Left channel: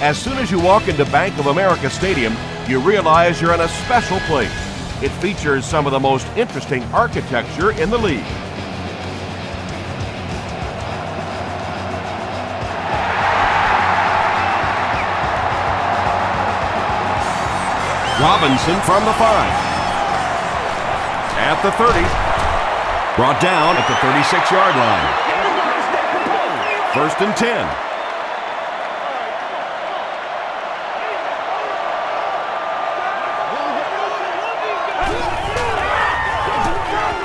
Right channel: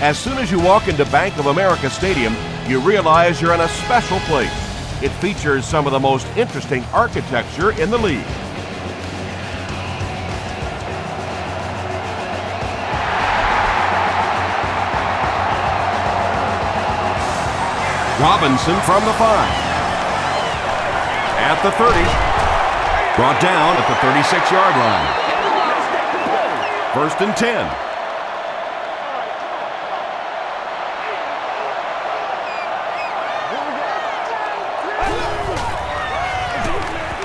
As soon as you walk into Bank of America Stadium, you realize you're in a special place. It features some of the most interesting architecture in the league. Robinson from the 5. At the 30. Brought down at the 36-yard line. 1st and 10.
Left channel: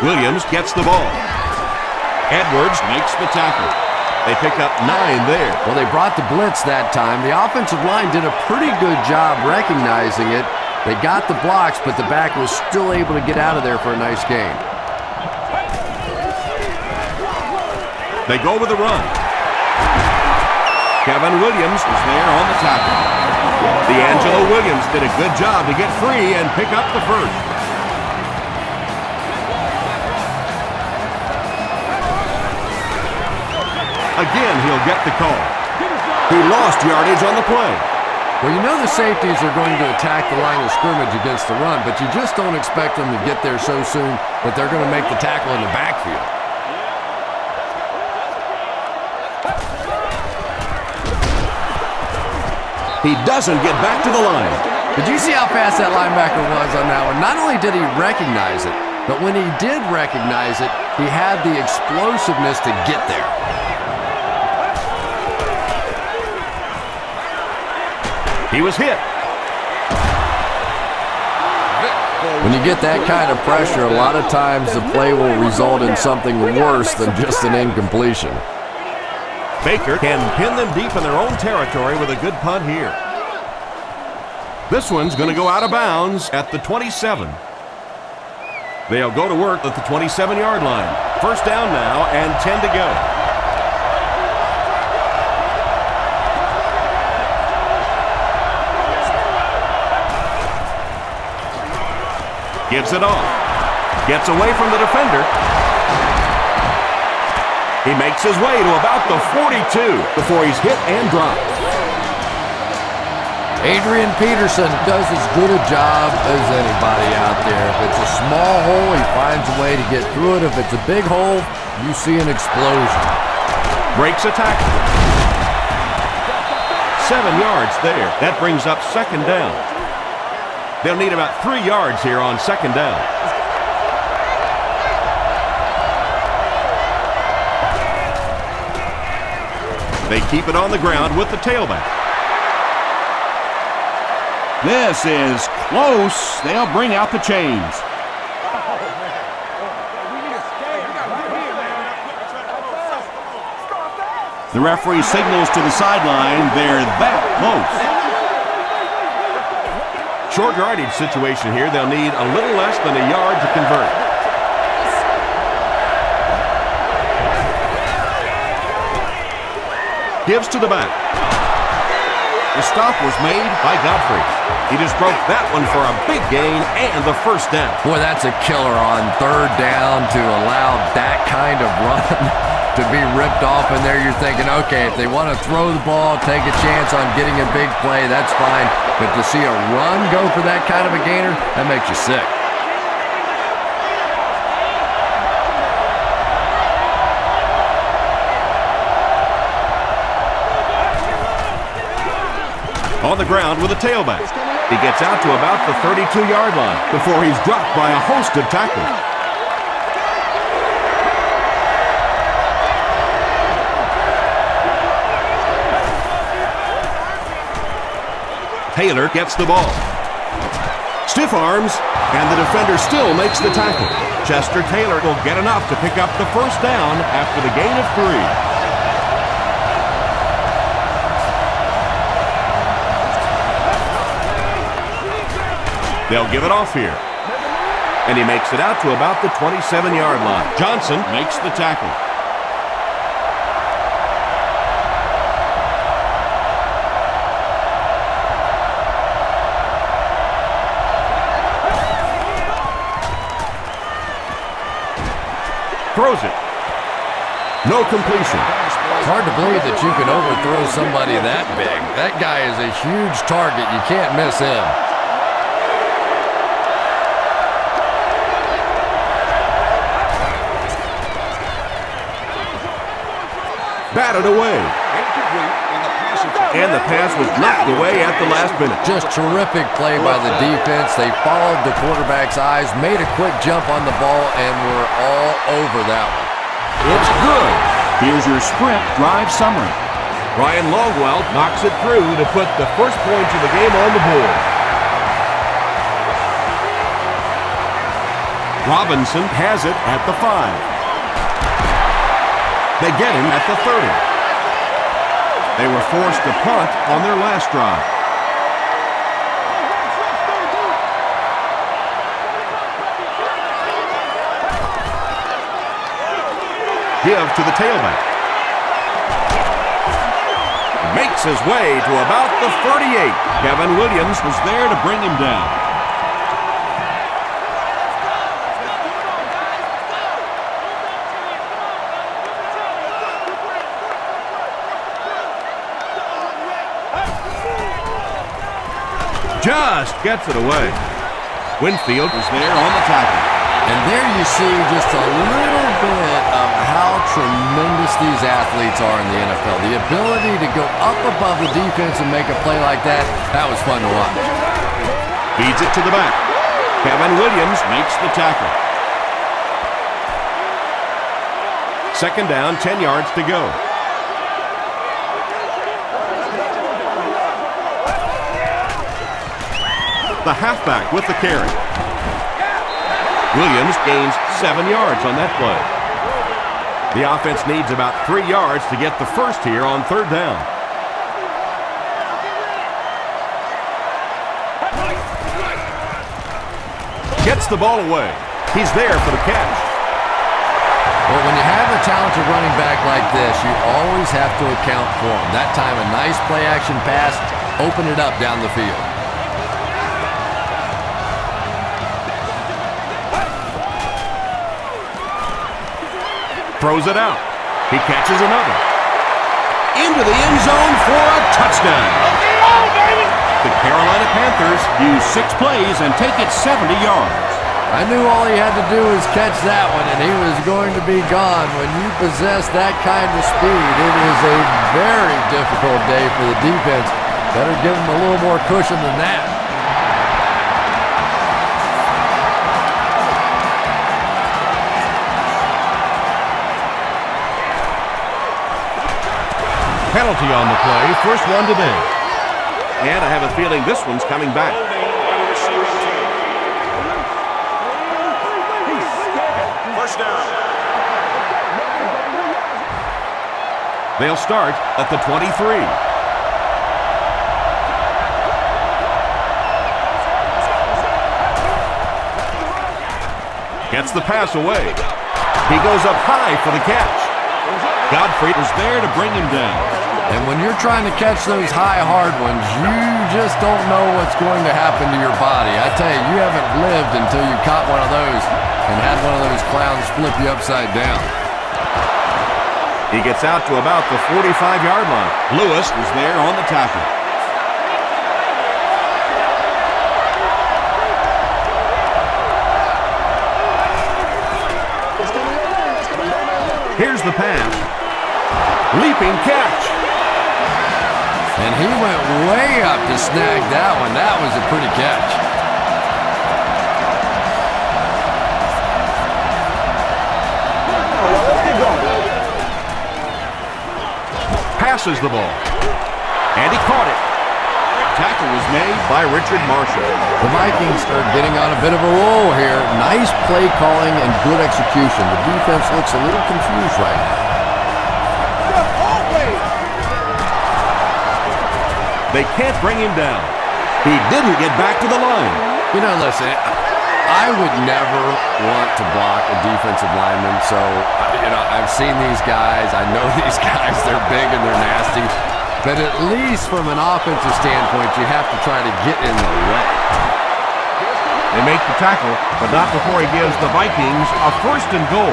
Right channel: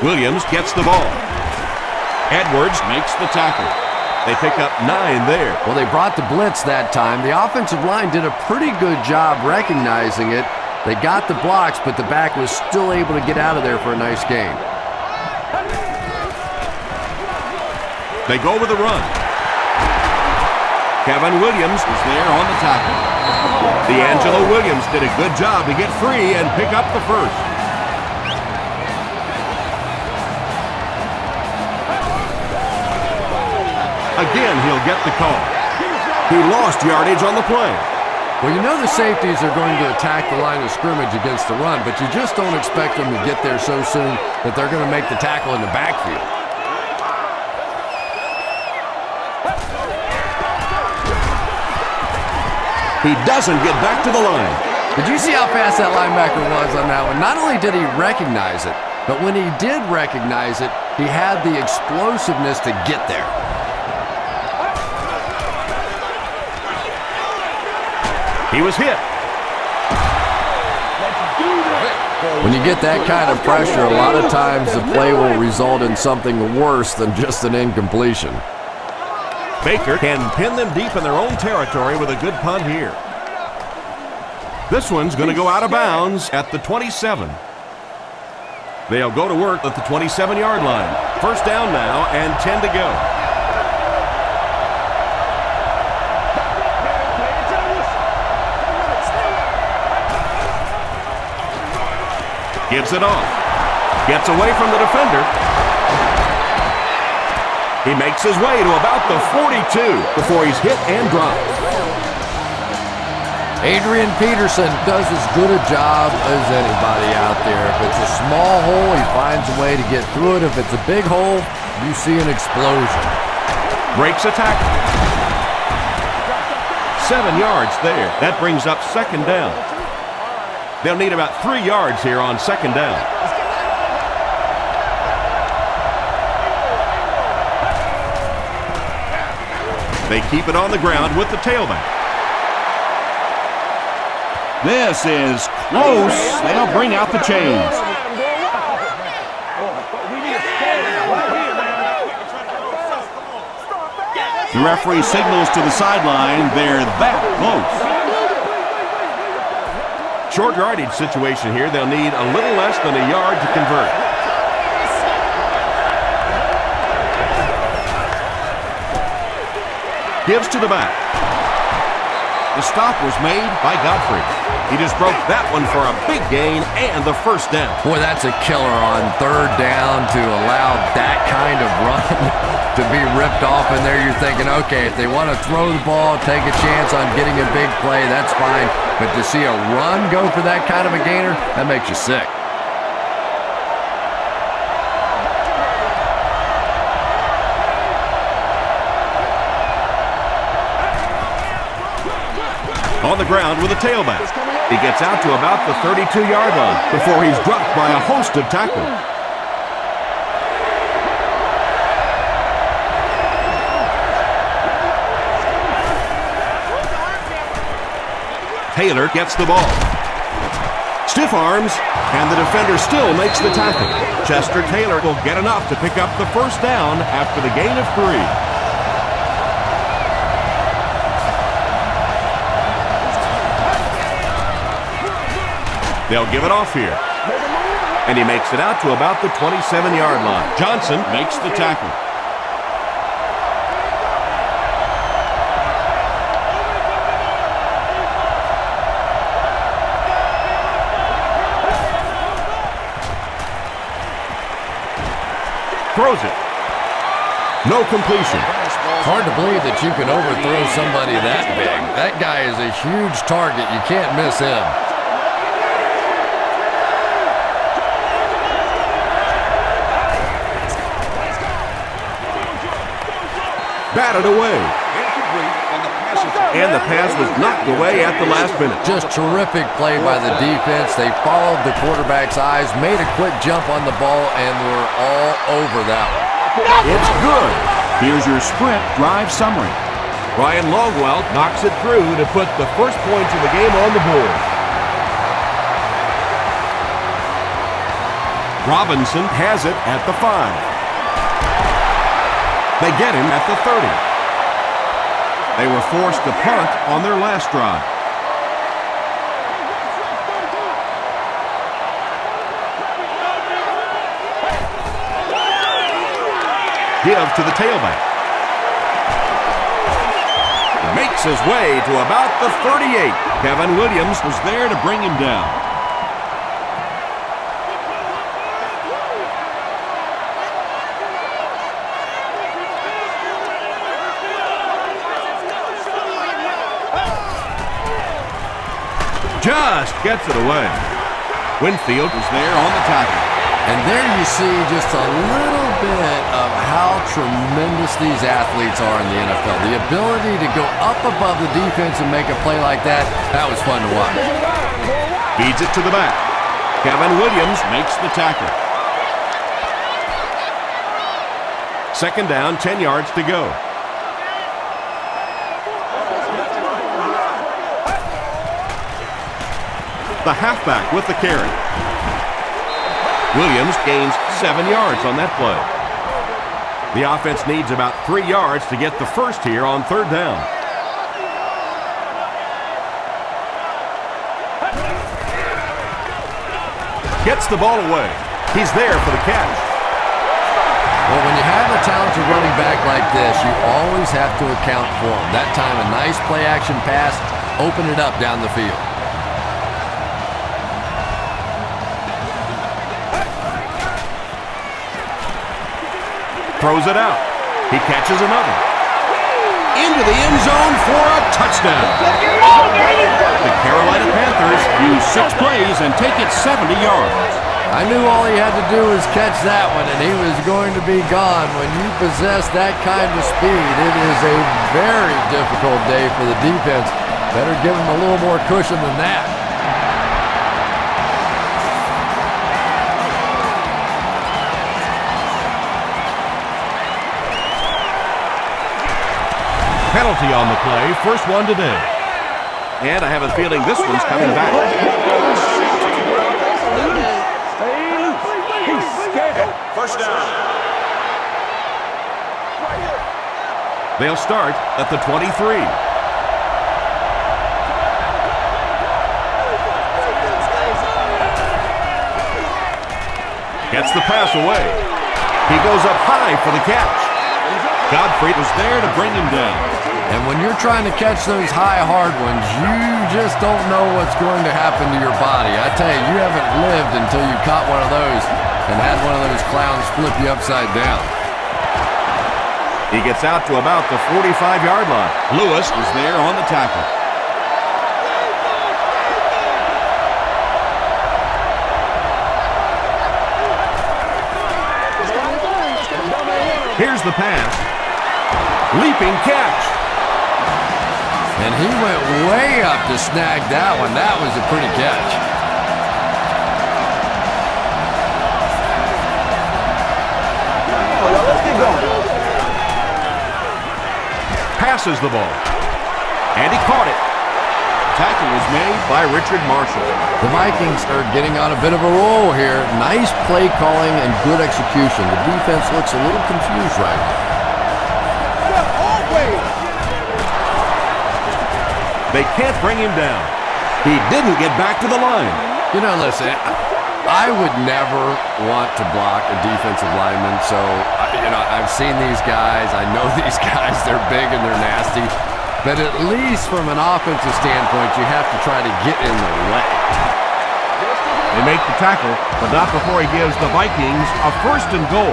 Williams gets the ball. Edwards makes the tackle. They pick up 9 there. Well, they brought the blitz that time. The offensive line did a pretty good job recognizing it. They got the blocks, but the back was still able to get out of there for a nice gain. They go with the run. Kevin Williams is there on the tackle. D'Angelo Williams did a good job to get free and pick up the first. Again, he'll get the call. He lost yardage on the play. Well, you know the safeties are going to attack the line of scrimmage against the run, but you just don't expect them to get there so soon that they're going to make the tackle in the backfield. He doesn't get back to the line. Did you see how fast that linebacker was on that one? Not only did he recognize it, but when he did recognize it, he had the explosiveness to get there. He was hit. When you get that kind of pressure, a lot of times the play will result in something worse than just an incompletion. Baker can pin them deep in their own territory with a good punt here. This one's going to go out of bounds at the 27. They'll go to work at the 27-yard line. 1st down now and 10 to go. Gives it off. Gets away from the defender. He makes his way to about the 42 before he's hit and dropped. Adrian Peterson does as good a job as anybody out there. If it's a small hole, he finds a way to get through it. If it's a big hole, you see an explosion. Breaks a tackle. 7 yards there. That brings up 2nd down. They'll need about 3 yards here on 2nd down. They keep it on the ground with the tailback. This is close. They'll bring out the chains. The referee signals to the sideline. They're that close. Short yardage situation here. They'll need a little less than a yard to convert. Gives to the back. The stop was made by Godfrey. He just broke that one for a big gain and the 1st down. Boy, that's a killer on 3rd down to allow that kind of run to be ripped off in there. You're thinking, okay, if they want to throw the ball, take a chance on getting a big play, that's fine. But to see a run go for that kind of a gainer, that makes you sick. On the ground with a tailback. He gets out to about the 32-yard line before he's dropped by a host of tacklers. Taylor gets the ball. Stiff arms, and the defender still makes the tackle. Chester Taylor will get enough to pick up the 1st down after the gain of 3. They'll give it off here. And he makes it out to about the 27-yard line. Johnson makes the tackle. Throws it. No completion. It's hard to believe that you can overthrow somebody that big. That guy is a huge target. You can't miss him. Batted away. And the pass was knocked away at the last minute. Just terrific play by the defense. They followed the quarterback's eyes, made a quick jump on the ball, and were all over that one. It's good. Here's your sprint drive summary. Ryan Longwell knocks it through to put the first points of the game on the board. Robinson has it at the 5. They get him at the 30. They were forced to punt on their last drive. Give to the tailback. He makes his way to about the 38. Kevin Williams was there to bring him down. Just gets it away. Winfield was there on the tackle. And there you see just a little bit of how tremendous these athletes are in the NFL. The ability to go up above the defense and make a play like that, that was fun to watch. Feeds it to the back. Kevin Williams makes the tackle. Second down, 10 yards to go. The halfback with the carry. Williams gains 7 yards on that play. The offense needs about 3 yards to get the first here on third down. Gets the ball away. He's there for the catch. Well, when you have a talented running back like this, you always have to account for him. That time, a nice play-action pass, open it up down the field. Throws it out. He catches another. Into the end zone for a touchdown. The Carolina Panthers use 6 plays and take it 70 yards. I knew all he had to do was catch that one, and he was going to be gone. When you possess that kind of speed, it is a very difficult day for the defense. Better give him a little more cushion than that. Penalty on the play, first one today. And I have a feeling this one's coming back. First down. They'll start at the 23. Gets the pass away. He goes up high for the catch. Godfrey was there to bring him down. And when you're trying to catch those high, hard ones, you just don't know what's going to happen to your body. I tell you, you haven't lived until you caught one of those and had one of those clowns flip you upside down. He gets out to about the 45-yard line. Lewis was there on the tackle. Here's the pass. Leaping catch. And he went way up to snag that one. That was a pretty catch. Let's get going. Passes the ball. And he caught it. Tackle was made by Richard Marshall. The Vikings are getting on a bit of a roll here. Nice play calling and good execution. The defense looks a little confused right now. They can't bring him down. He didn't get back to the line. You know, listen, I would never want to block a defensive lineman. So, I've seen these guys. I know these guys. They're big and they're nasty. But at least from an offensive standpoint, you have to try to get in the way. They make the tackle, but not before he gives the Vikings a first and goal.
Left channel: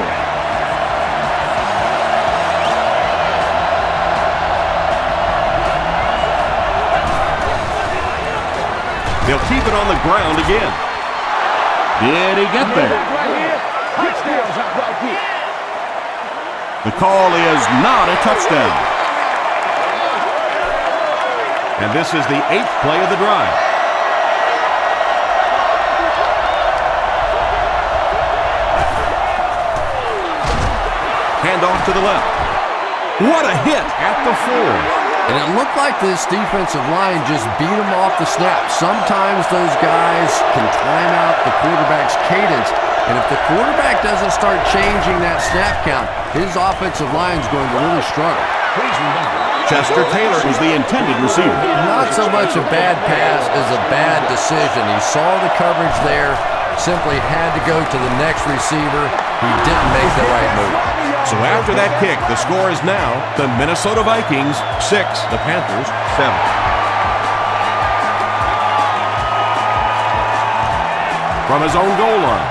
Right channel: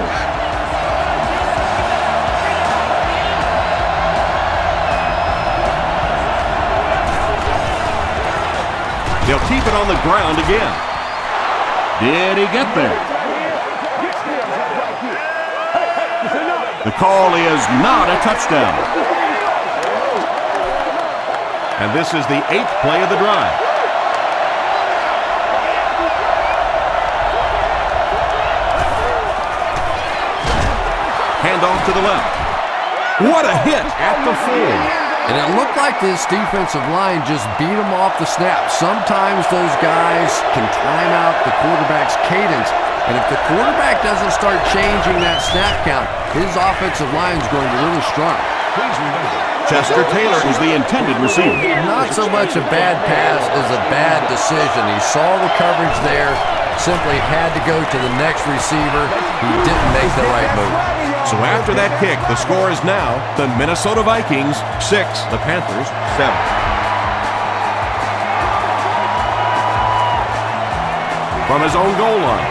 He'll keep it on the ground again. Did he get there? The call is not a touchdown. And this is the 8th play of the drive. Hand off to the left. What a hit at the 4. And it looked like this defensive line just beat them off the snap. Sometimes those guys can time out the quarterback's cadence. And if the quarterback doesn't start changing that snap count, his offensive line is going to really struggle. Please remember, Chester Taylor was the intended receiver. Not so much a bad pass as a bad decision. He saw the coverage there, simply had to go to the next receiver. He didn't make the right move. So after that kick, the score is now the Minnesota Vikings 6, the Panthers 7. From his own goal line.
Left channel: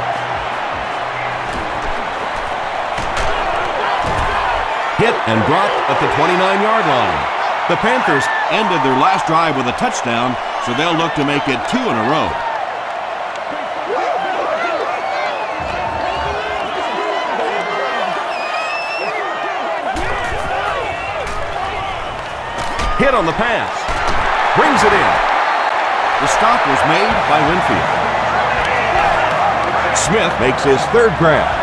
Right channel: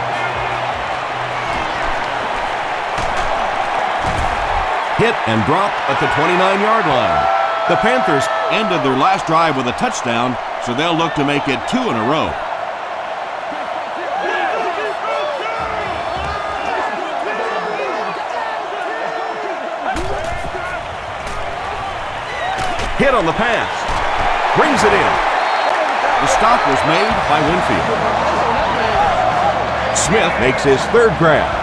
Hit and dropped at the 29-yard line. The Panthers ended their last drive with a touchdown, so they'll look to make it 2 in a row. Hit on the pass. Brings it in. The stop was made by Winfield. Smith makes his 3rd grab.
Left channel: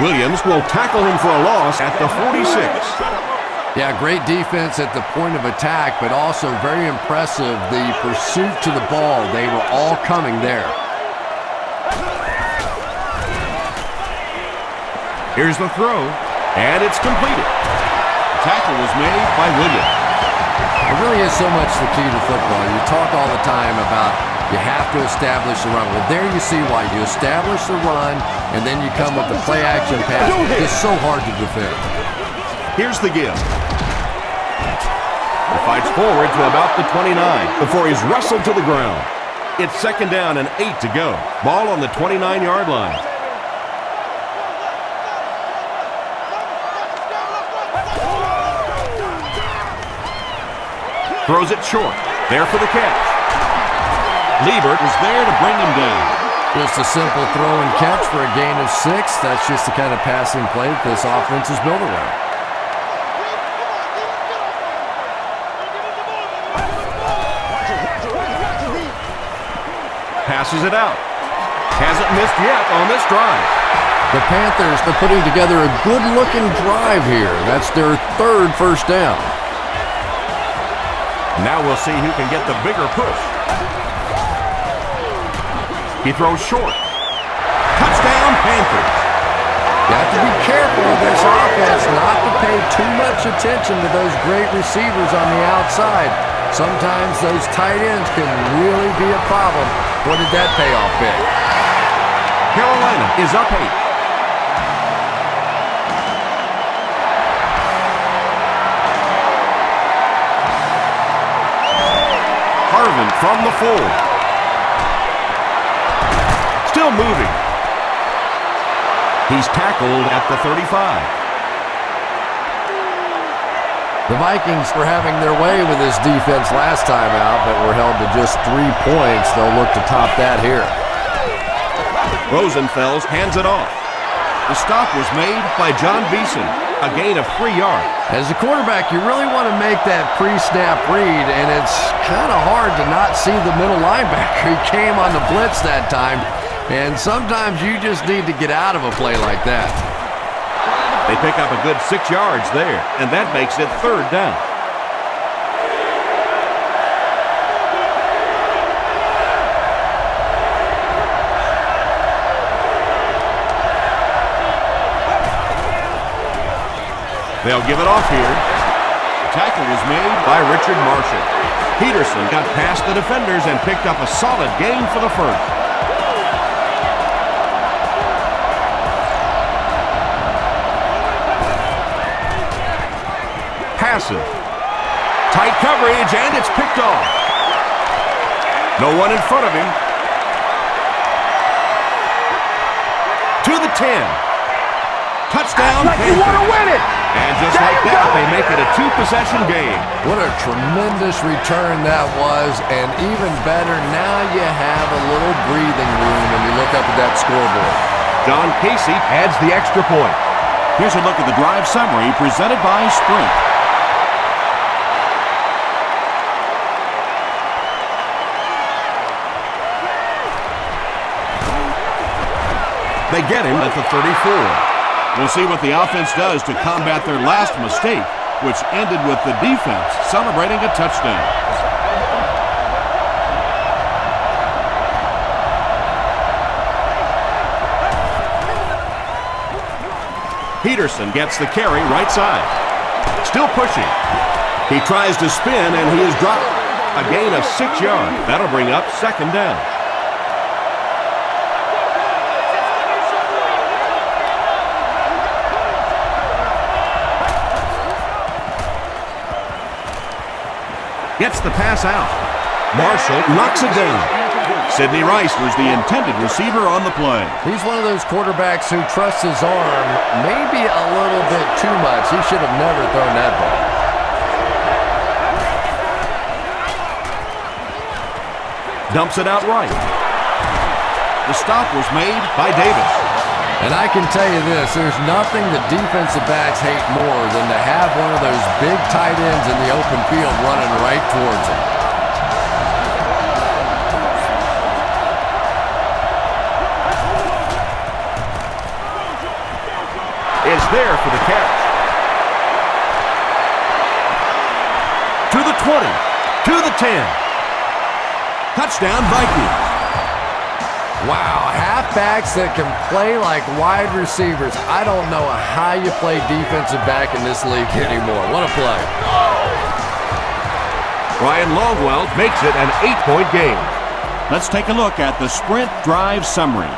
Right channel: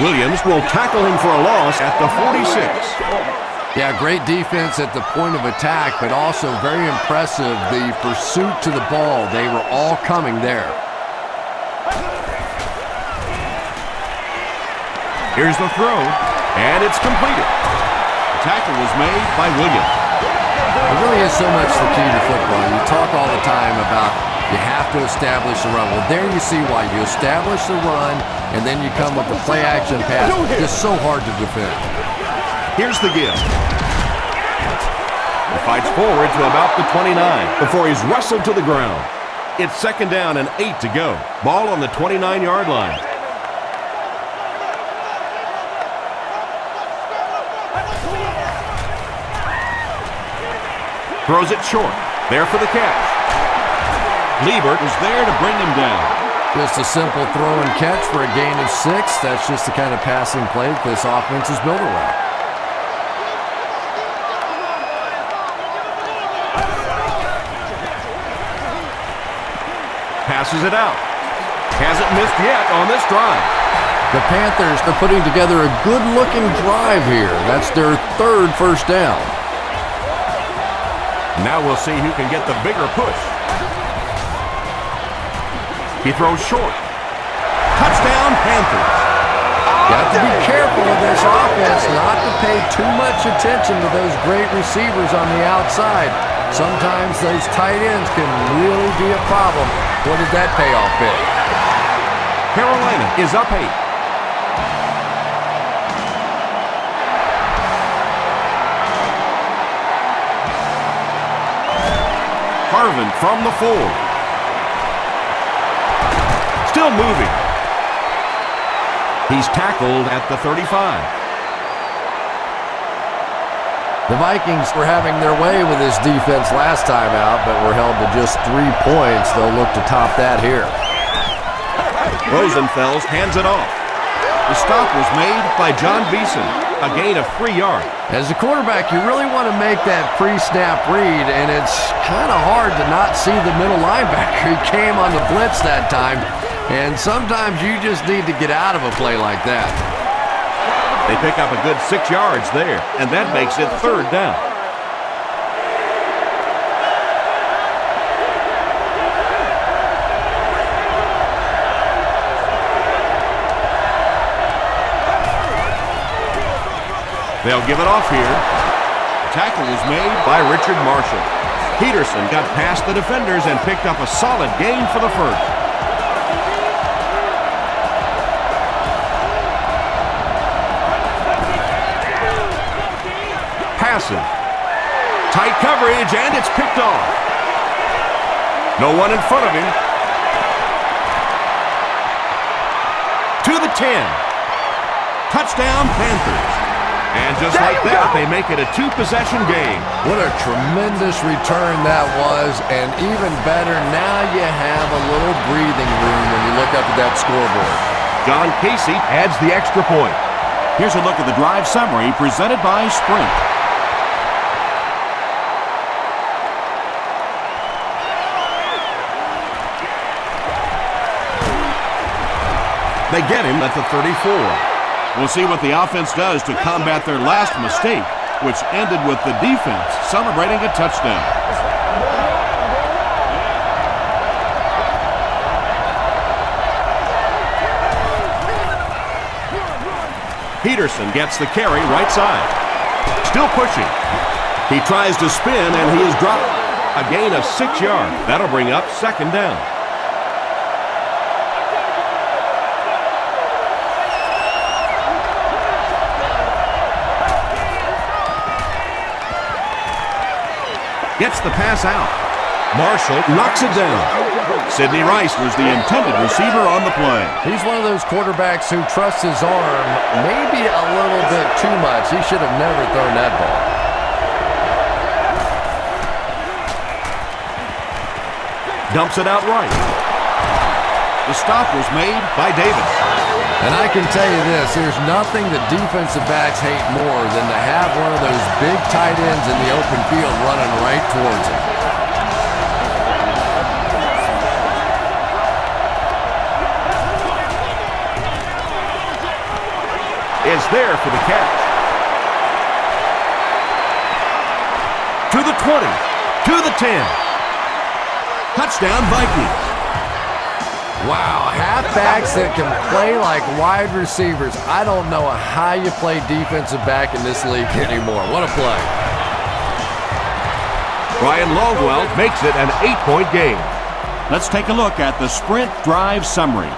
Williams will tackle him for a loss at the 46. Yeah, great defense at the point of attack, but also very impressive the pursuit to the ball. They were all coming there. Here's the throw, and it's completed. The tackle was made by Williams. It really is so much the key to football. You talk all the time about you have to establish the run. Well, there you see why. You establish the run, and then you come with the play-action pass. It's so hard to defend. Here's the give. He fights forward to about the 29 before he's wrestled to the ground. It's 2nd down and 8 to go. Ball on the 29-yard line. Throws it short. There for the catch. Liebert was there to bring him down. Just a simple throw and catch for a gain of 6. That's just the kind of passing play that this offense is built around. Passes it out. Hasn't missed yet on this drive. The Panthers are putting together a good-looking drive here. That's their 3rd first down. Now we'll see who can get the bigger push. He throws short. Touchdown, Panthers. You have to be careful with this offense not to pay too much attention to those great receivers on the outside. Sometimes those tight ends can really be a problem. What did that payoff be? Carolina is up 8. Harvin from the 4. Still moving. He's tackled at the 35. The Vikings were having their way with this defense last time out, but were held to just 3 points. They'll look to top that here. Rosenfels hands it off. The stop was made by John Beeson, a gain of 3 yards. As a quarterback, you really want to make that pre-snap read, and it's kind of hard to not see the middle linebacker. He came on the blitz that time, and sometimes you just need to get out of a play like that. They pick up a good 6 yards there, and that makes it 3rd down. They'll give it off here. The tackle was made by Richard Marshall. Peterson got past the defenders and picked up a solid gain for the 1st. Passive. Tight coverage, and it's picked off. No one in front of him. To the 10. Touchdown, Panthers. And just like that, they make it a two-possession game. What a tremendous return that was, and even better, now you have a little breathing room when you look up at that scoreboard. John Casey adds the extra point. Here's a look at the drive summary presented by Sprint. They get him at the 34. We'll see what the offense does to combat their last mistake, which ended with the defense celebrating a touchdown. Peterson gets the carry right side. Still pushing. He tries to spin and he is dropped. A gain of 6 yards. That'll bring up second down. Gets the pass out. Marshall knocks it down. Sidney Rice was the intended receiver on the play. He's one of those quarterbacks who trusts his arm maybe a little bit too much. He should have never thrown that ball. Dumps it out right. The stop was made by Davis. And I can tell you this, there's nothing that defensive backs hate more than to have one of those big tight ends in the open field running right towards him. Is there for the catch. To the 20, to the 10. Touchdown, Vikings. Wow, halfbacks that can play like wide receivers. I don't know how you play defensive back in this league anymore. What a play. Brian Longwell makes it an 8-point game. Let's take a look at the Sprint drive summary.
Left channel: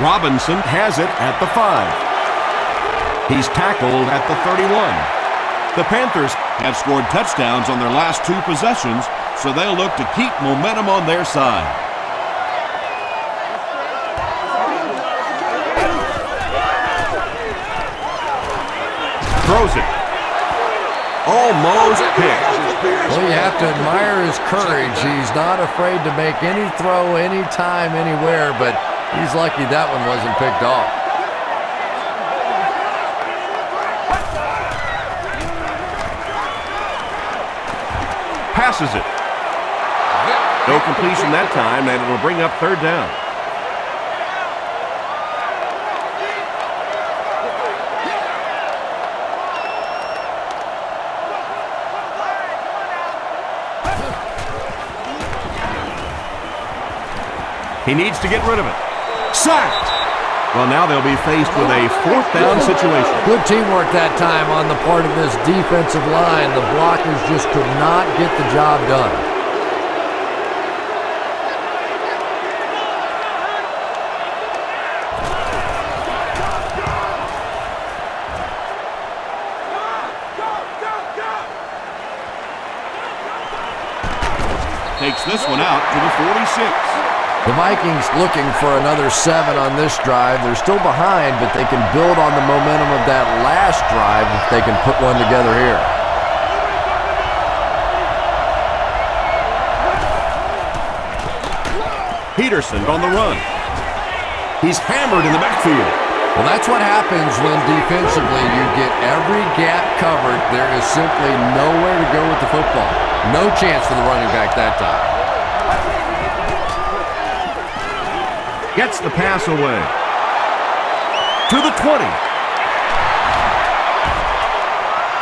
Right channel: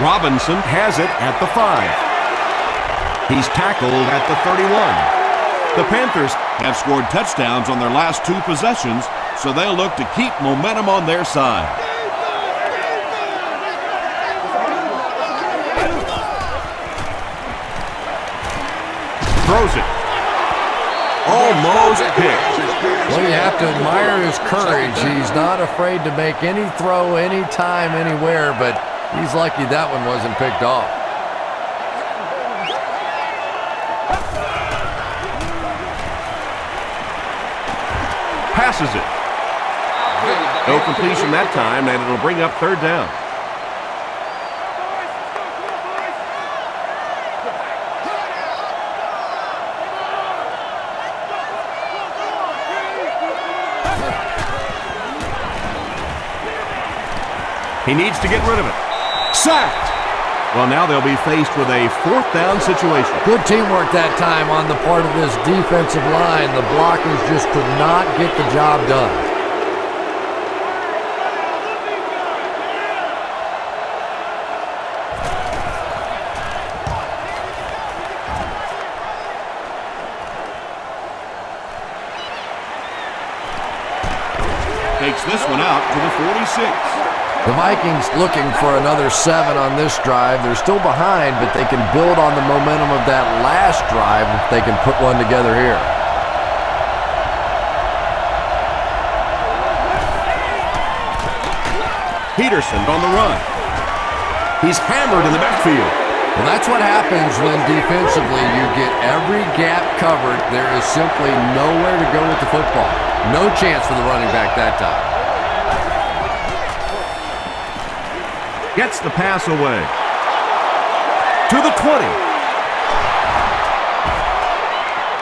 Robinson has it at the 5. He's tackled at the 31. The Panthers have scored touchdowns on their last 2 possessions, so they'll look to keep momentum on their side. Throws it. Almost picked. Well, you have to admire his courage. He's not afraid to make any throw, anytime, anywhere, but he's lucky that one wasn't picked off. Passes it. No completion that time, and it'll bring up third down. He needs to get rid of it. Sacked! Well, now they'll be faced with a fourth down situation. Good teamwork that time on the part of this defensive line. The blockers just could not get the job done. Takes this one out to the 46. The Vikings looking for another 7 on this drive. They're still behind, but they can build on the momentum of that last drive if they can put one together here. Peterson on the run. He's hammered in the backfield. Well, that's what happens when defensively you get every gap covered. There is simply nowhere to go with the football. No chance for the running back that time. Gets the pass away. To the 20.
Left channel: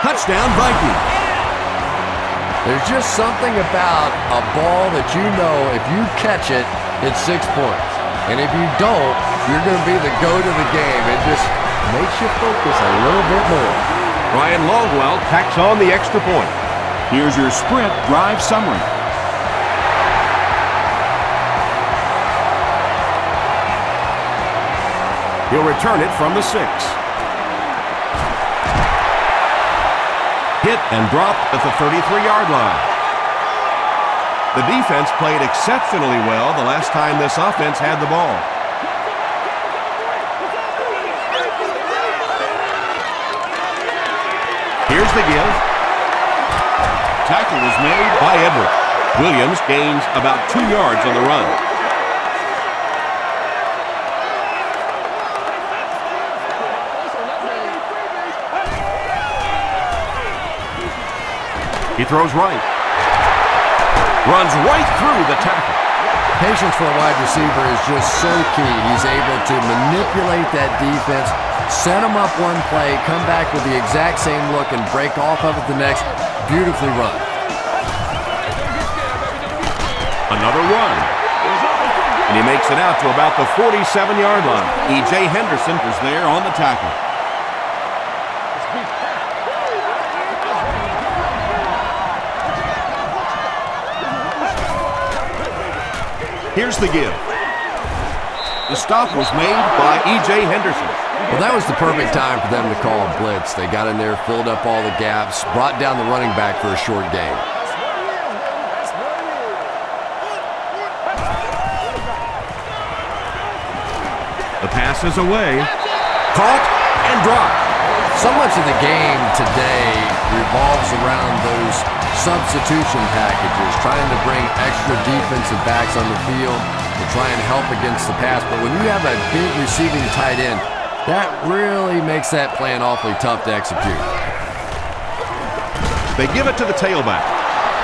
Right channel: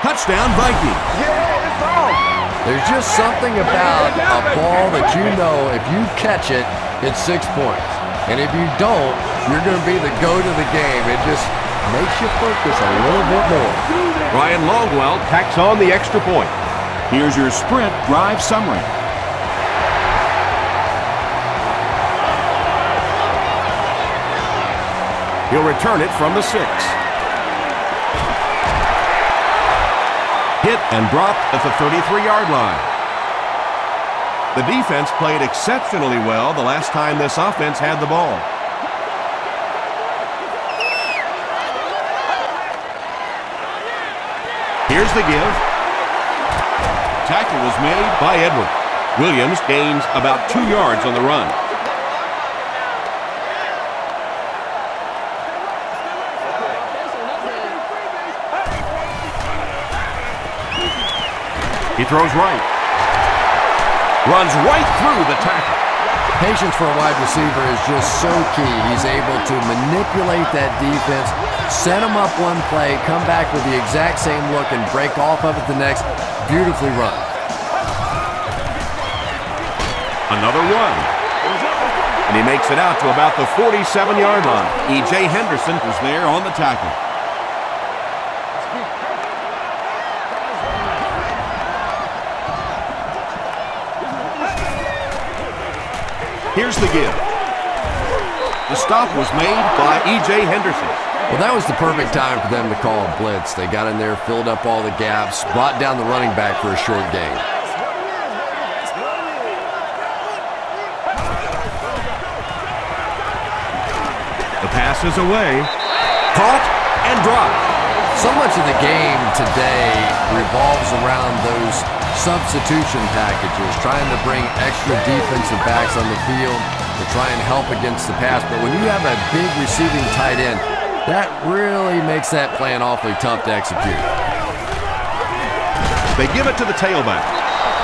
Touchdown, Vikings. There's just something about a ball that you know if you catch it, it's 6 points. And if you don't, you're going to be the goat of the game. It just makes you focus a little bit more. Brian Longwell tacks on the extra point. Here's your Sprint drive summary. He'll return it from the 6. Hit and dropped at the 33-yard line. The defense played exceptionally well the last time this offense had the ball. Here's the give. Tackle was made by Edward. Williams gains about 2 yards on the run. He throws right. Runs right through the tackle. Patience for a wide receiver is just so key. He's able to manipulate that defense, set them up one play, come back with the exact same look, and break off of it the next. Beautifully run. Another run. And he makes it out to about the 47-yard line. E.J. Henderson was there on the tackle. Here's the give. The stop was made by E.J. Henderson. Well, that was the perfect time for them to call a blitz. They got in there, filled up all the gaps, brought down the running back for a short gain. The pass is away. Caught and dropped. So much of the game today revolves around those substitution packages, trying to bring extra defensive backs on the field to try and help against the pass. But when you have a big receiving tight end, that really makes that plan awfully tough to execute. They give it to the tailback.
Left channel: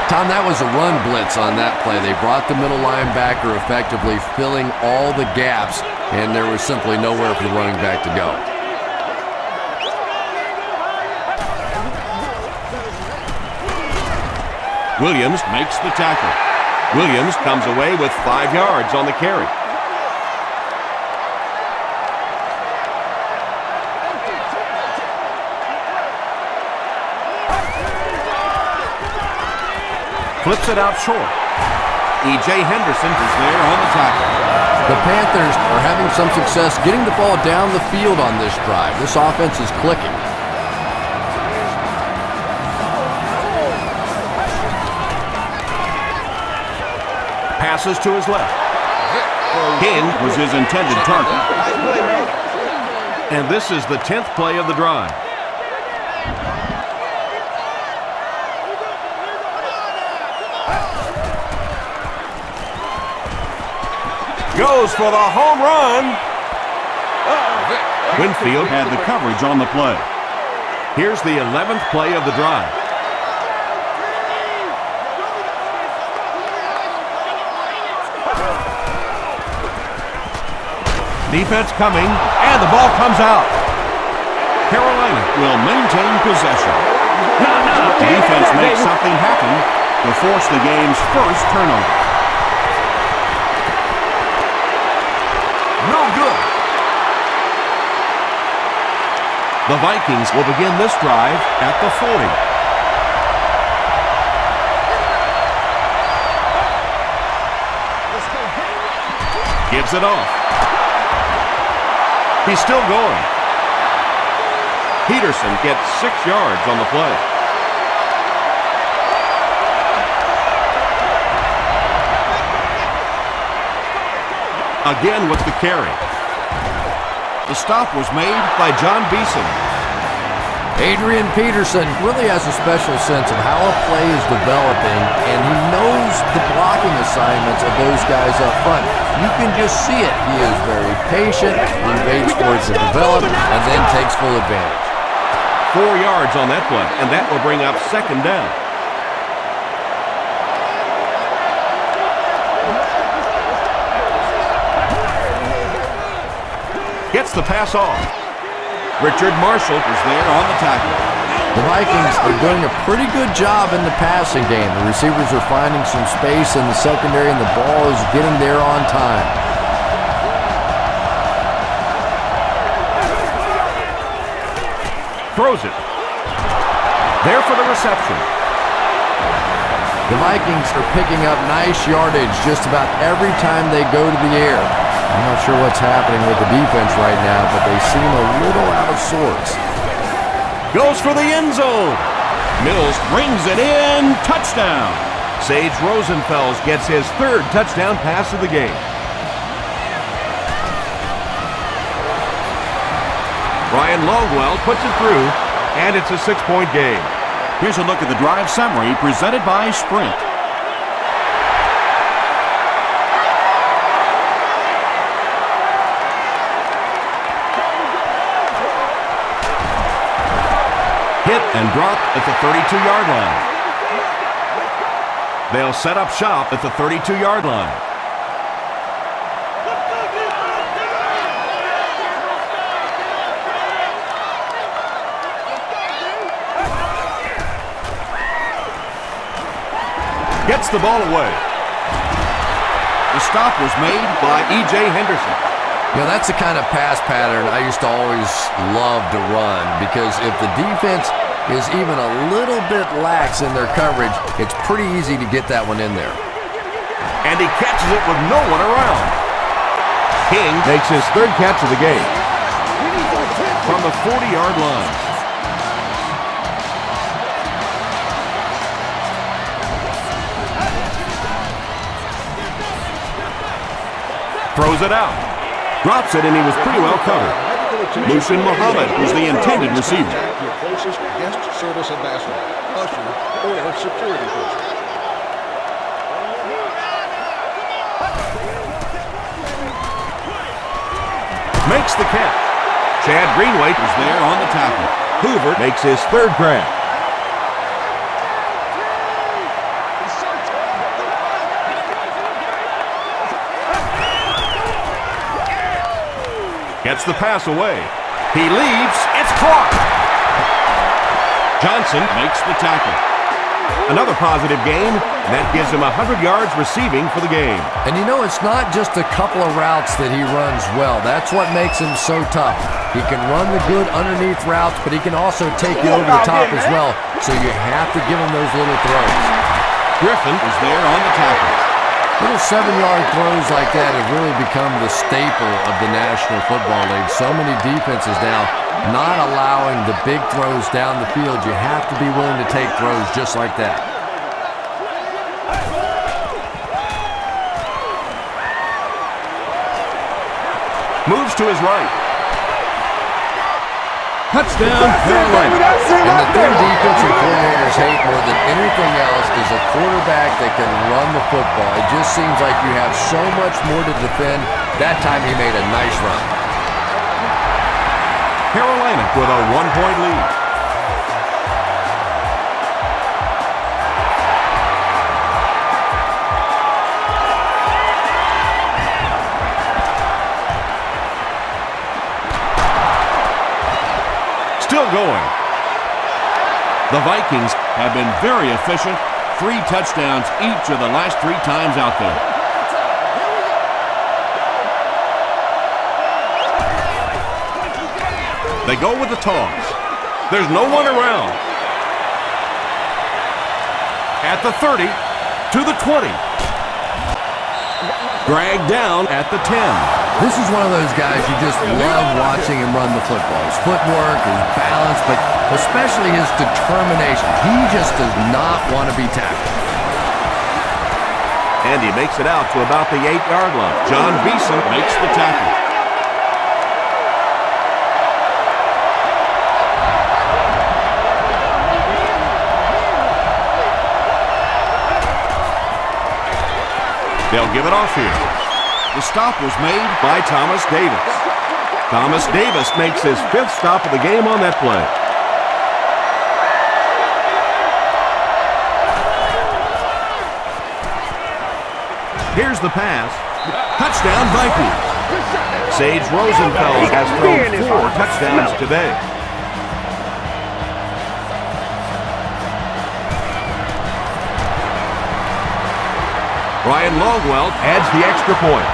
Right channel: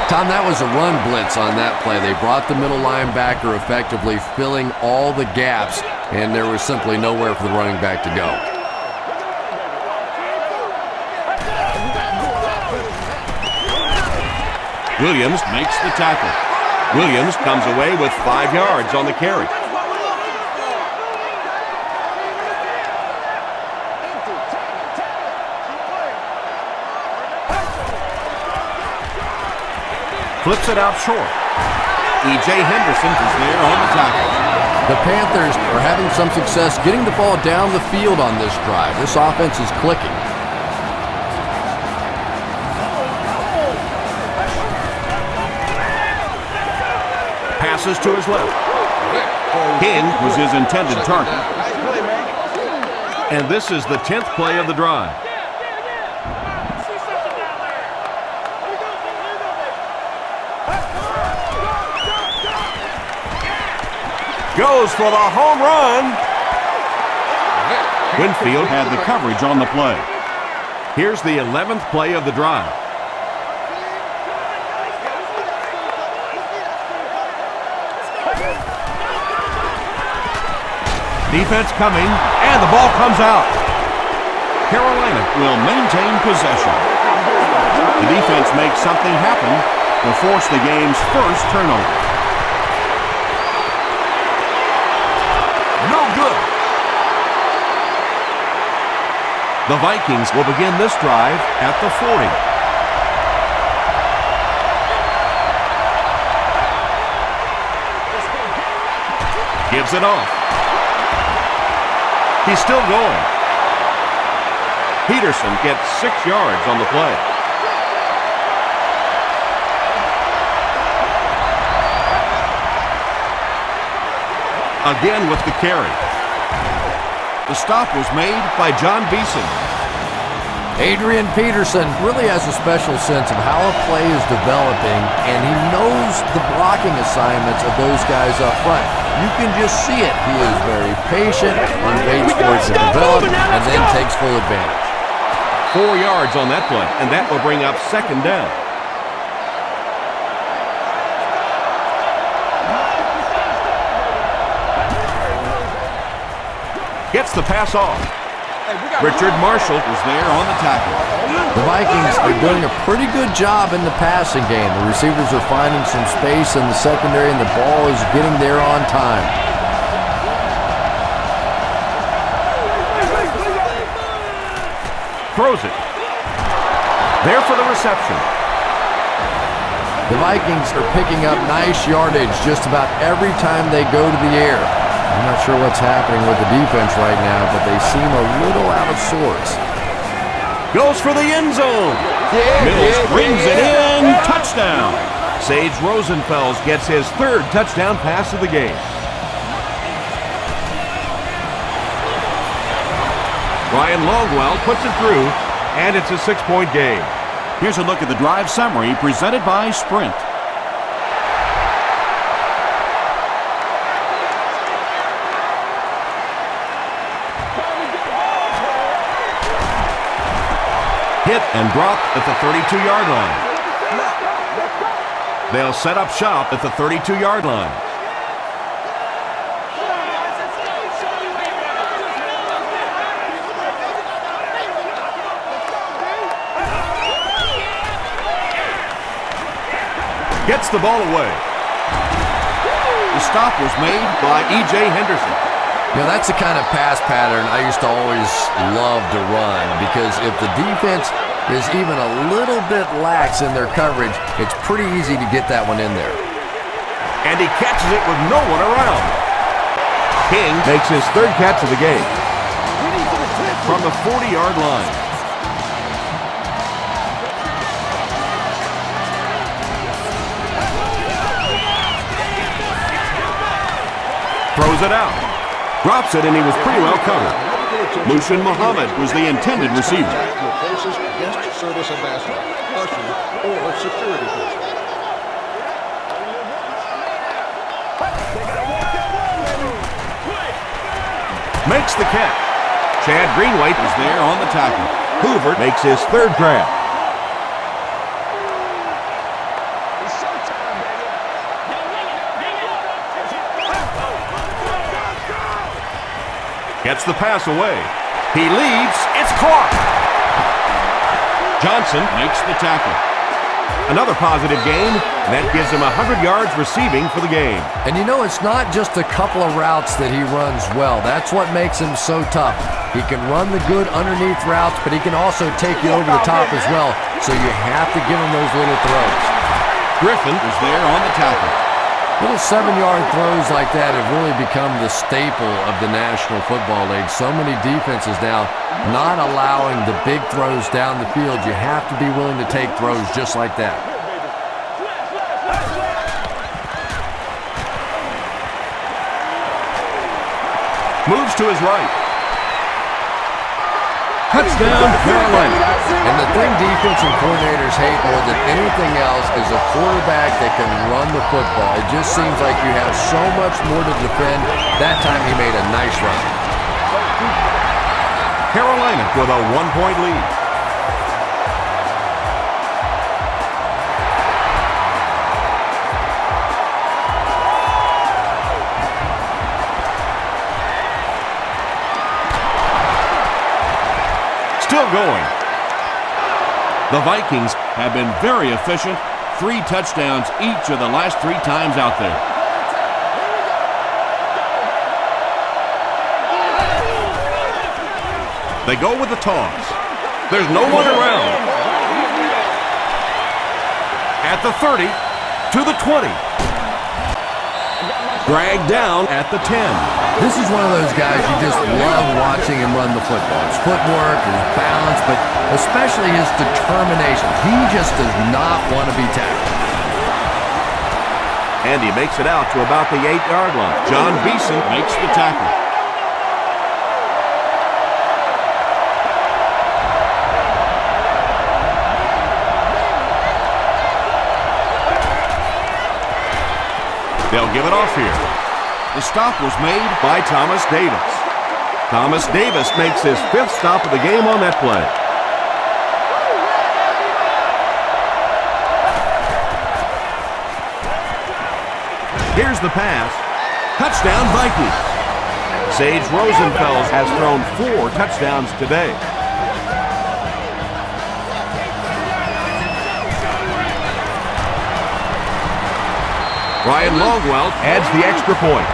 Tom, that was a run blitz on that play. They brought the middle linebacker effectively filling all the gaps, and there was simply nowhere for the running back to go. Williams makes the tackle. Williams comes away with 5 yards on the carry. Flips it out short. E.J. Henderson is there on the tackle. The Panthers are having some success getting the ball down the field on this drive. This offense is clicking. Passes to his left. King was his intended target. And this is the 10th play of the drive. Goes for the home run. Winfield had the coverage on the play. Here's the 11th play of the drive. Defense coming, and the ball comes out. Carolina will maintain possession. The defense makes something happen to force the game's first turnover. No good. The Vikings will begin this drive at the 40. Gives it off. He's still going. Peterson gets 6 yards on the play. Again with the carry. The stop was made by John Beeson. Adrian Peterson really has a special sense of how a play is developing, and he knows the blocking assignments of those guys up front. You can just see it. He is very patient, and waits for it to develop, and then takes full advantage. 4 yards on that play, and that will bring up second down. Gets the pass off. Richard Marshall is there on the tackle. The Vikings are doing a pretty good job in the passing game. The receivers are finding some space in the secondary, and the ball is getting there on time. Throws it. There for the reception. The Vikings are picking up nice yardage just about every time they go to the air. I'm not sure what's happening with the defense right now, but they seem a little out of sorts. Goes for the end zone. Mills brings it in. Touchdown. Sage Rosenfels gets his third touchdown pass of the game. Ryan Longwell puts it through, and it's a 6-point game. Here's a look at the drive summary presented by Sprint. Hit and drop at the 32-yard line. They'll set up shop at the 32-yard line. Gets the ball away. The stop was made by E.J. Henderson. You know, that's the kind of pass pattern I used to always love to run, because if the defense is even a little bit lax in their coverage, it's pretty easy to get that one in there. And he catches it with no one around. King makes his third catch of the game from the 40-yard line. Throws it out. Drops it, and he was pretty well covered. Mushin Muhammad was the intended receiver. Your closest guest service ambassador, usher, or security person. Makes the catch. Chad Greenway was there on the tackle. Hoover makes his third grab. Gets the pass away. He leaves. It's caught. Johnson makes the tackle. Another positive game, and that gives him 100 yards receiving for the game. And you know, it's not just a couple of routes that he runs well. That's what makes him so tough. He can run the good underneath routes, but he can also take you over the top as well, so you have to give him those little throws. Griffin was there on the tackle. Little 7-yard throws like that have really become the staple of the National Football League. So many defenses now not allowing the big throws down the field. You have to be willing to take throws just like that. Moves to his right. Touchdown, Carolina. And the thing defensive coordinators hate more than anything else is a quarterback that can run the football. It just seems like you have so much more to defend. That time he made a nice run. Carolina with a 1-point lead. Still going. The Vikings have been very efficient. 3 touchdowns each of the last 3 times out there. They go with the toss. There's no one around. At the 30, to the 20. Dragged down at the 10. This is one of those guys you just love watching him run the football. His footwork, his balance, but especially his determination. He just does not want to be tackled. And he makes it out to about the 8-yard line. John Beeson makes the tackle. They'll give it off here. The stop was made by Thomas Davis. Thomas Davis makes his 5th stop of the game on that play. Here's the pass. Touchdown, Vikings. Sage Rosenfels has thrown 4 touchdowns today. Ryan Longwell adds the extra point.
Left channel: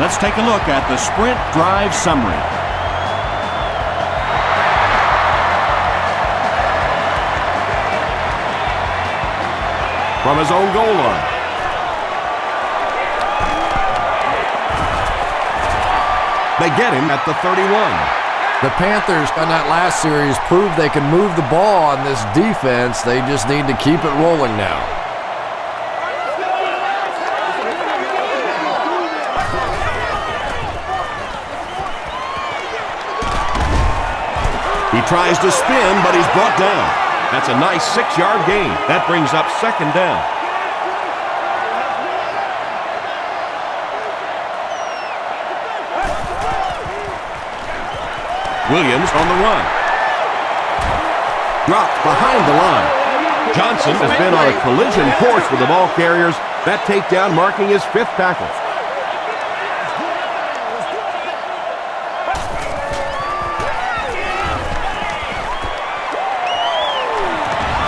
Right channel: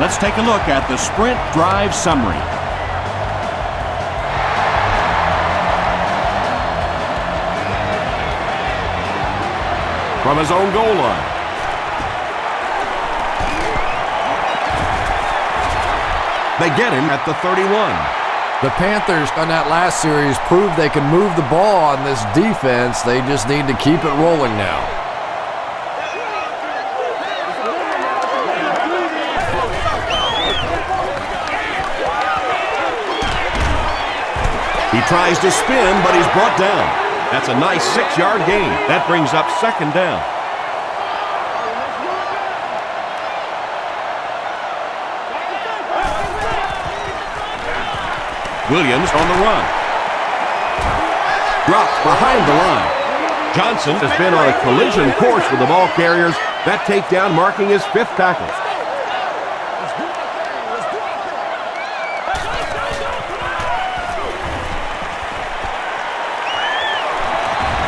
Let's take a look at the Sprint drive summary. From his own goal line. They get him at the 31. The Panthers on that last series proved they can move the ball on this defense. They just need to keep it rolling now. He tries to spin, but he's brought down. That's a nice 6-yard gain. That brings up 2nd down. Williams on the run. Dropped behind the line. Johnson has been on a collision course with the ball carriers. That takedown marking his 5th tackle.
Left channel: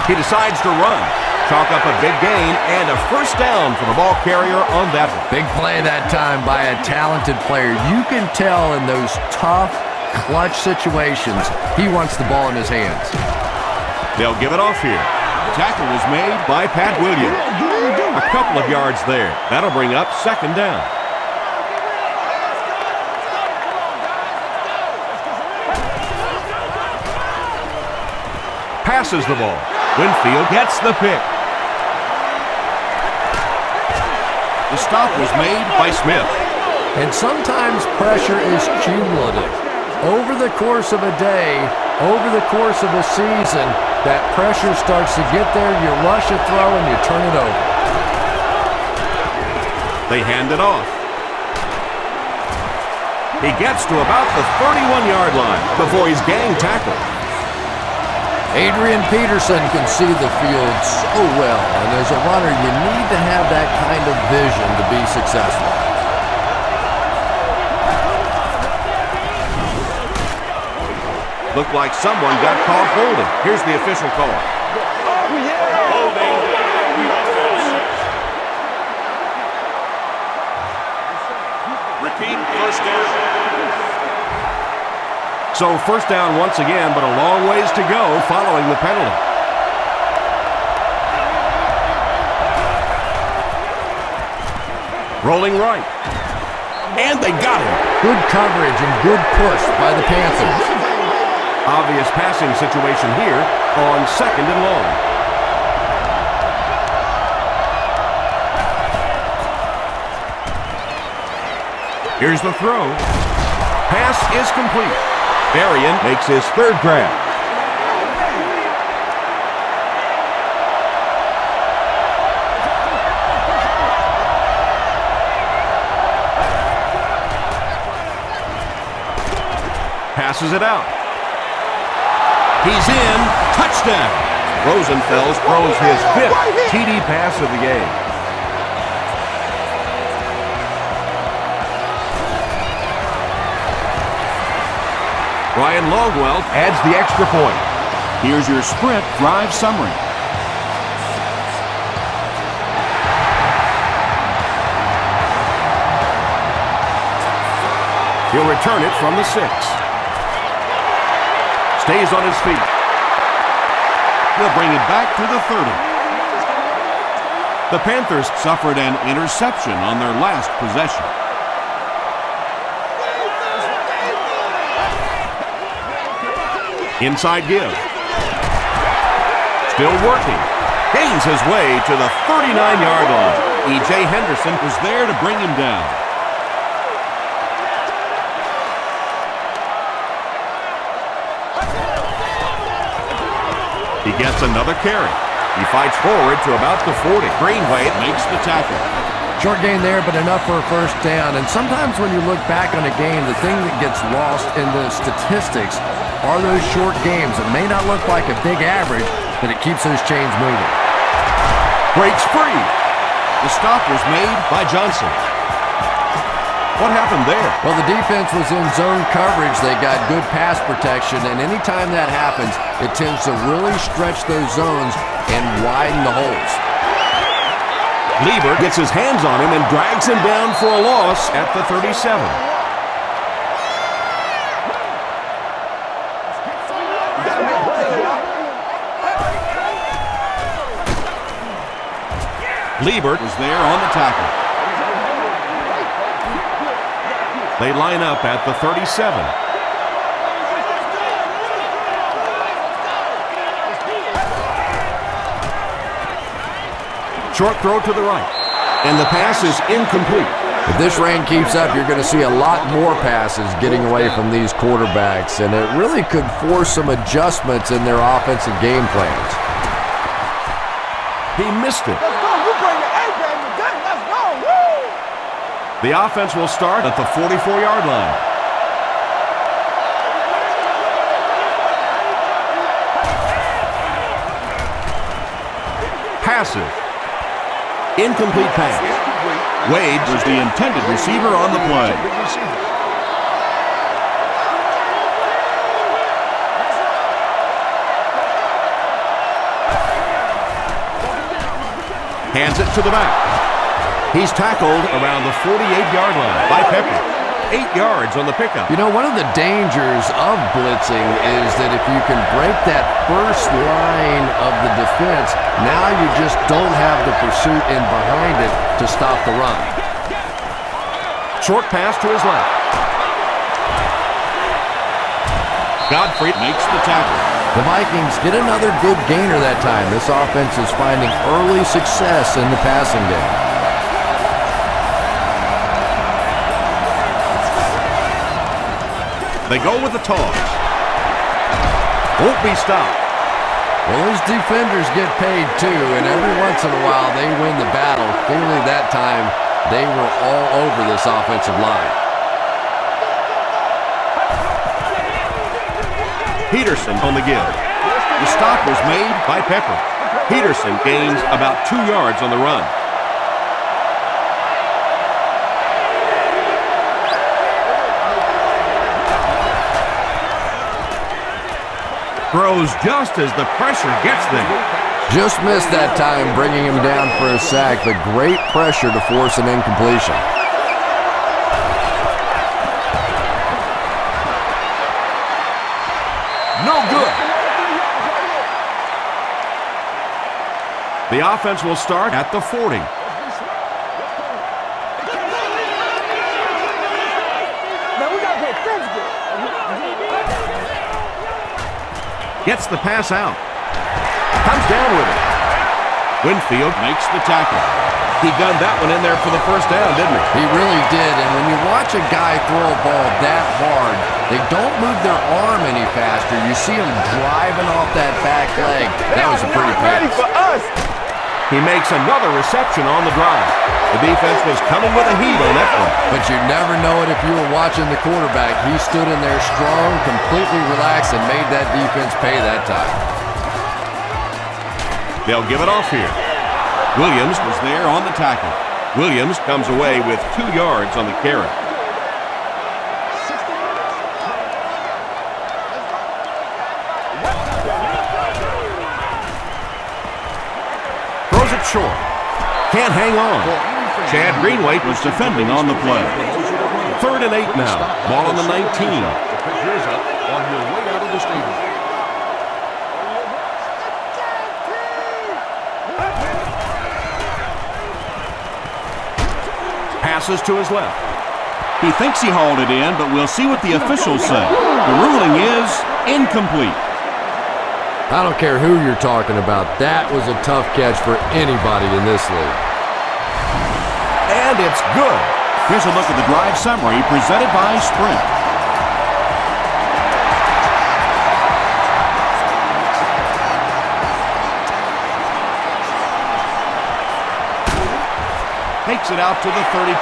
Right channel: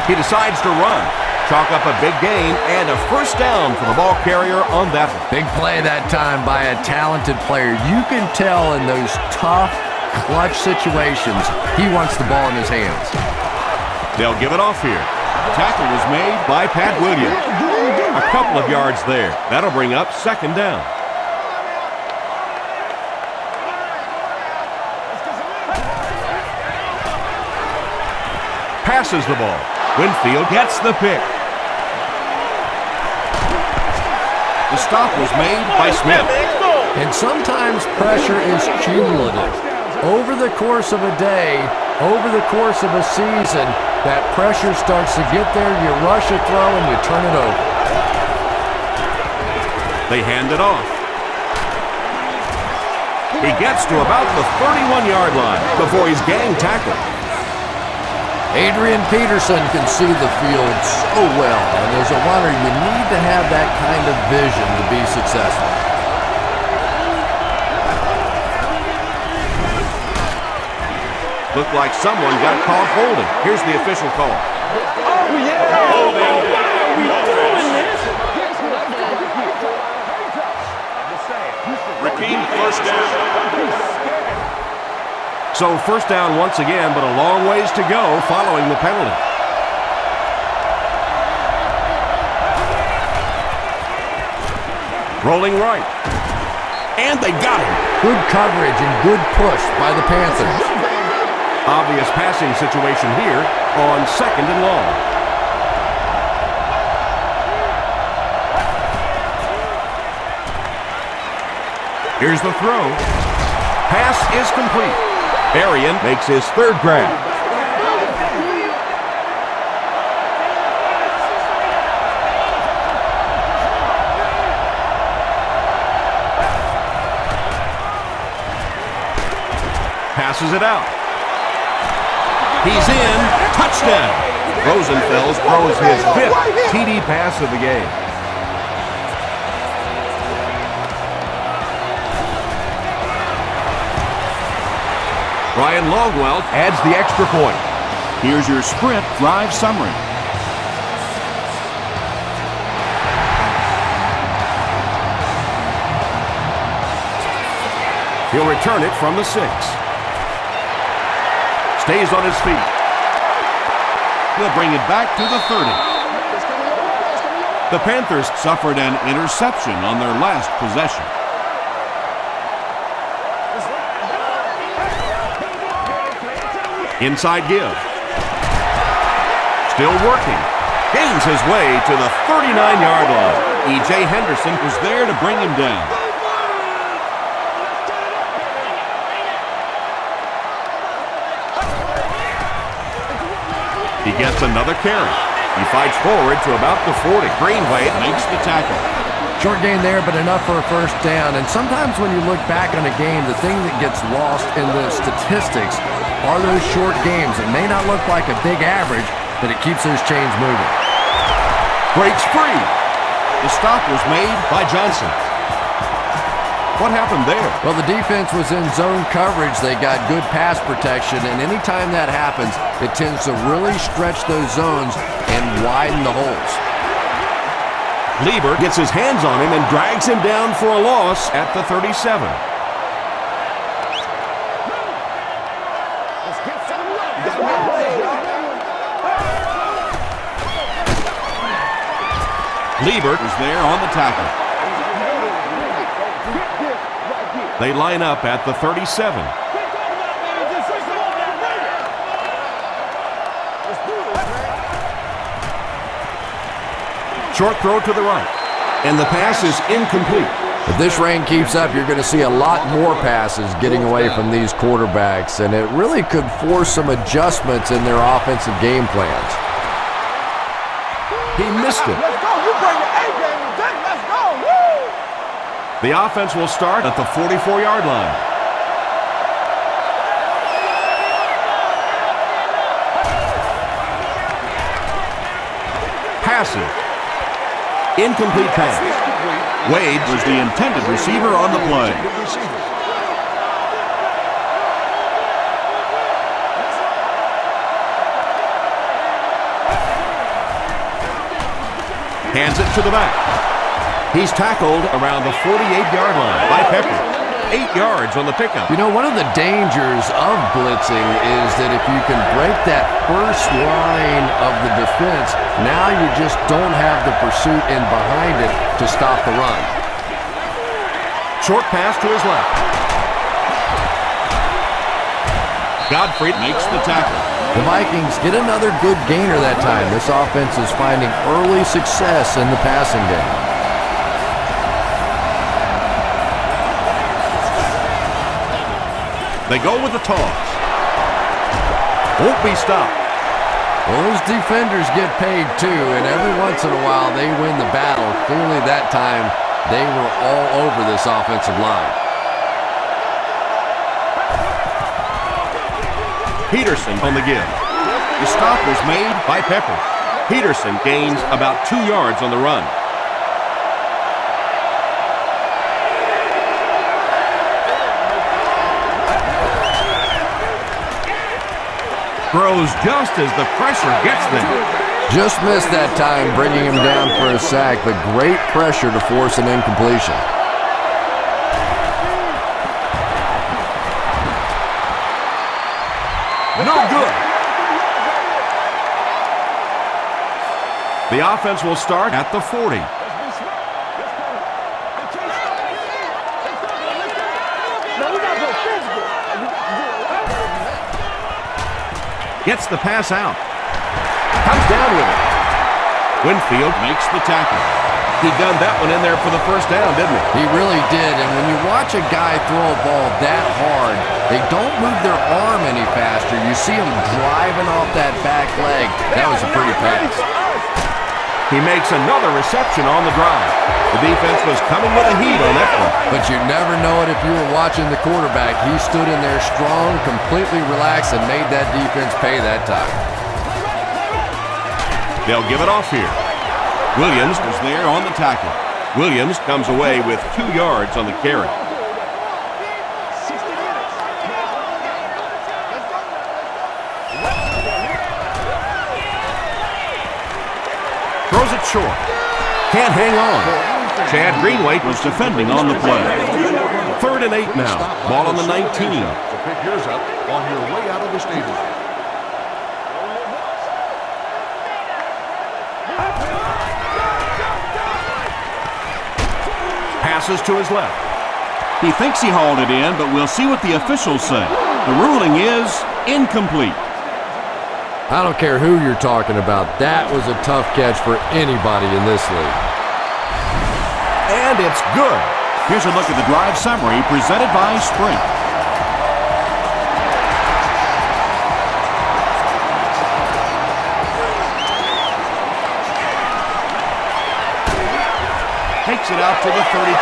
He decides to run. Chalk up a big gain and a 1st down for the ball carrier on that one. Big play that time by a talented player. You can tell in those tough, clutch situations, he wants the ball in his hands. They'll give it off here. Tackle was made by Pat Williams. A couple of yards there. That'll bring up 2nd down. Passes the ball. Winfield gets the pick. The stop was made by Smith. And sometimes pressure is cumulative. Over the course of a day, over the course of a season, that pressure starts to get there, you rush a throw and you turn it over. They hand it off. He gets to about the 31-yard line before he's gang tackled. Adrian Peterson can see the field so well, and as a runner, you need to have that kind of vision to be successful. Looked like someone got caught holding. Here's the official call. Holding. Repeat, 1st down. So 1st down once again, but a long ways to go following the penalty. Rolling right. And they got him. Good coverage and good push by the Panthers. Obvious passing situation here on 2nd and long. Here's the throw. Pass is complete. Berrien makes his 3rd grab. Passes it out. He's in. Touchdown. Rosenfels throws his 5th TD pass of the game. Ryan Longwell adds the extra point. Here's your sprint drive summary. He'll return it from the 6. Stays on his feet. He'll bring it back to the 30. The Panthers suffered an interception on their last possession. Inside give. Still working. Gains his way to the 39-yard line. E.J. Henderson was there to bring him down. He gets another carry. He fights forward to about the 40. Greenway makes the tackle. Short gain there, but enough for a 1st down. And sometimes when you look back on a game, the thing that gets lost in the statistics are those short games. It may not look like a big average, but it keeps those chains moving. Breaks free. The stop was made By Johnson. What happened there? Well, the defense was in zone coverage. They got good pass protection, and anytime that happens, it tends to really stretch those zones and widen the holes. Lieber gets his hands on him and drags him down for a loss at the 37. Lieber was there on the tackle. They line up at the 37. Short throw to the right. And the pass is incomplete. If this rain keeps up, you're going to see a lot more passes getting away from these quarterbacks, and it really could force some adjustments in their offensive game plans. He missed it. Let's go. You bring your A game today. Let's go. Woo! The offense will start at the 44-yard line. Passes. Incomplete pass. Wade was the intended receiver on the play. Hands it to the back. He's tackled around the 48-yard line by Pepper. 8 yards on the pickup. You know, one of the dangers of blitzing is that if you can break that first line of the defense, now you just don't have the pursuit in behind it to stop the run. Short pass to his left. Godfrey Makes the tackle. The Vikings get another good gainer that time. This offense is finding early success in the passing game. They go with the toss. Won't be stopped. Well, those defenders get paid too, and every once in a while they win the battle. Clearly that time they were all over this offensive line. Peterson on the give. The stop was made By Pepper. Peterson gains about 2 yards on the run. Throws just as the pressure gets them. Just missed that time, bringing him down for a sack, but great pressure to force an incompletion. No good. The offense will start at the 40. Let's be smart. Let's play ball. They can't stop. Let's go. Man, we got to play physical. You got to do it right. Gets the pass out. Comes down with it. Winfield makes the tackle. He gunned that one in there for the first down, didn't he? He really did, and when you watch a guy throw a ball that hard, they don't move their arm any faster. You see him driving off that back leg. That was a pretty pass. He makes another reception on the drive. The defense was coming with a heat on that one. But you never know it if you were watching the quarterback. He stood in there strong, completely relaxed, and made that defense pay that time. They'll give it off here. Williams Was there on the tackle. Williams comes away with 2 yards on the carry. 60 minutes. Let's go now. Throws it short. Can't hang on. Chad Greenway Was defending on the play. 3rd and 8 now. Ball on the 19. To pick yours up on your way out of the stadium. Passes to his left. He thinks he hauled it in, but we'll see what the officials say. The ruling is incomplete. I don't care who you're talking about. That was a tough catch for anybody in this league. And it's good. Here's a look at the drive summary presented by Sprint. Takes it out to the 32.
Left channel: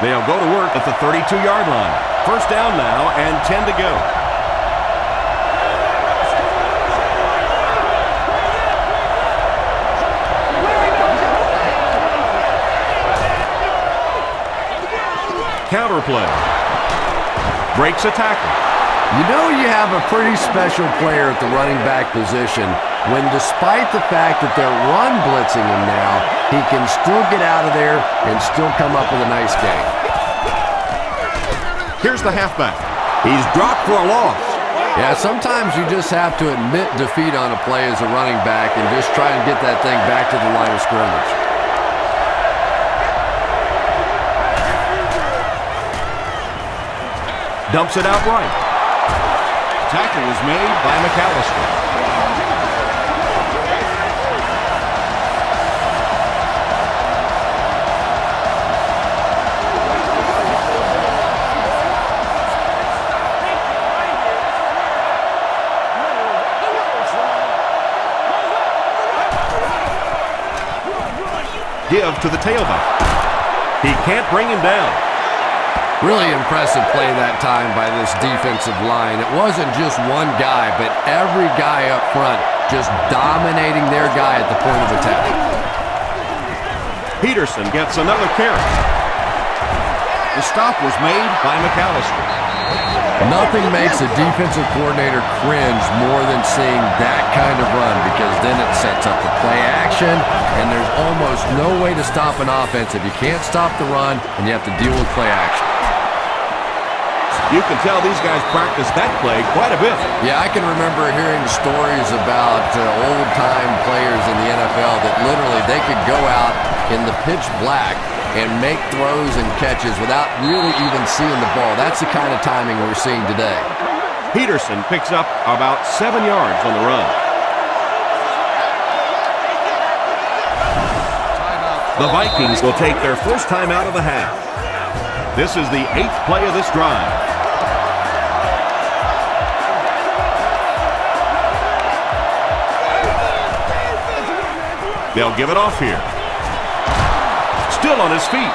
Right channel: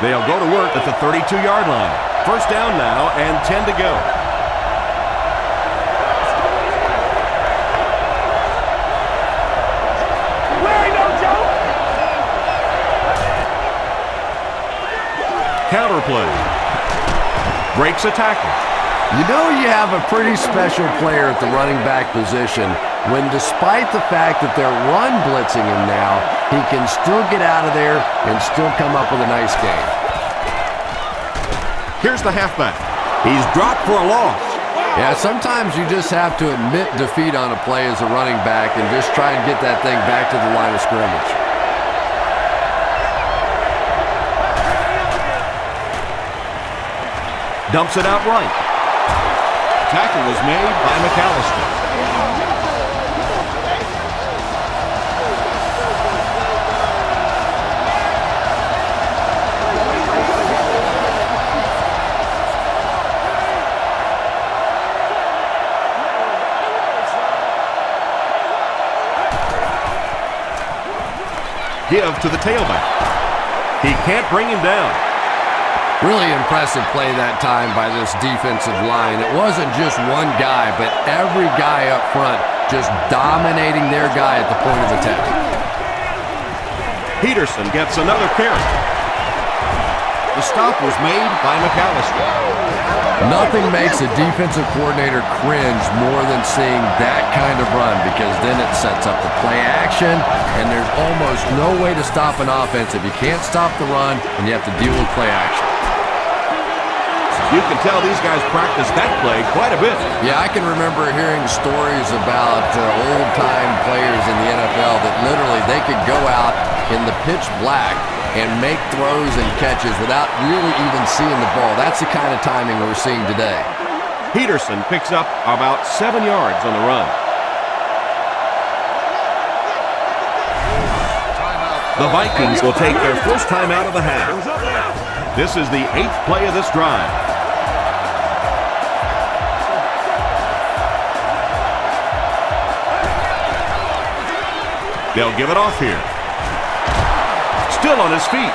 They'll go to work at the 32-yard line. First down now and 10 to go. Counter play. Breaks a tackle. You know you have a pretty special player at the running back position when, despite the fact that they're run blitzing him now, he can still get out of there and still come up with a nice gain. Here's the halfback. He's dropped for a loss. Yeah, sometimes you just have to admit defeat on a play as a running back and just try and get that thing back to the line of scrimmage. Dumps it out right. Tackle was made By McAllister. Give to the tailback. He can't bring him down. Really impressive play that time by this defensive line. It wasn't just one guy, but every guy up front just dominating their guy at the point of attack. Peterson gets another carry. The stop was made by McAllister. Nothing makes a defensive coordinator cringe more than seeing that kind of run, because then it sets up the play action, and there's almost no way to stop an offense if you can't stop the run and you have to deal with play action. You can tell these guys practice that play quite a bit. Yeah, I can remember hearing stories about old-time players in the NFL that literally they could go out in the pitch black and make throws and catches without really even seeing the ball. That's the kind of timing we're seeing today. Peterson picks up about 7 yards on the run. The Vikings will take their first time out of the half. This is the 8th play of this drive. They'll give it off here. Still on his feet.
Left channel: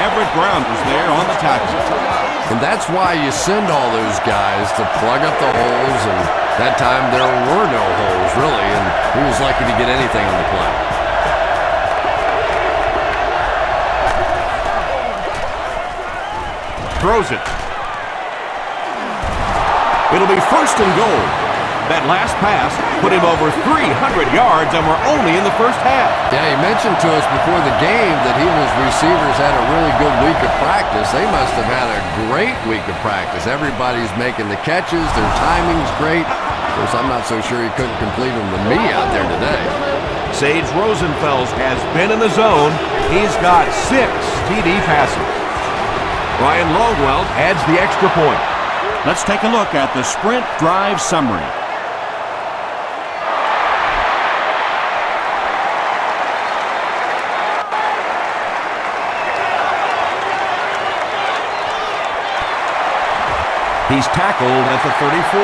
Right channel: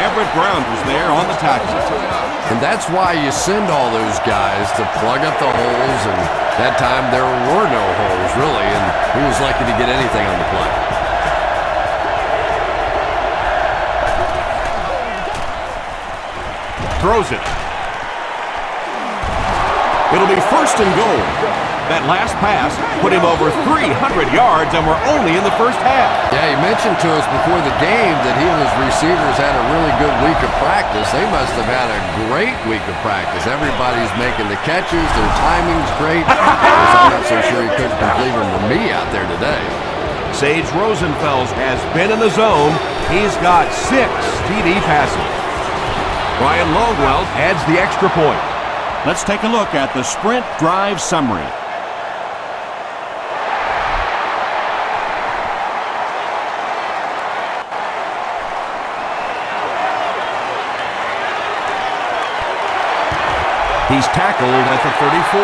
Everett Brown was there on the tackle. And that's why you send all those guys to plug up the holes, and that time there were no holes, really, and he was lucky to get anything on the play. Throws it. It'll be first and goal. That last pass put him over 300 yards, and we're only in the first half. Yeah, he mentioned to us before the game that he and his receivers had a really good week of practice. They must have had a great week of practice. Everybody's making the catches. Their timing's great. Because I'm not so sure he couldn't complete them to me out there today. Sage Rosenfels has been in the zone. He's got 6 TD passes. Ryan Longwell adds the extra point. Let's take a look at the sprint drive summary. He's tackled at the 34.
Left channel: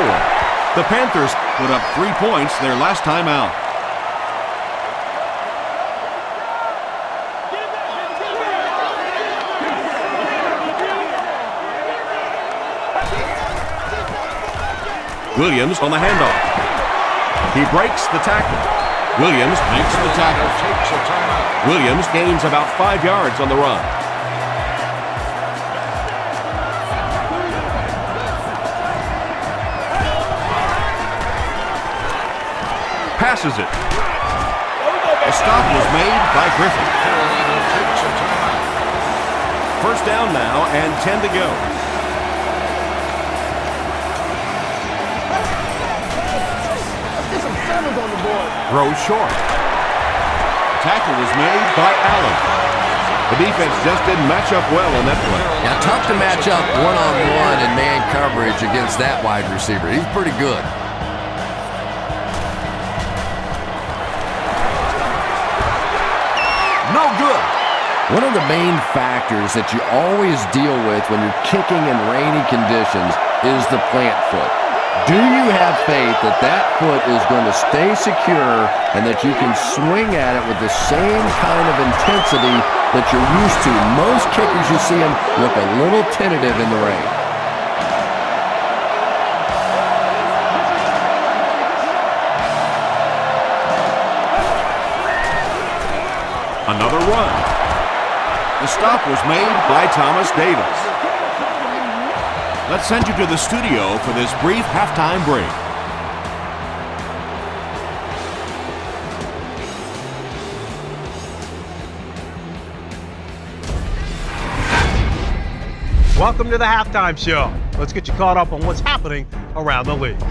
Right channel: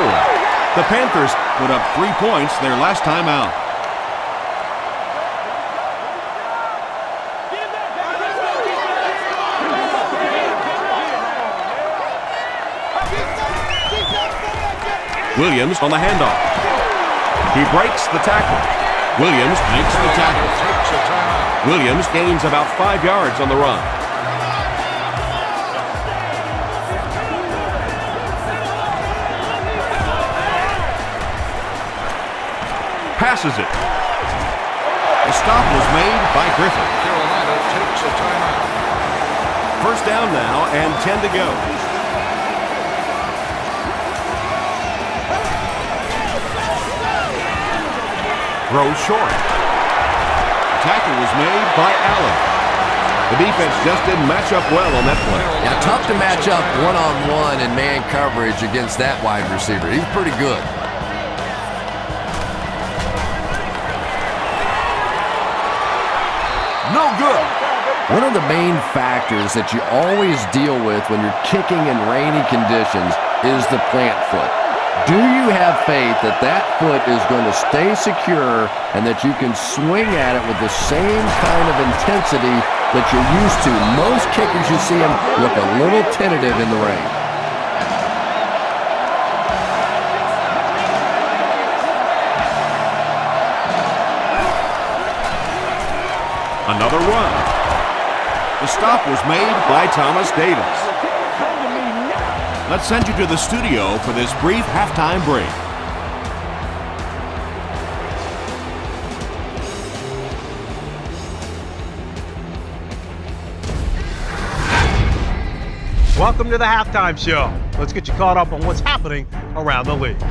The Panthers Put up 3 points their last time out. Williams on the handoff. He breaks the tackle. Williams makes the tackle. Takes a timeout. Williams gains about 5 yards on the run. Passes it. The stop was made by Griffin. Carolina takes a timeout. First down now and 10 to go. Throws short. The tackle was made By Allen. The defense just didn't match up well on that play. Yeah, tough to match up one-on-one in man coverage against that wide receiver. He's pretty good. No good. One of the main factors that you always deal with when you're kicking in rainy conditions is the plant foot. Do you have faith that that foot is going to stay secure and that you can swing at it with the same kind of intensity that you're used to? Most kickers, you see them look a little tentative in the rain. Another run. The stop was made By Thomas Davis. Let's send you to the studio for this brief halftime break. Welcome to the halftime show. Let's get you caught up on what's happening around the league.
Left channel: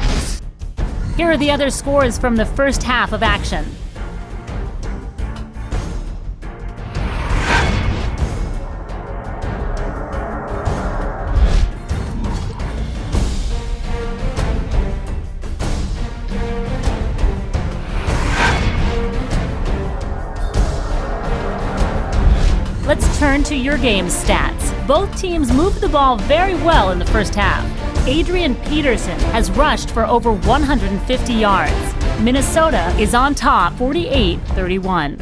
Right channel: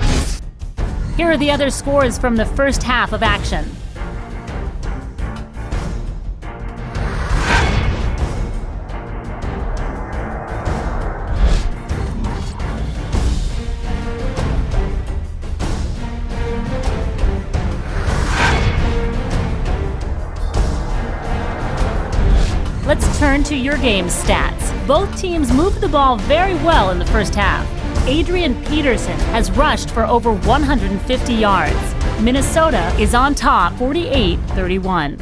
Here are the other scores from the first half of action. Let's turn to your game's stats. Both teams moved the ball very well in the first half. Adrian Peterson has rushed for over 150 yards. Minnesota is on top 48-31.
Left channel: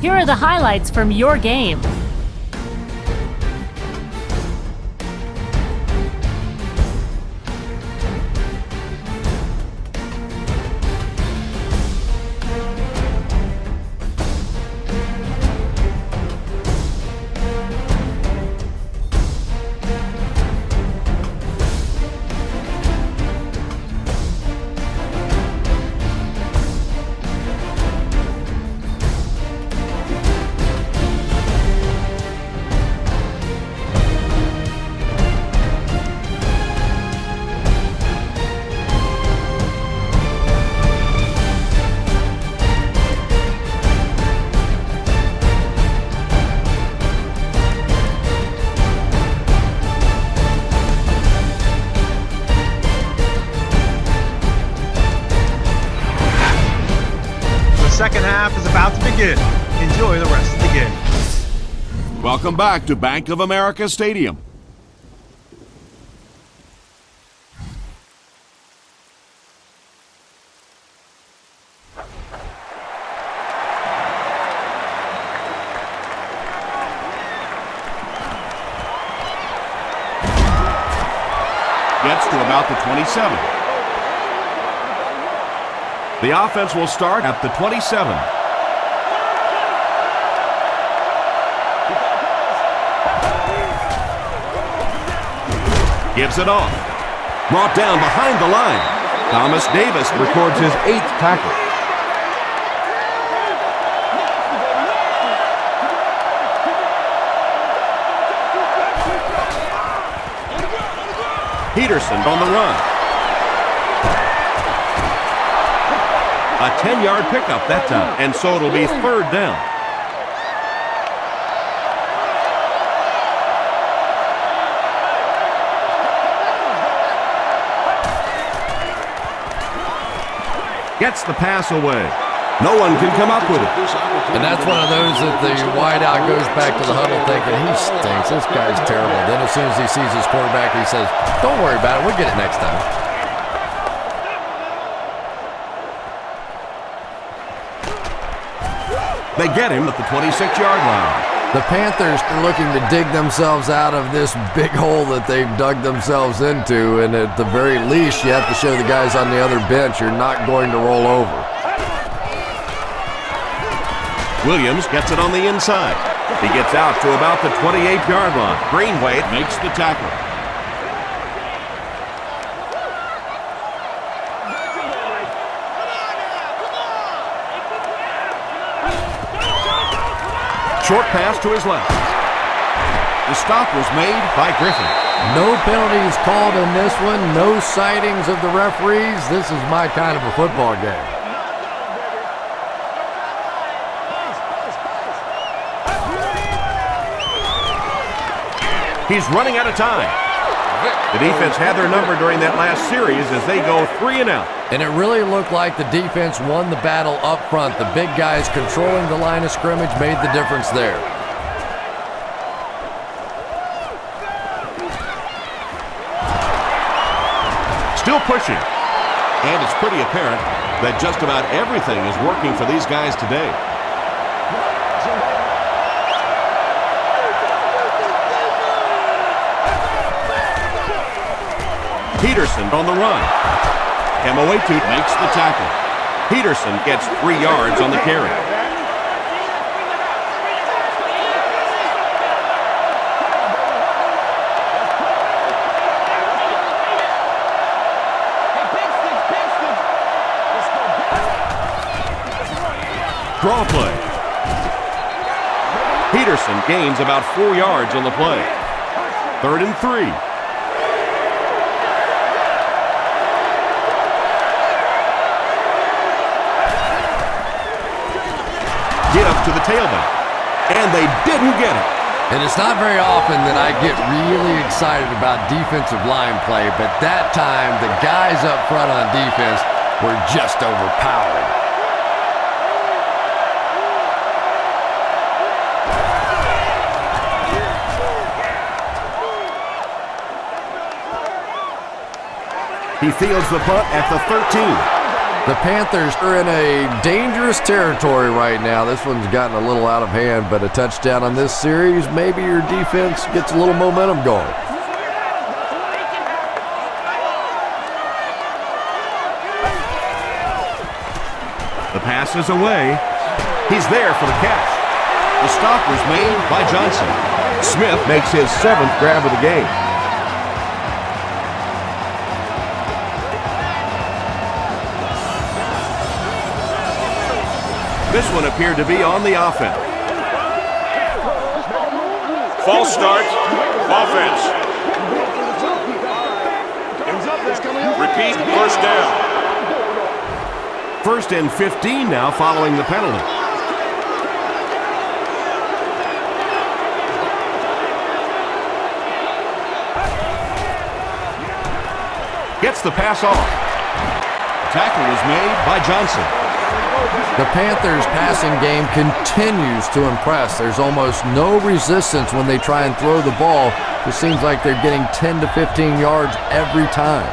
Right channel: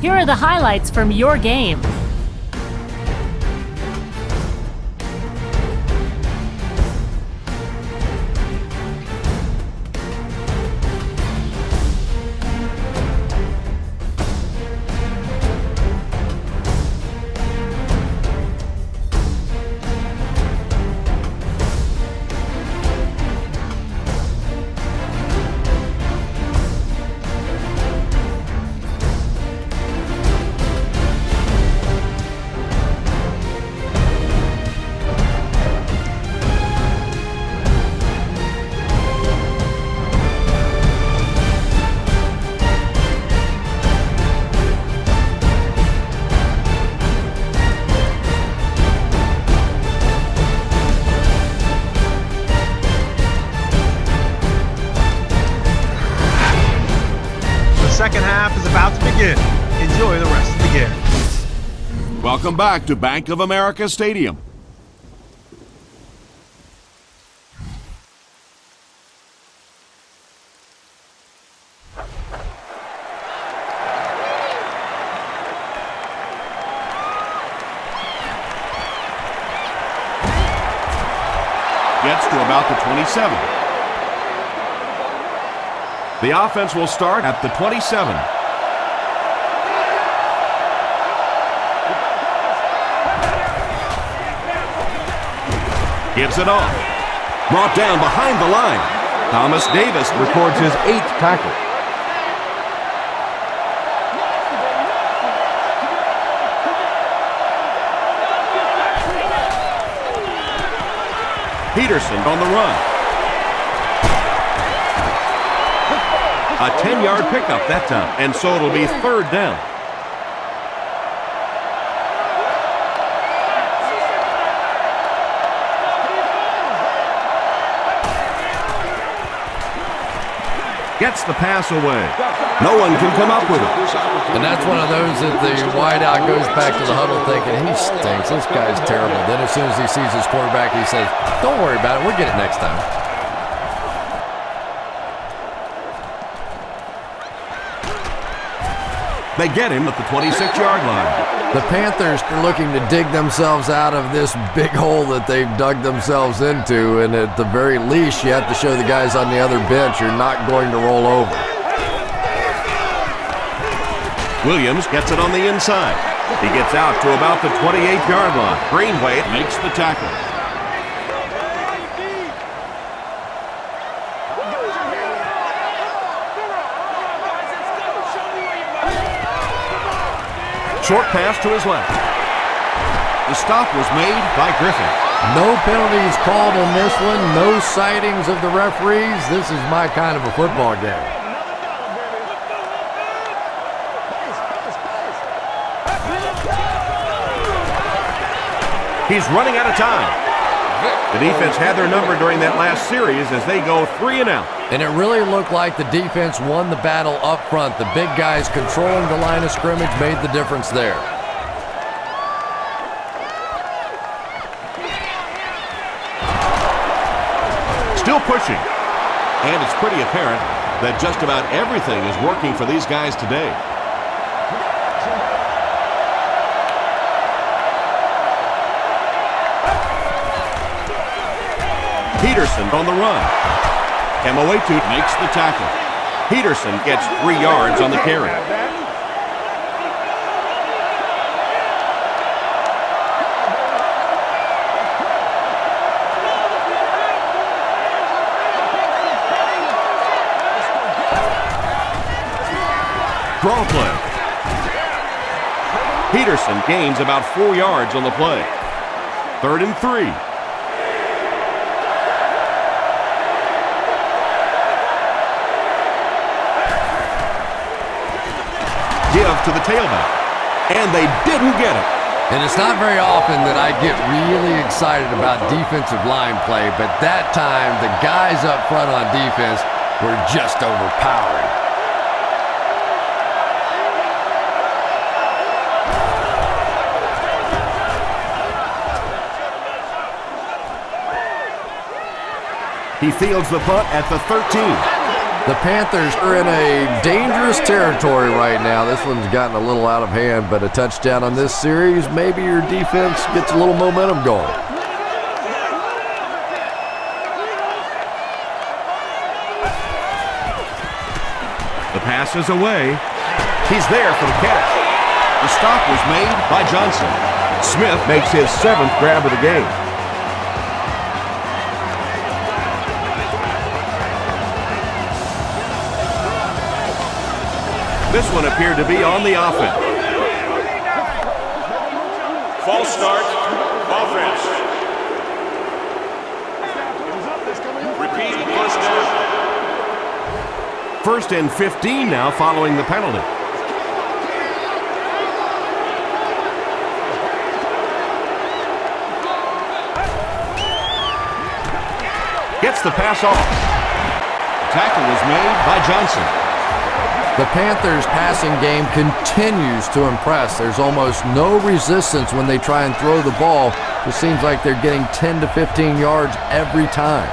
Here are the highlights from your game. The second half is about to begin. Enjoy the rest of the game. Welcome back to Bank of America Stadium. Gets to about the 27. The offense will start at the 27. Gives it off. Brought down behind the line. Thomas Davis records his 8th tackle. Peterson on the run. A 10-yard pickup that time, and so it'll be 3rd down. Gets the pass away. No one can come up with it. And that's one of those that the wideout goes back to the huddle thinking, he stinks, this guy's terrible. Then as soon as he sees his quarterback, he says, don't worry about it, we'll get it next time. They get him at the 26-yard line. The Panthers are looking to dig themselves out of this big hole that they've dug themselves into, and at the very least, you have to show the guys on the other bench you're not going to roll over. Williams gets it on the inside. He gets out to about the 28-yard line. Greenway Makes the tackle. short pass to his left. The stop was made by Griffin. No penalties called in this one. No sightings of the referees. This is my kind of a football game. He's running out of time. The defense had their number during that last series as they go 3 and out. And it really looked like the defense won the battle up front. The big guys controlling the line of scrimmage made the difference there. Still pushing. And it's pretty apparent that just about everything is working for these guys today. Peterson on the run. Kemoetu Makes the tackle. Peterson gets 3 yards on the carry. Draw play. Peterson gains about 4 yards on the play. 3rd and 3. Give to the tailback, and they didn't get it. And it's not very often that I get really excited about defensive line play, but that time the guys up front on defense were just overpowering. He fields the punt at the 13. The Panthers are in a dangerous territory right now. This one's gotten a little out of hand, but a touchdown on this series, maybe your defense gets a little momentum going. The pass is away. He's there for the catch. The stop was made by Johnson. Smith makes his 7th grab of the game. This one appeared to be on the offense. False start. Offense. Repeat, first down. 1st and 15 now following the penalty. Gets the pass off. The tackle was made by Johnson. The Panthers' passing game continues to impress. There's almost no resistance when they try and throw the ball. It seems like they're getting 10 to 15 yards every time.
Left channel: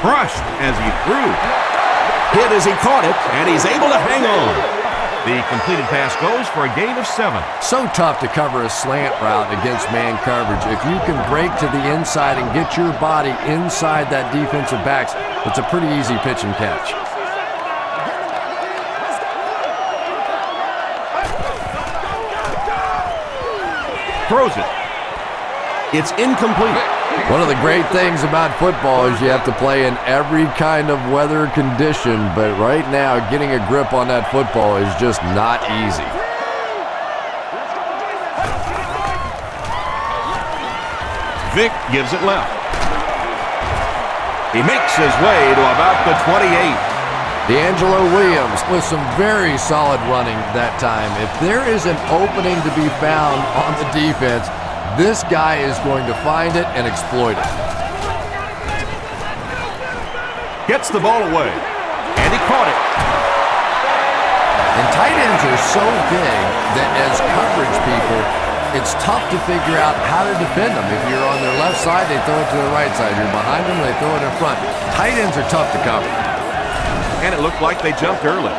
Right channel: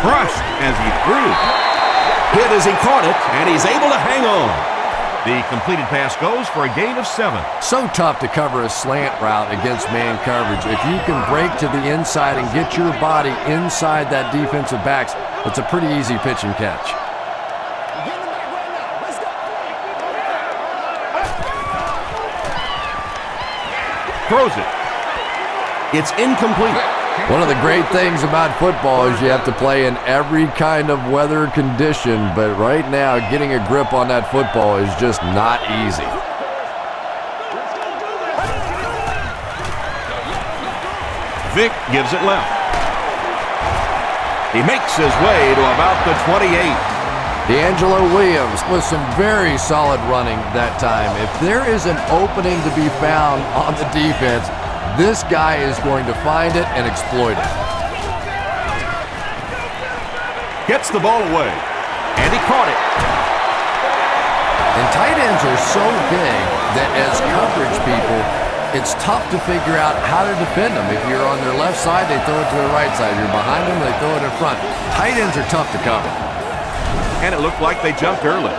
Crushed as he threw. Hit as he caught it, and he's able to hang on. The completed pass goes for a gain of 7. So tough to cover a slant route against man coverage. If you can break to the inside and get your body inside that defensive backs, it's a pretty easy pitch and catch. Throws it. It's incomplete. One of the great things about football is you have to play in every kind of weather condition, but right now getting a grip on that football is just not easy. Vic gives it left. He makes his way to about the 28. D'Angelo Williams with some very solid running that time. If there is an opening to be found on the defense, this guy is going to find it and exploit it. Gets the ball away, and he caught it. And tight ends are so big that as coverage people, it's tough to figure out how to defend them. If you're on their left side, they throw it to their right side. You're behind them, they throw it in front. Tight ends are tough to cover. And it looked like they jumped early.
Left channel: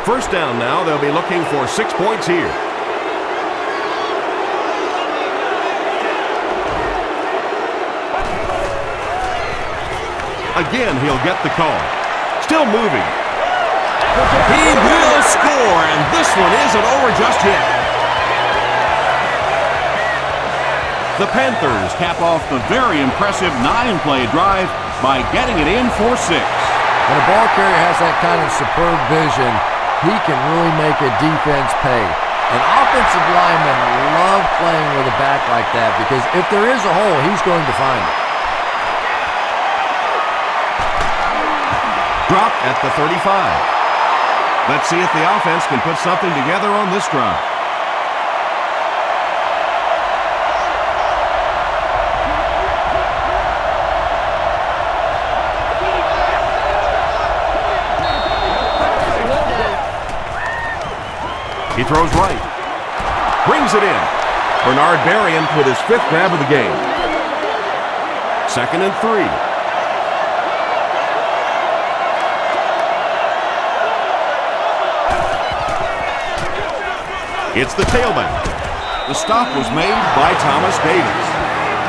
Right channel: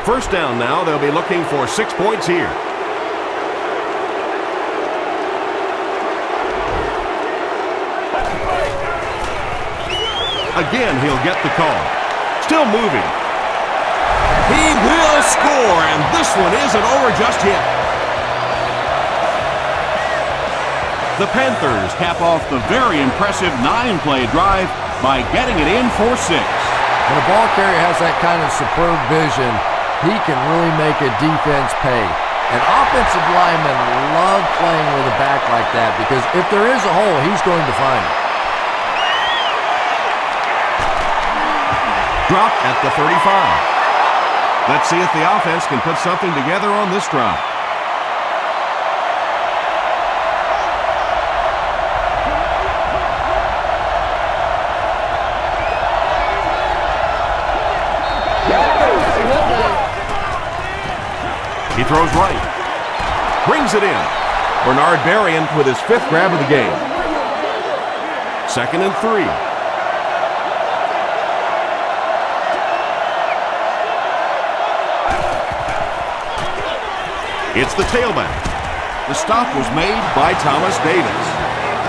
First down now, they'll be looking for 6 points here. Again, he'll get the call. Still moving. He will score, and this one isn't over just yet. The Panthers cap off the very impressive 9-play drive by getting it in for 6. When a ball carrier has that kind of superb vision, he can really make a defense pay. And offensive linemen love playing with a back like that because if there is a hole, he's going to find it. Dropped at the 35. Let's see if the offense can put something together on this drive. He throws right. Brings it in. Bernard Berrien with his 5th grab of the game. 2nd and 3. It's the tailback. The stop was made by Thomas Davis.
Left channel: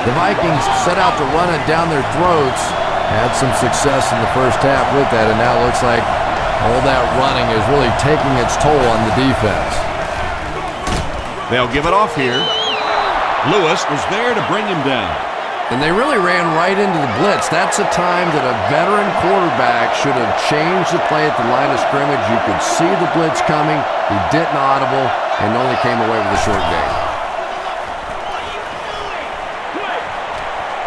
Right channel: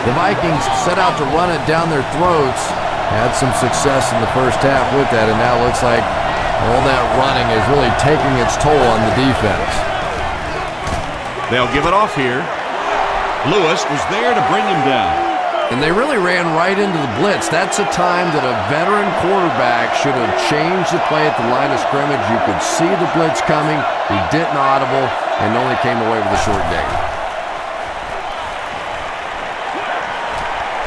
The Vikings set out to run it down their throats. Had some success in the first half with that, and now it looks like all that running is really taking its toll on the defense. They'll give it off here. Lewis was there to bring him down. And they really ran right into the blitz. That's a time that a veteran quarterback should have changed the play at the line of scrimmage. You could see the blitz coming. He didn't audible and only came away with a short gain.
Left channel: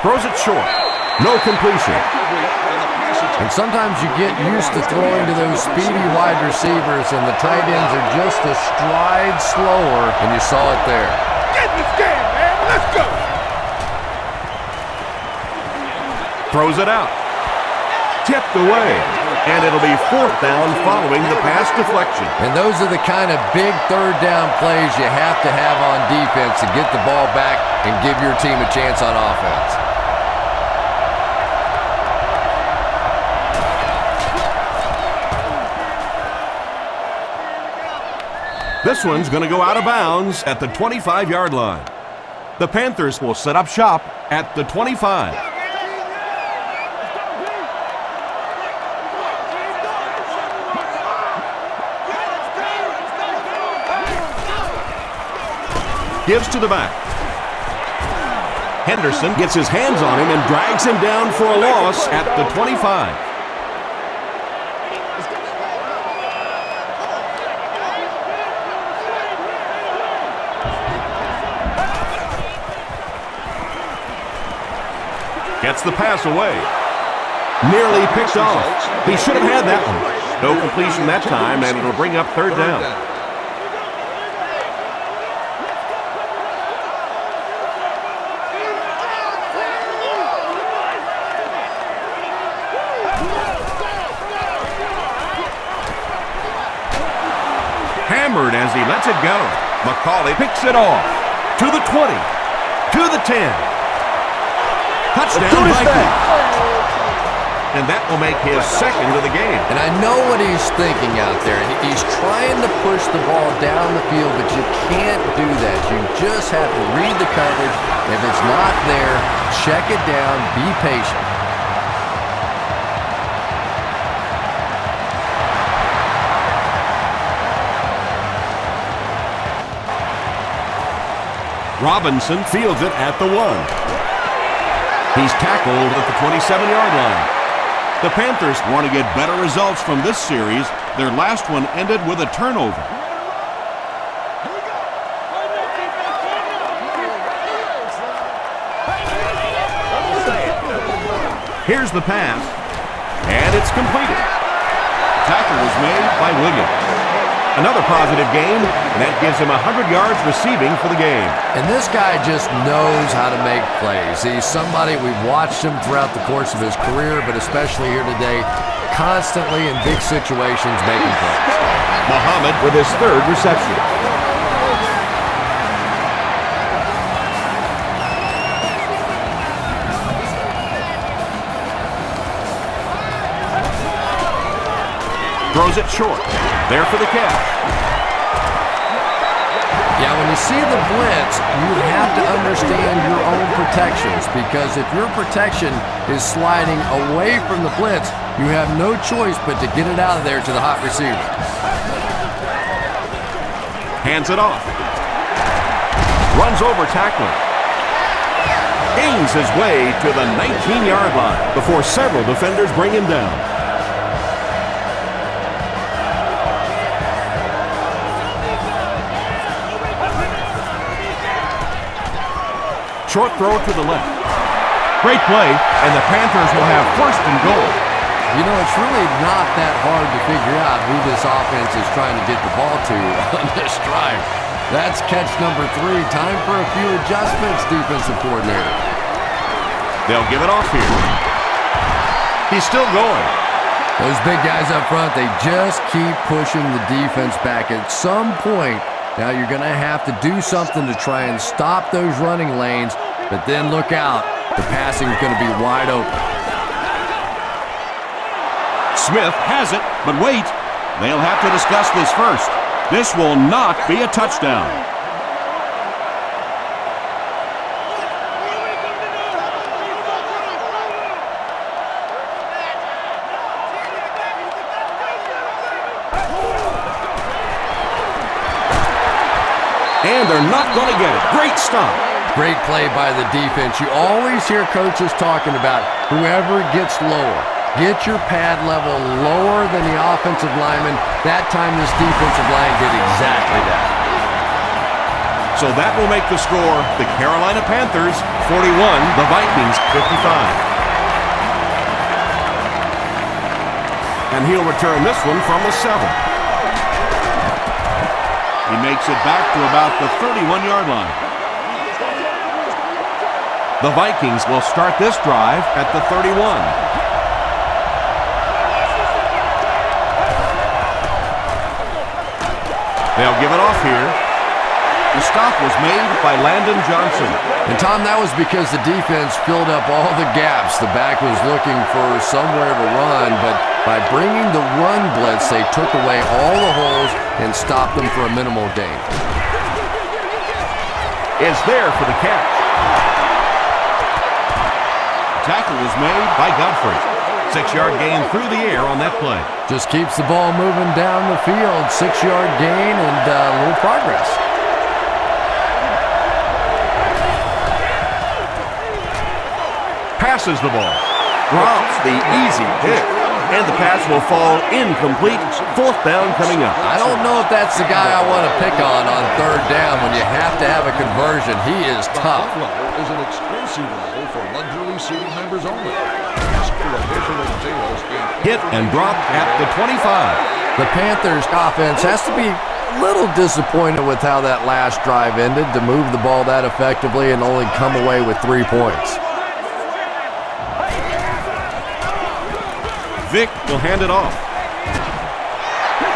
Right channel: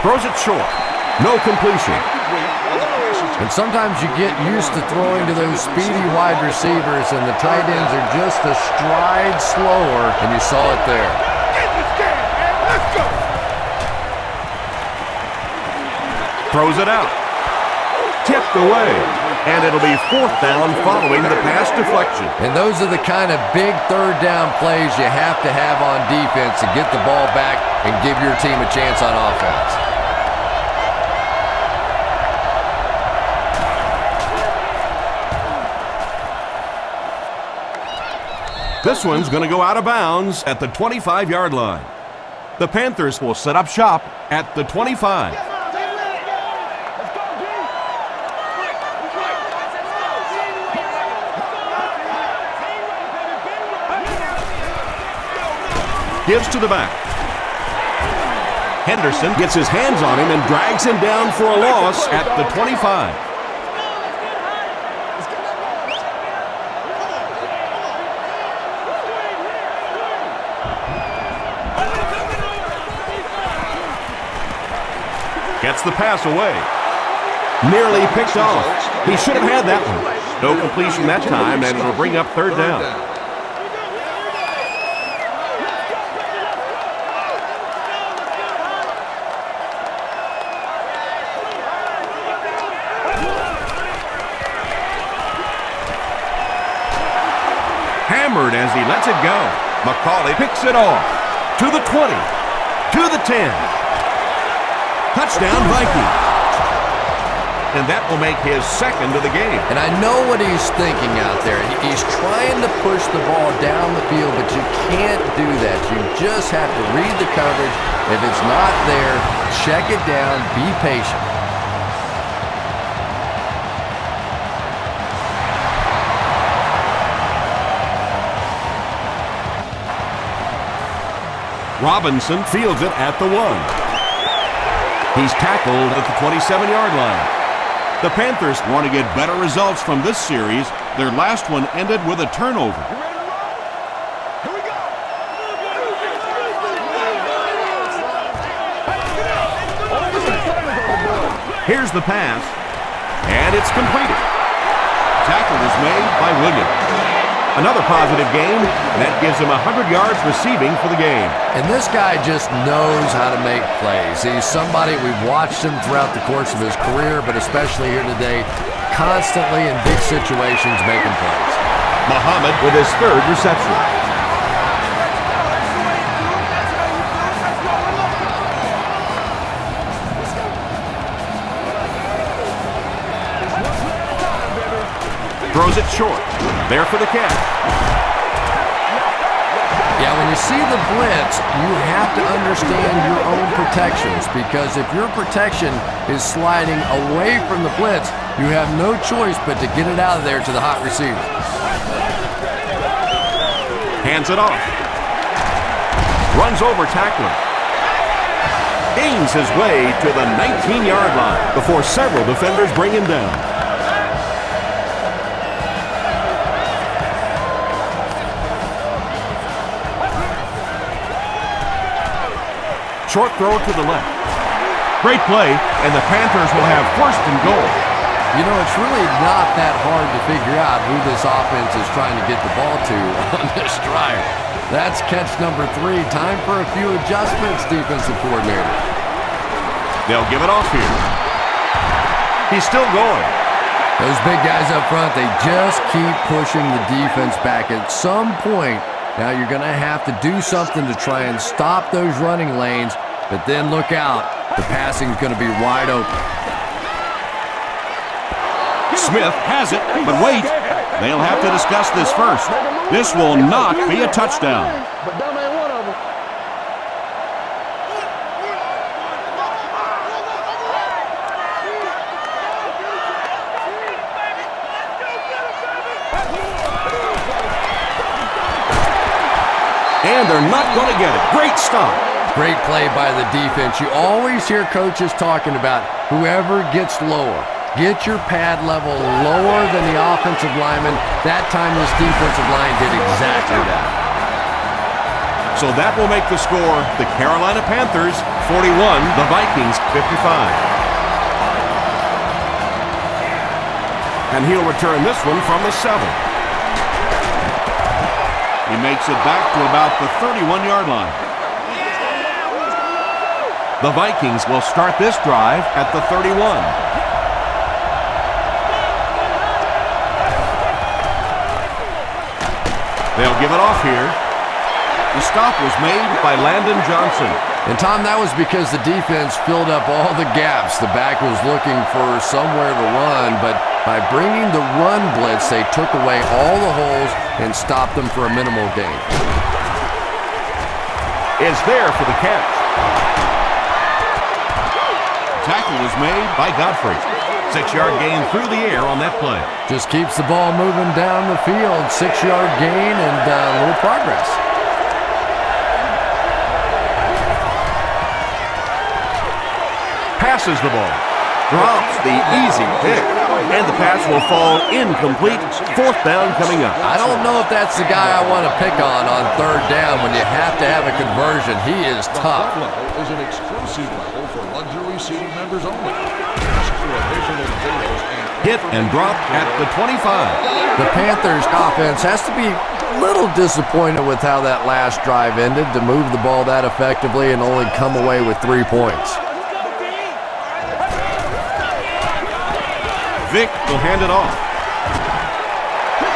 Throws it short. No completion. And sometimes you get used to throwing to those speedy wide receivers, and the tight ends are just a stride slower, and you saw it there. Get in this game, man. Let's go. Throws it out. tipped away. And it'll be 4th down following the pass deflection. And those are the kind of big 3rd down plays you have to have on defense to get the ball back and give your team a chance on offense. This one's going to go out of bounds at the 25-yard line. The Panthers will set up shop at the 25. Gives to the back. Henderson gets his hands on him and drags him down for a loss at the 25. Gets the pass away. Nearly picked off. He should have had that one. No completion that time, and it'll bring up 3rd down. Hammered as he lets it go. McCauley picks it off. To the 20. To the 10. Touchdown Vikings. And that will make his 2nd of the game. And I know what he's thinking out there. He's trying to push the ball down the field, but you can't do that. You just have to read the coverage. If it's not there, check it down, be patient. Robinson fields it at the 1. He's tackled at the 27-yard line. The Panthers want to get better results from this series. Their last one ended with a turnover. You ready to roll? Here we go. Here's the pass, and it's completed. Tackle was made by Williams. Another positive game, and that gives him 100 yards receiving for the game. And this guy just knows how to make plays. He's somebody, we've watched him throughout the course of his career, but especially here today, constantly in big situations making plays. Muhammad with his 3rd reception. Throws it short. There for the catch. Yeah, when you see the blitz, you have to understand your own protections, because if your protection is sliding away from the blitz, you have no choice but to get it out of there to the hot receiver. Hands it off. Runs over tackler. Gains his way to the 19-yard line before several defenders bring him down. Short throw to the left. Great play, and the Panthers will have 1st and goal. You know, it's really not that hard to figure out who this offense is trying to get the ball to on this drive. That's catch number 3. Time for a few adjustments, defensive coordinator. They'll give it off here. He's still going. Those big guys up front, they just keep pushing the defense back. At some point, now you're going to have to do something to try and stop those running lanes, but then look out. The passing is going to be wide open. Smith has it, but wait. They'll have to discuss this first. This will not be a touchdown. And they're not going to get it. Great stop. Great play by the defense. You always hear coaches talking about whoever gets lower. Get your pad level lower than the offensive lineman. That time this defensive line did exactly that. So that will make the score the Carolina Panthers 41, the Vikings 55. And he'll return this one from the 7. He makes it back to about the 31-yard line. The Vikings will start this drive at the 31. They'll give it off here. The stop was made by Landon Johnson. And Tom, that was because the defense filled up all the gaps. The back was looking for somewhere to run, but by bringing the run blitz, they took away all the holes and stopped them for a minimal gain. Is there for the catch. Tackle was made By Godfrey. 6-yard gain through the air on that play. Just keeps the ball moving down the field. 6-yard gain and a little progress. Passes the ball. Drops the easy pick. And the pass will fall incomplete. 4th down coming up. I don't know if that's the guy I want to pick on 3rd down when you have to have a conversion. He is tough. The level is an exclusive level for luxury seating members only. Ask for additional details and Hit and drop at the 25. The Panthers offense has to be a little disappointed with how that last drive ended to move the ball that effectively and only come away with 3 points. Vic will hand it off.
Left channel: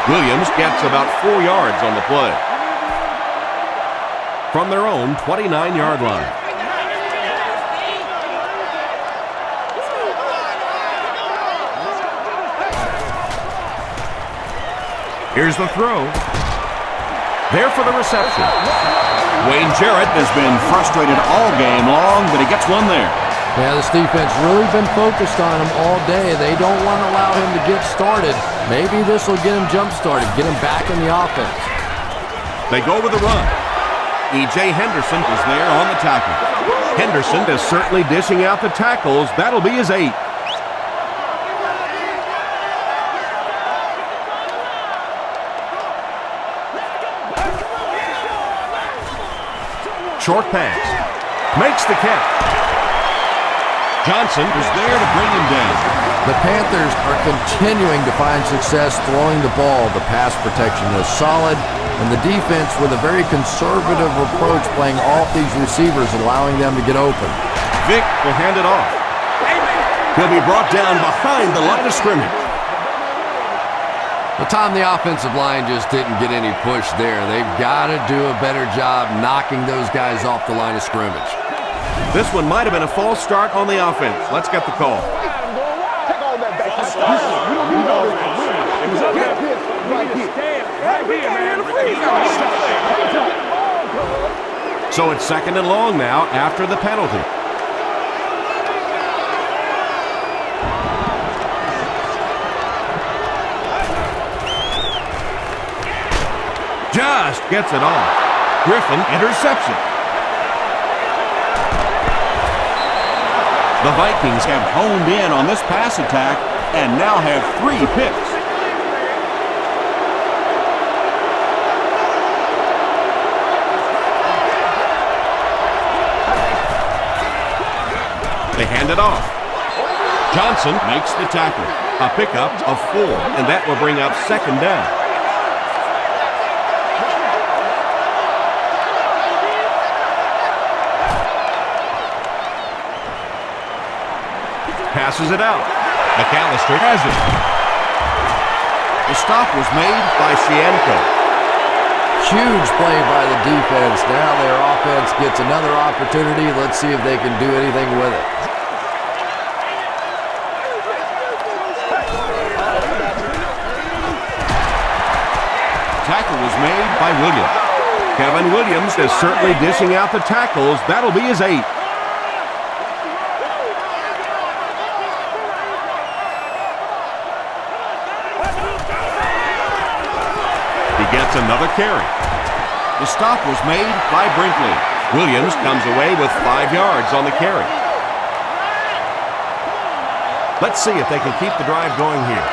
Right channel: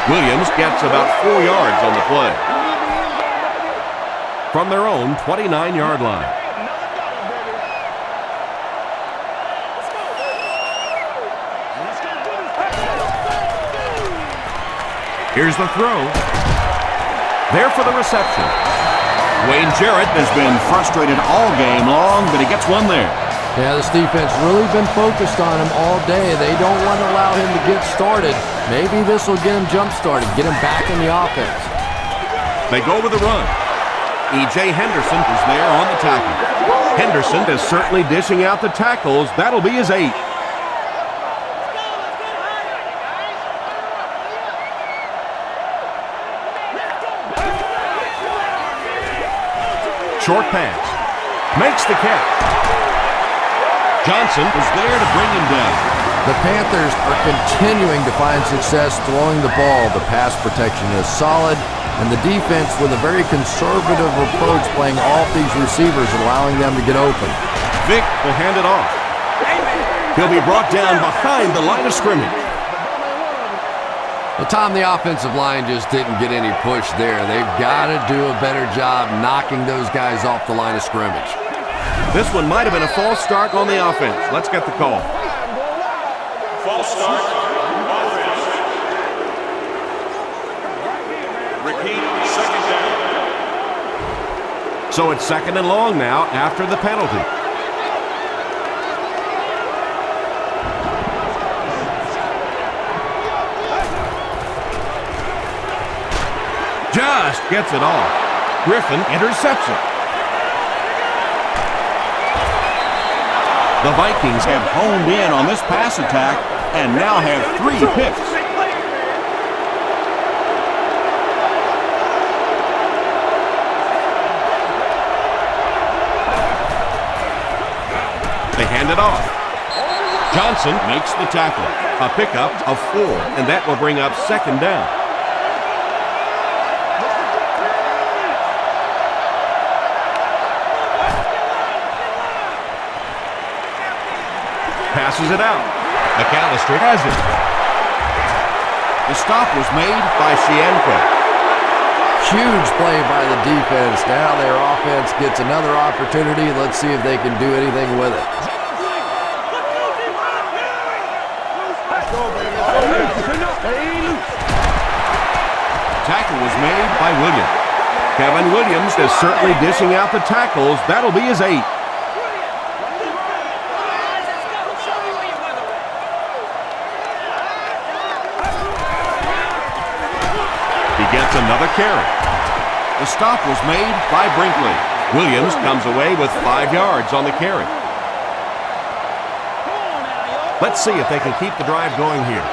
Williams gets about 4 yards on the play. From their own 29-yard line. Here's the throw. There for the reception. Wayne Jarrett has been frustrated all game long, but he gets one there. Yeah, this defense really been focused on him all day. They don't want to allow him to get started. Maybe this will get him jump-started, get him back in the offense. They go with the run. E.J. Henderson is there on the tackle. Henderson is certainly dishing out the tackles. That'll be his 8th. Short pass. Makes the catch. Johnson was there to bring him down. The Panthers are continuing to find success throwing the ball. The pass protection is solid, and the defense with a very conservative approach playing off these receivers, allowing them to get open. Vic will hand it off. He'll be brought down behind the line of scrimmage. Well, Tom, the offensive line just didn't get any push there. They've got to do a better job knocking those guys off the line of scrimmage. This one might have been a false start on the offense. Let's get the call. False start on offense. Repeat, 2nd down. So it's 2nd and long now after the penalty. Just gets it off. Griffin intercepts it. The Vikings have honed in on this pass attack and now have 3 picks. They hand it off. Johnson makes the tackle. A pickup of 4, and that will bring up 2nd down. Passes it out. McAllister has it. The stop was made by Shienko. Huge play by the defense. Now their offense gets another opportunity. Let's see if they can do anything with it. Tackle was made by Williams. Kevin Williams is certainly dishing out the tackles. That'll be his 8th. He gets another carry. The stop was made by Brinkley. Williams comes away with 5 yards on the carry. Let's see if they can keep the drive going here.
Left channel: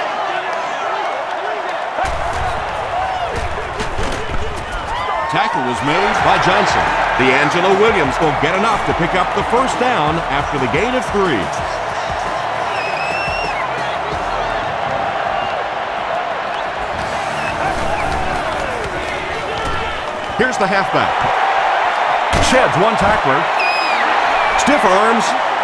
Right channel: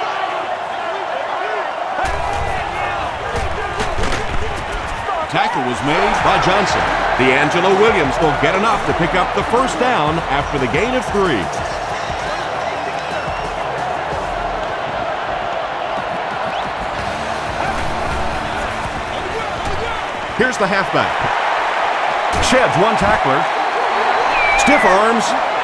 Tackle was made by Johnson. D'Angelo Williams will get enough to pick up the 1st down after the gain of 3. Here's the halfback. Sheds one tackler. Stiff arms,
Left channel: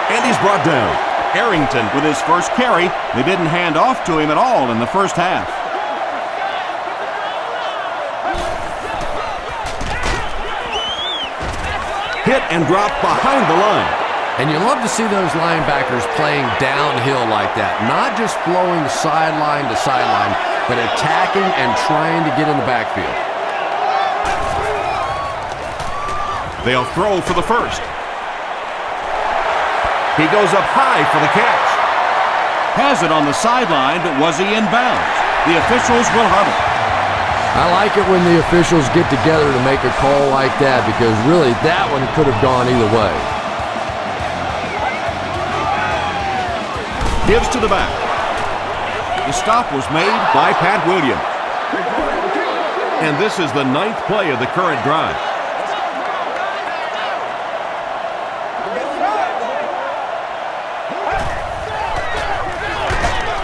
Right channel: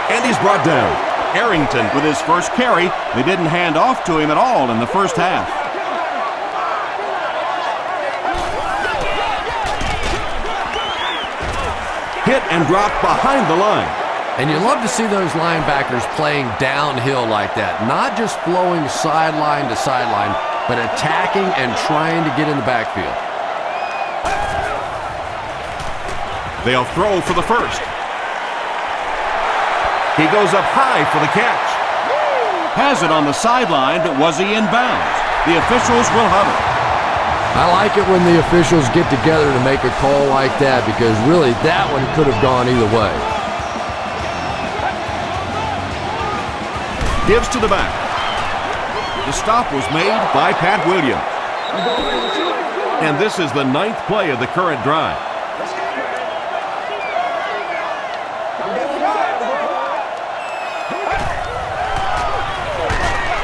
and he's brought down. Arrington with his first carry. They didn't hand off to him at all in the first half. Hit and dropped behind the line. And you love to see those linebackers playing downhill like that, not just flowing sideline to sideline, but attacking and trying to get in the backfield. They'll throw for the first. He goes up high for the catch. Has it on the sideline, but was he in bounds? The officials will huddle. I like it when the officials get together to make a call like that, because really that one could have gone either way. Gives to the back. The stop was made By Pat Williams. And this is the 9th play of the current drive.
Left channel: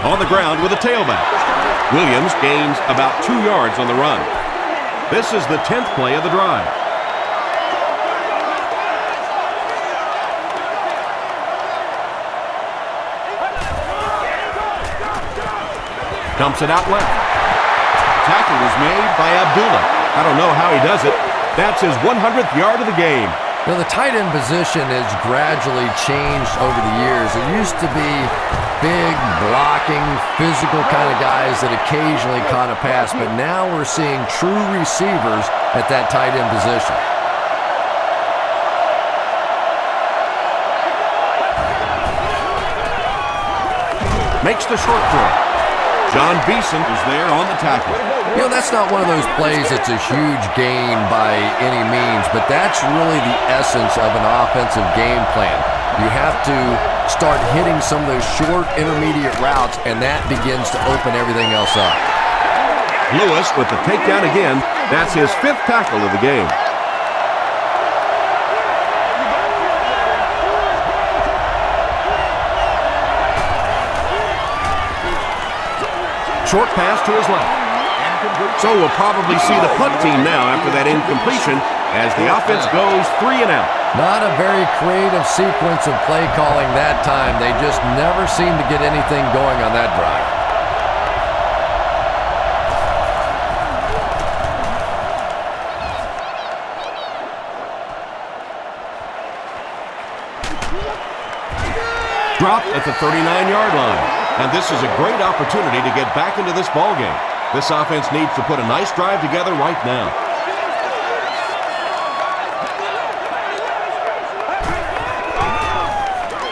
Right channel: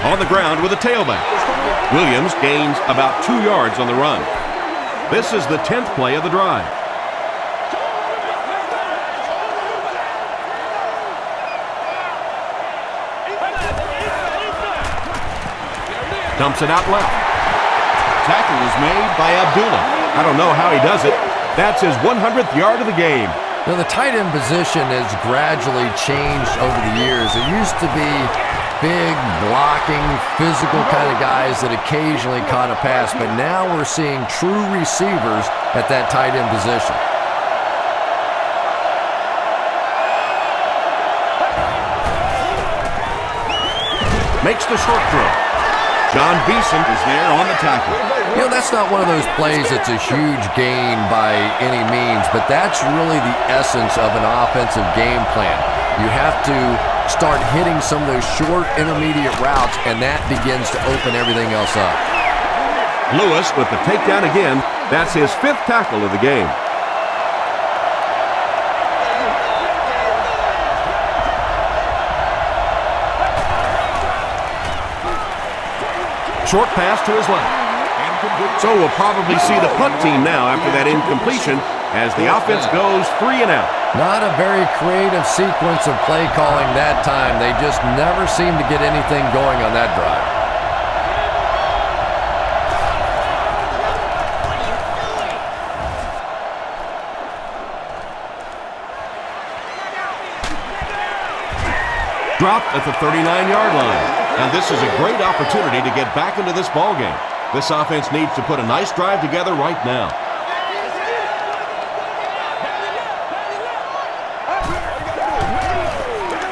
On the ground with a tailback. Williams gains about 2 yards on the run. This is the 10th play of the drive. Dumps it out left. Tackle was made by Abdullah. I don't know how he does it. That's his 100th yard of the game. You know, the tight end position has gradually changed over the years. There used to be big, blocking, physical kind of guys that occasionally caught a pass, but now we're seeing true receivers at that tight end position. Makes the short throw. John Beeson Was there on the tackle. You know, that's not one of those plays that's a huge gain by any means, but that's really the essence of an offensive game plan. You have to start hitting some of those short, intermediate routes, and that begins to open everything else up. Lewis with the takedown again. That's his 5th tackle of the game. Short pass to his left. So we'll probably see the punt team now after that incompletion as the offense goes 3 and out. Not a very creative sequence of play calling that time. They just never seem to get anything going on that drive. Dropped at the 39-yard line. And this is a great opportunity to get back into this ballgame. This offense needs to put a nice drive together right now.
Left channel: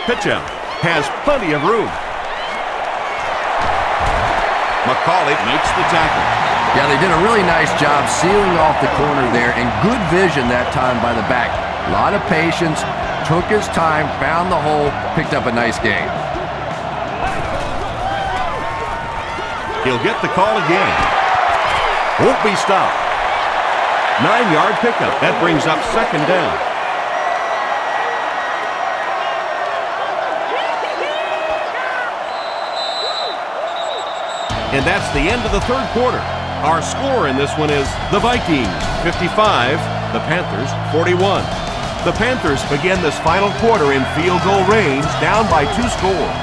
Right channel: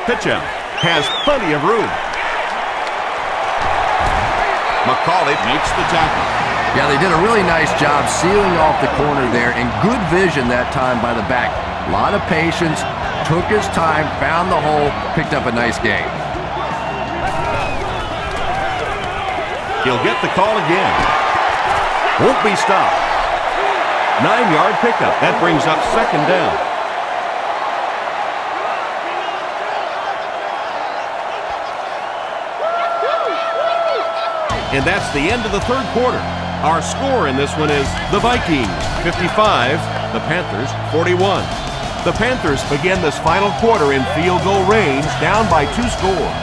Pitch out. Has plenty of room. McCauley makes the tackle. Yeah, they did a really nice job sealing off the corner there, and good vision that time by the back. A lot of patience, took his time, found the hole, picked up a nice gain. He'll get the call again. Won't be stopped. 9-yard pickup. That brings up 2nd down. And that's the end of the 3rd quarter. Our score in this one is the Vikings 55, the Panthers 41. The Panthers begin this final quarter in field goal range, down by 2 scores.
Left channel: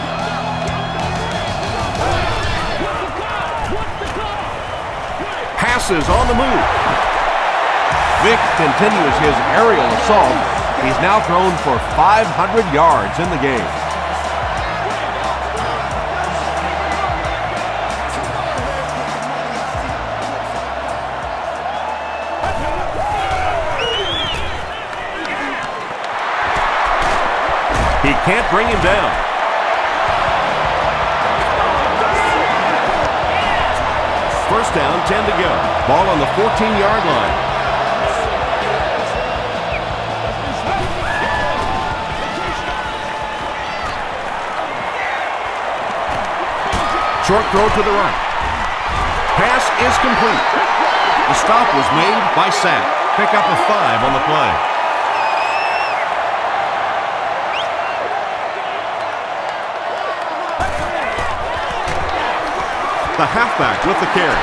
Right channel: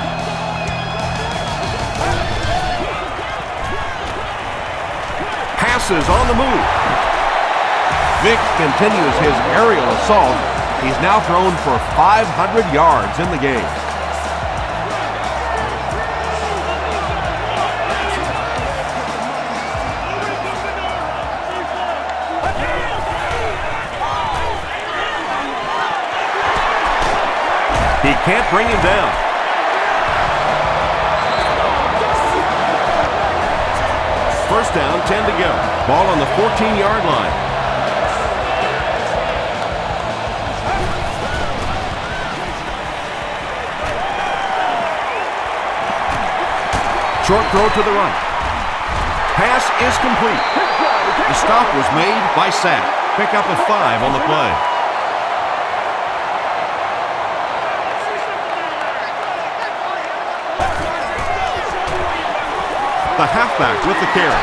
Passes on the move. Vick continues his aerial assault. He's now thrown for 500 yards in the game. He can't bring him down. First down, 10 to go. Ball on the 14-yard line. Short throw to the right. Pass is complete. The stop was made by Sapp. Pick up a 5 on the play. The halfback with the carry.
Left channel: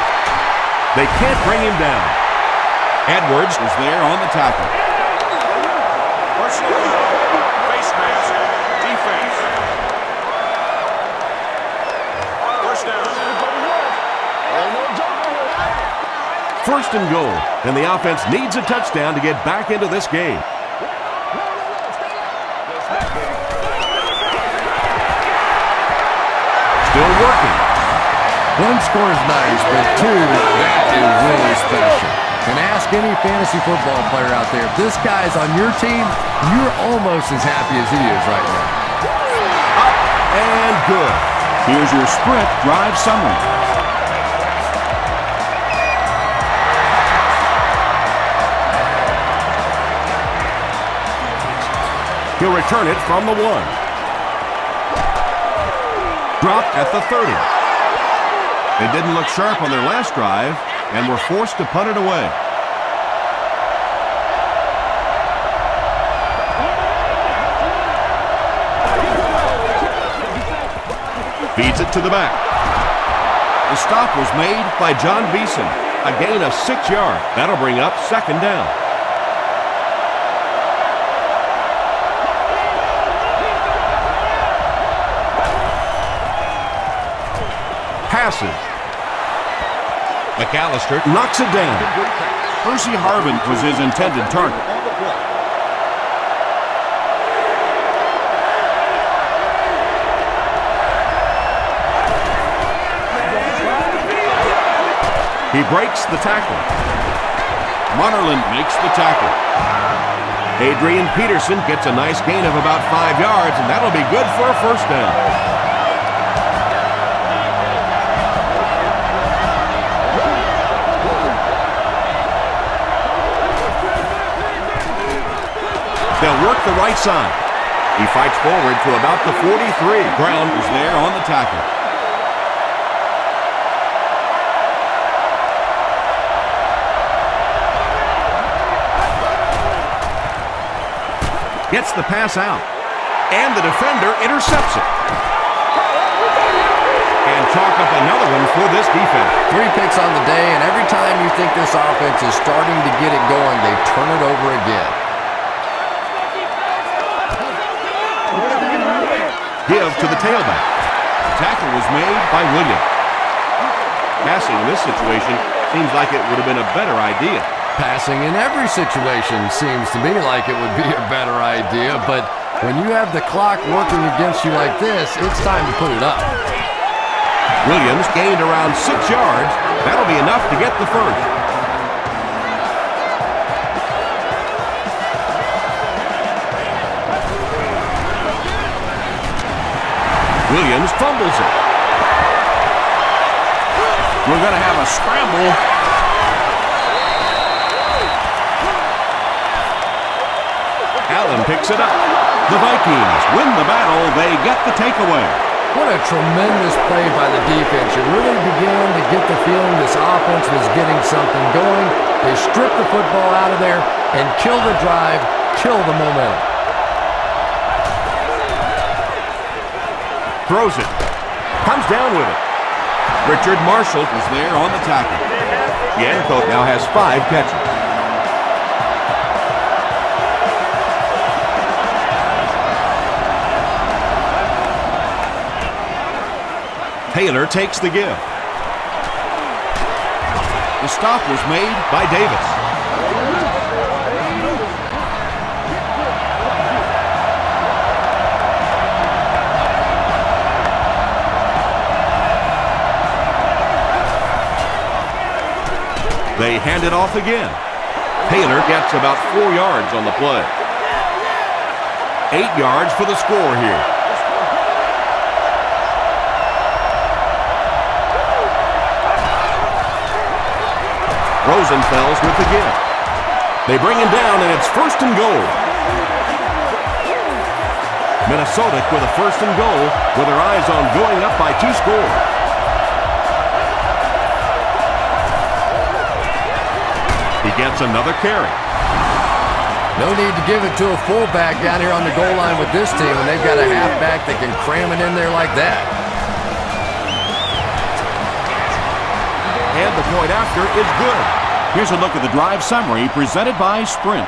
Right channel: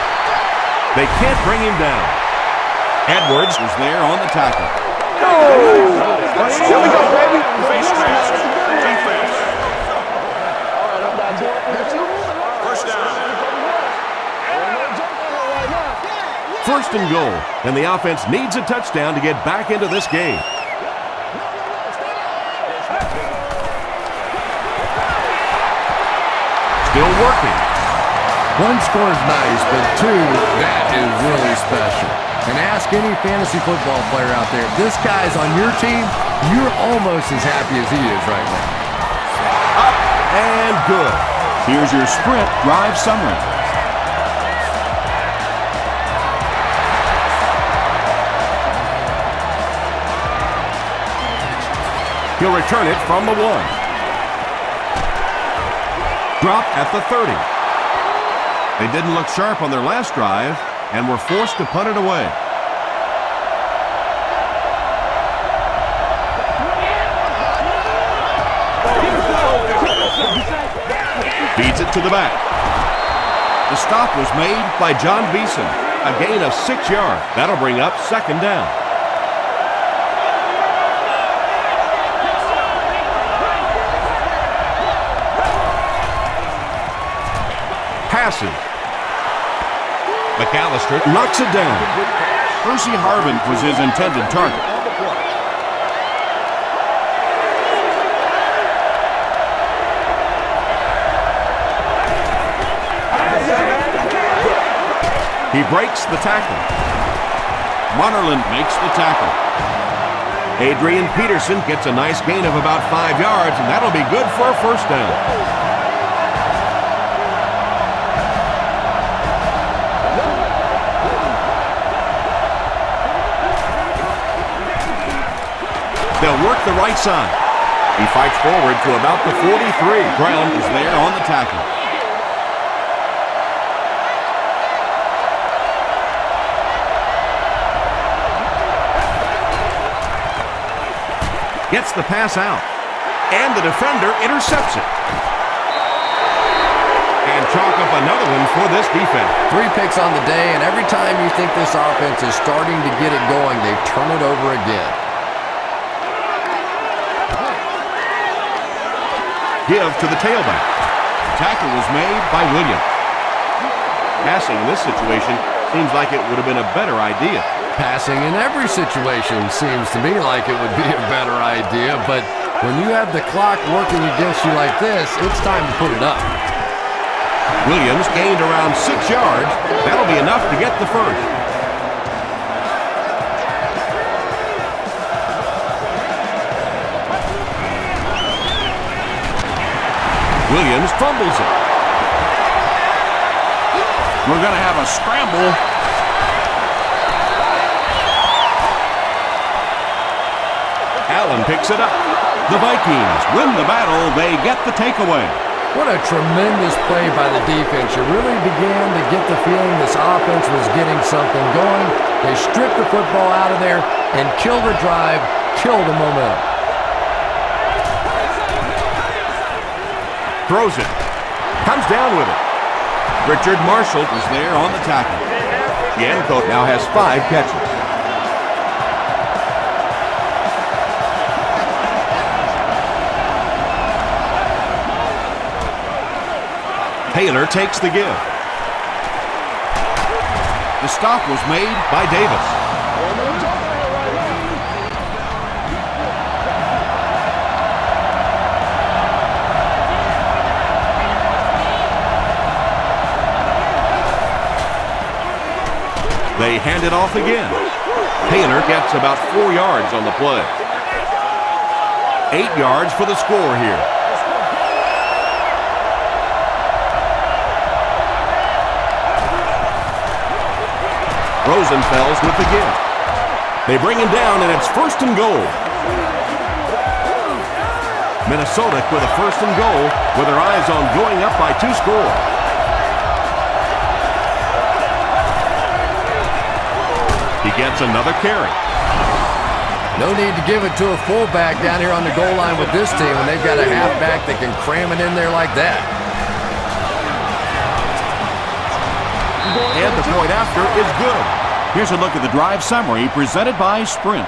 They can't bring him down. Edwards Was there on the tackle. Here we go, baby. Face mask. Defense. First down. First and goal, and the offense needs a touchdown to get back into this game. Still working. One score is nice, but two, that is really special. And ask any fantasy football player out there, if this guy's on your team, you're almost as happy as he is right now. Up and good. Here's your sprint drive summary. He'll return it from the 1. Dropped at the 30. They didn't look sharp on their last drive and were forced to punt it away. Feeds it to the back. The stop was made by John Beeson. A gain of 6 yards. That'll bring up 2nd down. Passes. McAllister knocks it down. Percy Harvin was his intended target. On the play. He breaks the tackle. Munnerlyn makes the tackle. Adrian Peterson gets a nice gain of about 5 yards, and that'll be good for a 1st down. They'll work the right side. He fights forward to about the 43. Brown is there on the tackle. Gets the pass out. And the defender intercepts it. And chalk up another one for this defense. 3 picks on the day, and every time you think this offense is starting to get it going, they turn it over again. Give to the tailback. Tackle was made by Williams. Passing in this situation seems like it would have been a better idea. Passing in every situation seems to me like it would be a better idea, but when you have the clock working against you like this, it's time to put it up. Williams gained around 6 yards. That'll be enough to get the 1st. Williams fumbles it. We're going to have a scramble. Allen picks it up. The Vikings win the battle. They get the takeaway. What a tremendous play by the defense. You really began to get the feeling this offense was getting something going. They stripped the football out of there and kill the drive, kill the momentum. Throws it. Comes down with it. Richard Marshall is there on the tackle. Yanko now has 5 catches. Taylor takes the give. The stop was made By Davis. They hand it off again. Taylor gets about 4 yards on the play. 8 yards for the score here. Rosenfels with the give. They bring him down, and it's 1st and goal. Minnesota with a 1st and goal with their eyes on going up by 2 scores. He gets another carry. No need to give it to a fullback down here on the goal line with this team when they've got a halfback that can cram it in there like that. And the point after is good. Here's a look at the drive summary presented by Sprint.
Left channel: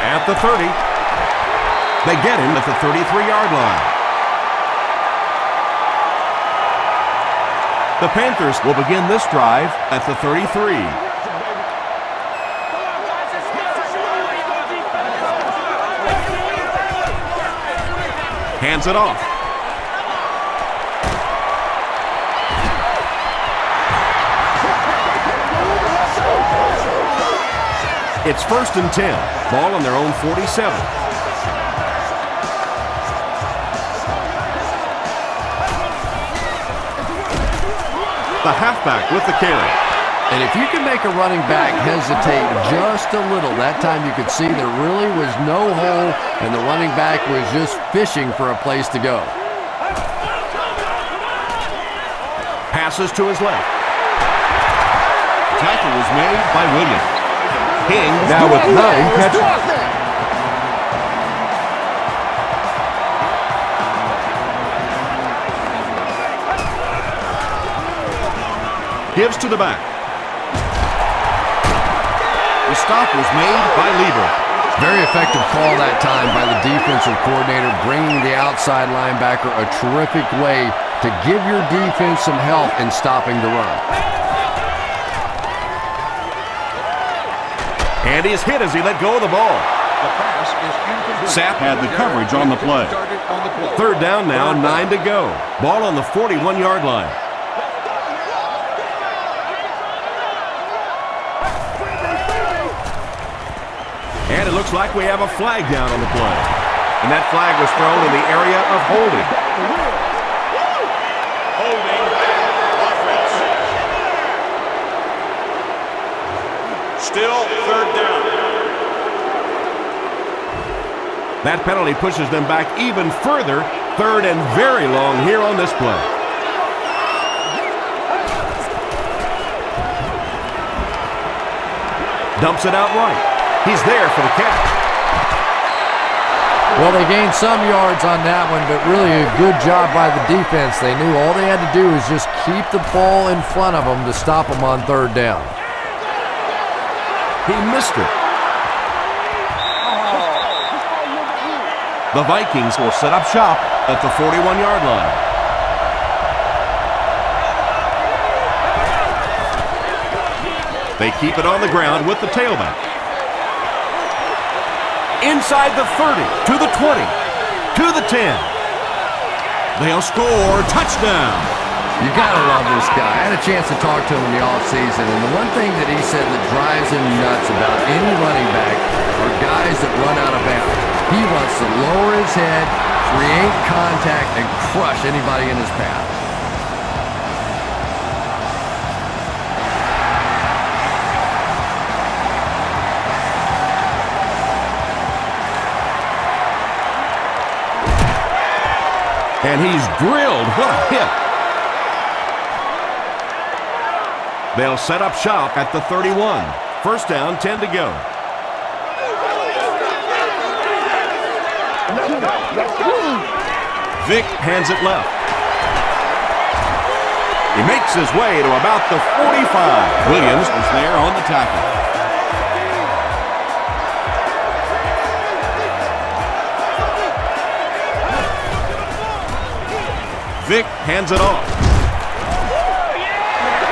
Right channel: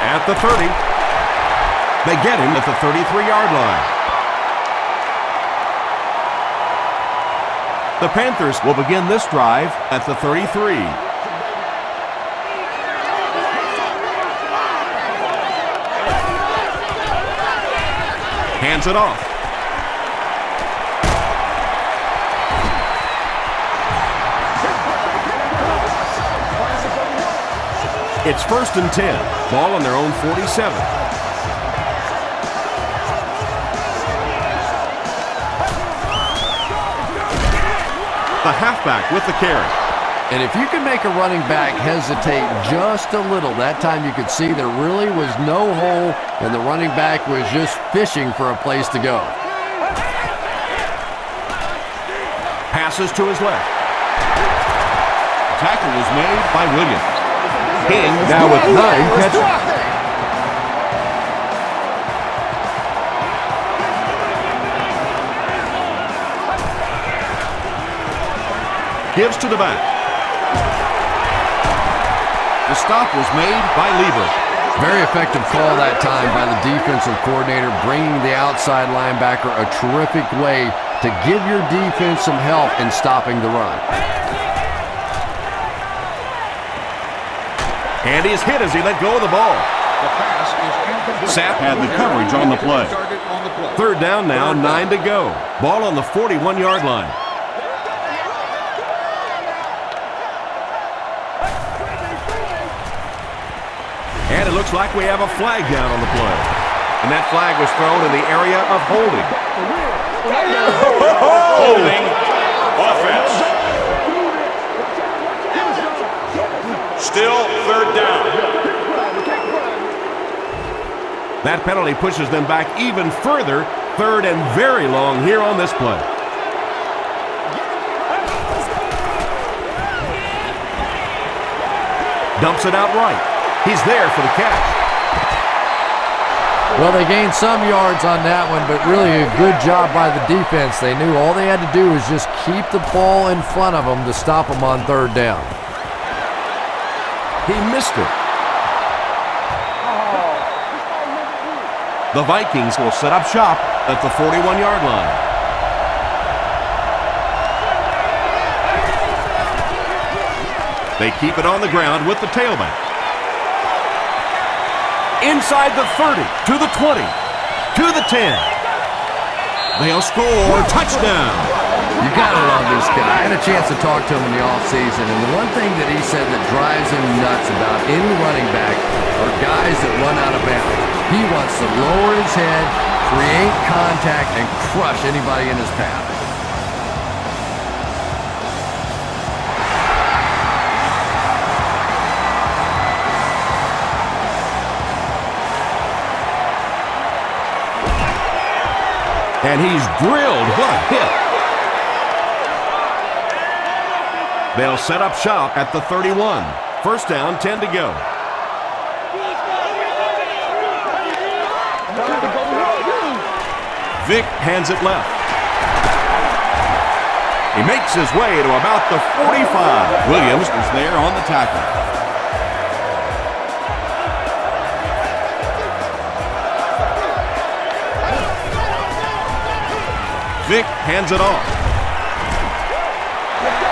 At the 30. They get him at the 33-yard line. The Panthers will begin this drive at the 33. Hands it off. It's 1st and 10. Ball on their own 47. The halfback with the carry. And if you can make a running back hesitate just a little, that time you could see there really was no hole and the running back was just fishing for a place to go. Passes to his left. Tackle was made by Williams. King now with 9 catches. Gives to the back. The stop was made by Lieber. Very effective call that time by the defensive coordinator, bringing the outside linebacker a terrific way to give your defense some help in stopping the run. And he's hit as he let go of the ball. The pass is incomplete. Sapp had the coverage on the play. 3rd down now, 9 to go. Ball on the 41-yard line. And it looks like we have a flag down on the play. And that flag was thrown in the area of holding. Holding offense. Still 3rd down. That penalty pushes them back even further. 3rd and very long here on this play. Dumps it out right. He's there for the catch. Well, they gained some yards on that one, but really a good job by the defense. They knew all they had to do was just keep the ball in front of them to stop them on 3rd down. He missed it. The Vikings will set up shop at the 41-yard line. They keep it on the ground with the tailback. Inside the 30, to the 20, to the 10. They'll score. Touchdown. You gotta love this guy. I had a chance to talk to him in the offseason, and the one thing that he said that drives him nuts about any running back are guys that run out of bounds. He wants to lower his head, create contact, and crush anybody in his path. And he's drilled. What a hit. They'll set up shop at the 31. 1st down, 10 to go. Vic hands it left. He makes his way to about the 45. Williams is there on the tackle. Vic hands it off.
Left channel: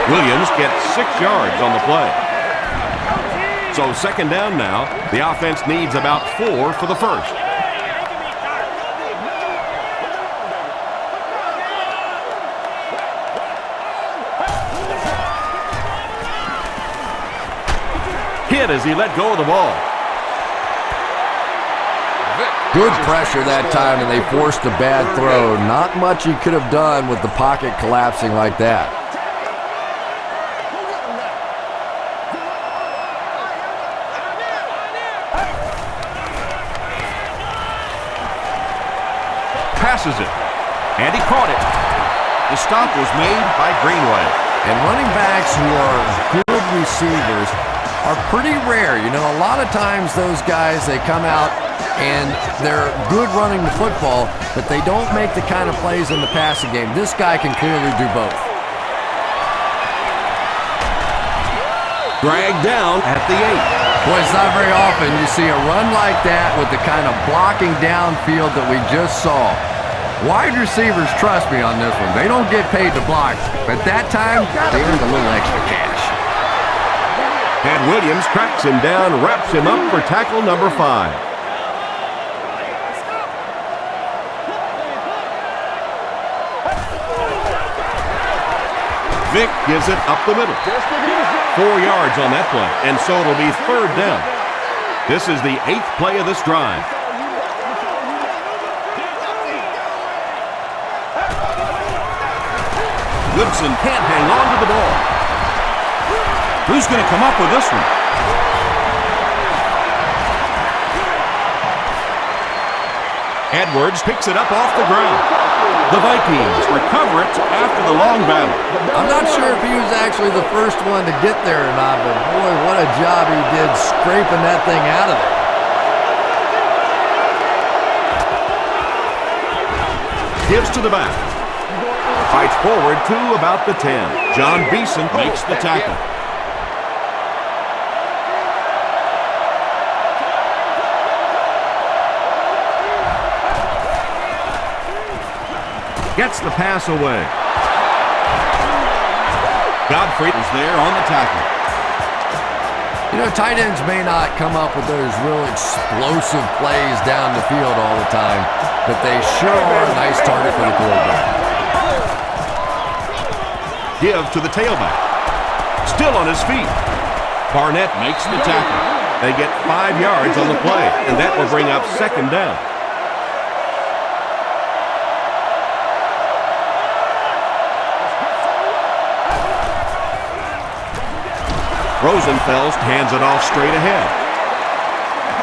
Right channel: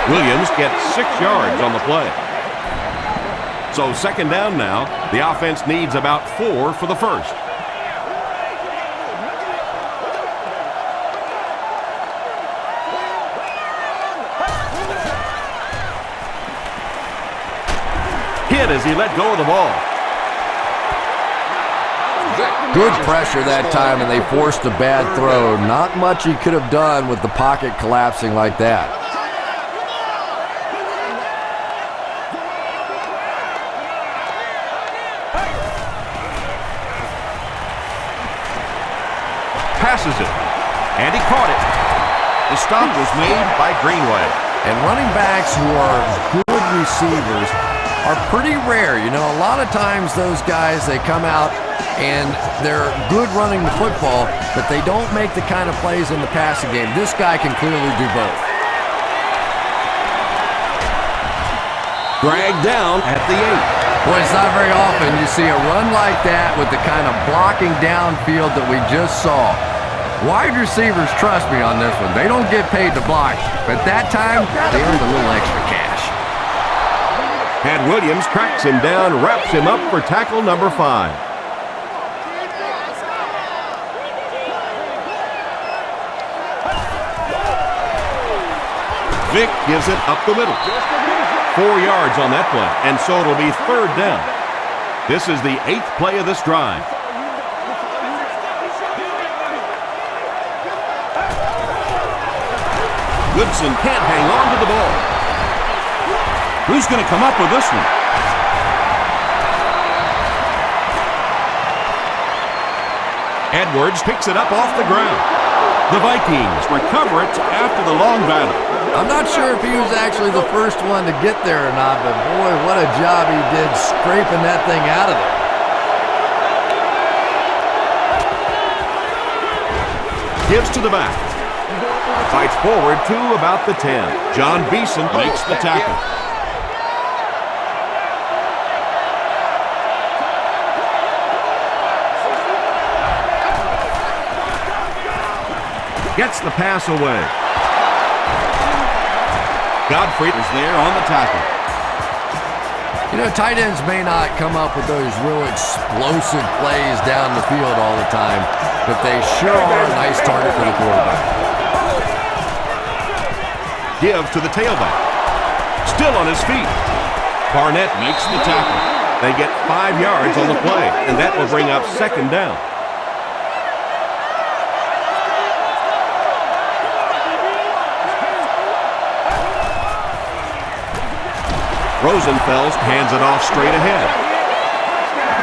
Williams gets 6 yards on the play. So 2nd down now. The offense needs about 4 for the 1st. Hit as he let go of the ball. Good pressure that time, and they forced a bad throw. Not much he could have done with the pocket collapsing like that. Passes it, and he caught it. The stop was made by Greenway. And running backs who are good receivers are pretty rare. You know, a lot of times those guys, they come out and they're good running the football, but they don't make the kind of plays in the passing game. This guy can clearly do both. Dragged down at the 8. Boy, it's not very often you see a run like that with the kind of blocking downfield that we just saw. Wide receivers trust me on this one. They don't get paid to block, but that time they earned a little extra cash. And Williams tracks him down, wraps him up for tackle number 5. Vic gives it up the middle. 4 yards on that play, and so it'll be 3rd down. This is the 8th play of this drive. Goodson can't hang on to the ball. Who's going to come up with this one? Edwards picks it up off the ground. The Vikings recover it after the long battle. I'm not sure if he was actually the first one to get there or not, but boy, what a job he did scraping that thing out of there. Gives to the back. Fights forward to about the 10. John Beeson makes the tackle. Gets the pass away. Godfrey is there on the tackle. You know, tight ends may not come up with those real explosive plays down the field all the time, but they sure are a nice target for the quarterback. Give to the tailback. Still on his feet. Barnett makes the tackle. They get 5 yards on the play, and that will bring up 2nd down. Rosenfels hands it off straight ahead.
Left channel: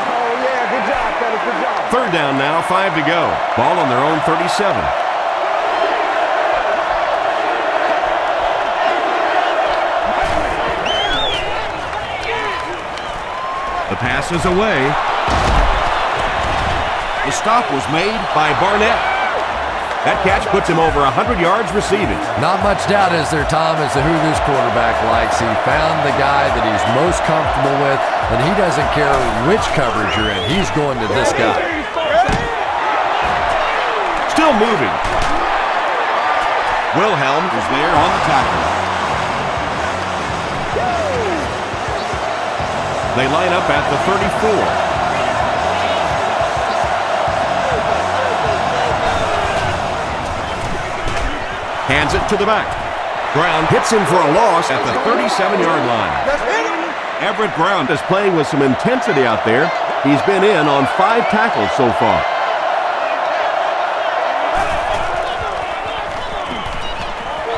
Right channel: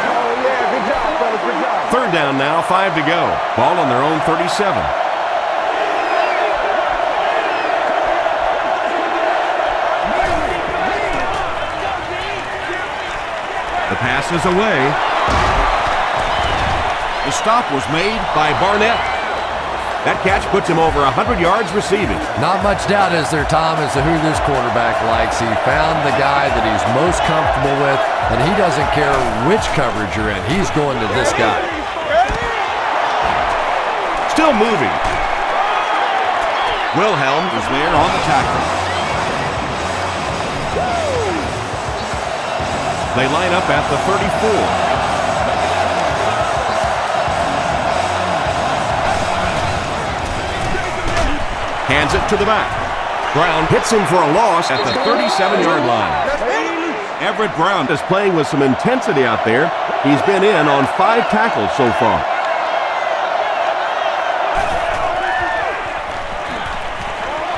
Oh, yeah, good job, fellas, good job. 3rd down now, 5 to go. Ball on their own 37. The pass is away. The stop was made By Barnett. That catch puts him over 100 yards receiving. Not much doubt, is there, Tom, as to who this quarterback likes. He found the guy that he's most comfortable with, and he doesn't care which coverage you're in. He's going to this guy. Still moving. Wilhelm was there on the tackle. They line up at the 34. Hands it to the back. Brown hits him for a loss at the 37-yard line. Everett Brown is playing with some intensity out there. He's been in on 5 tackles so far.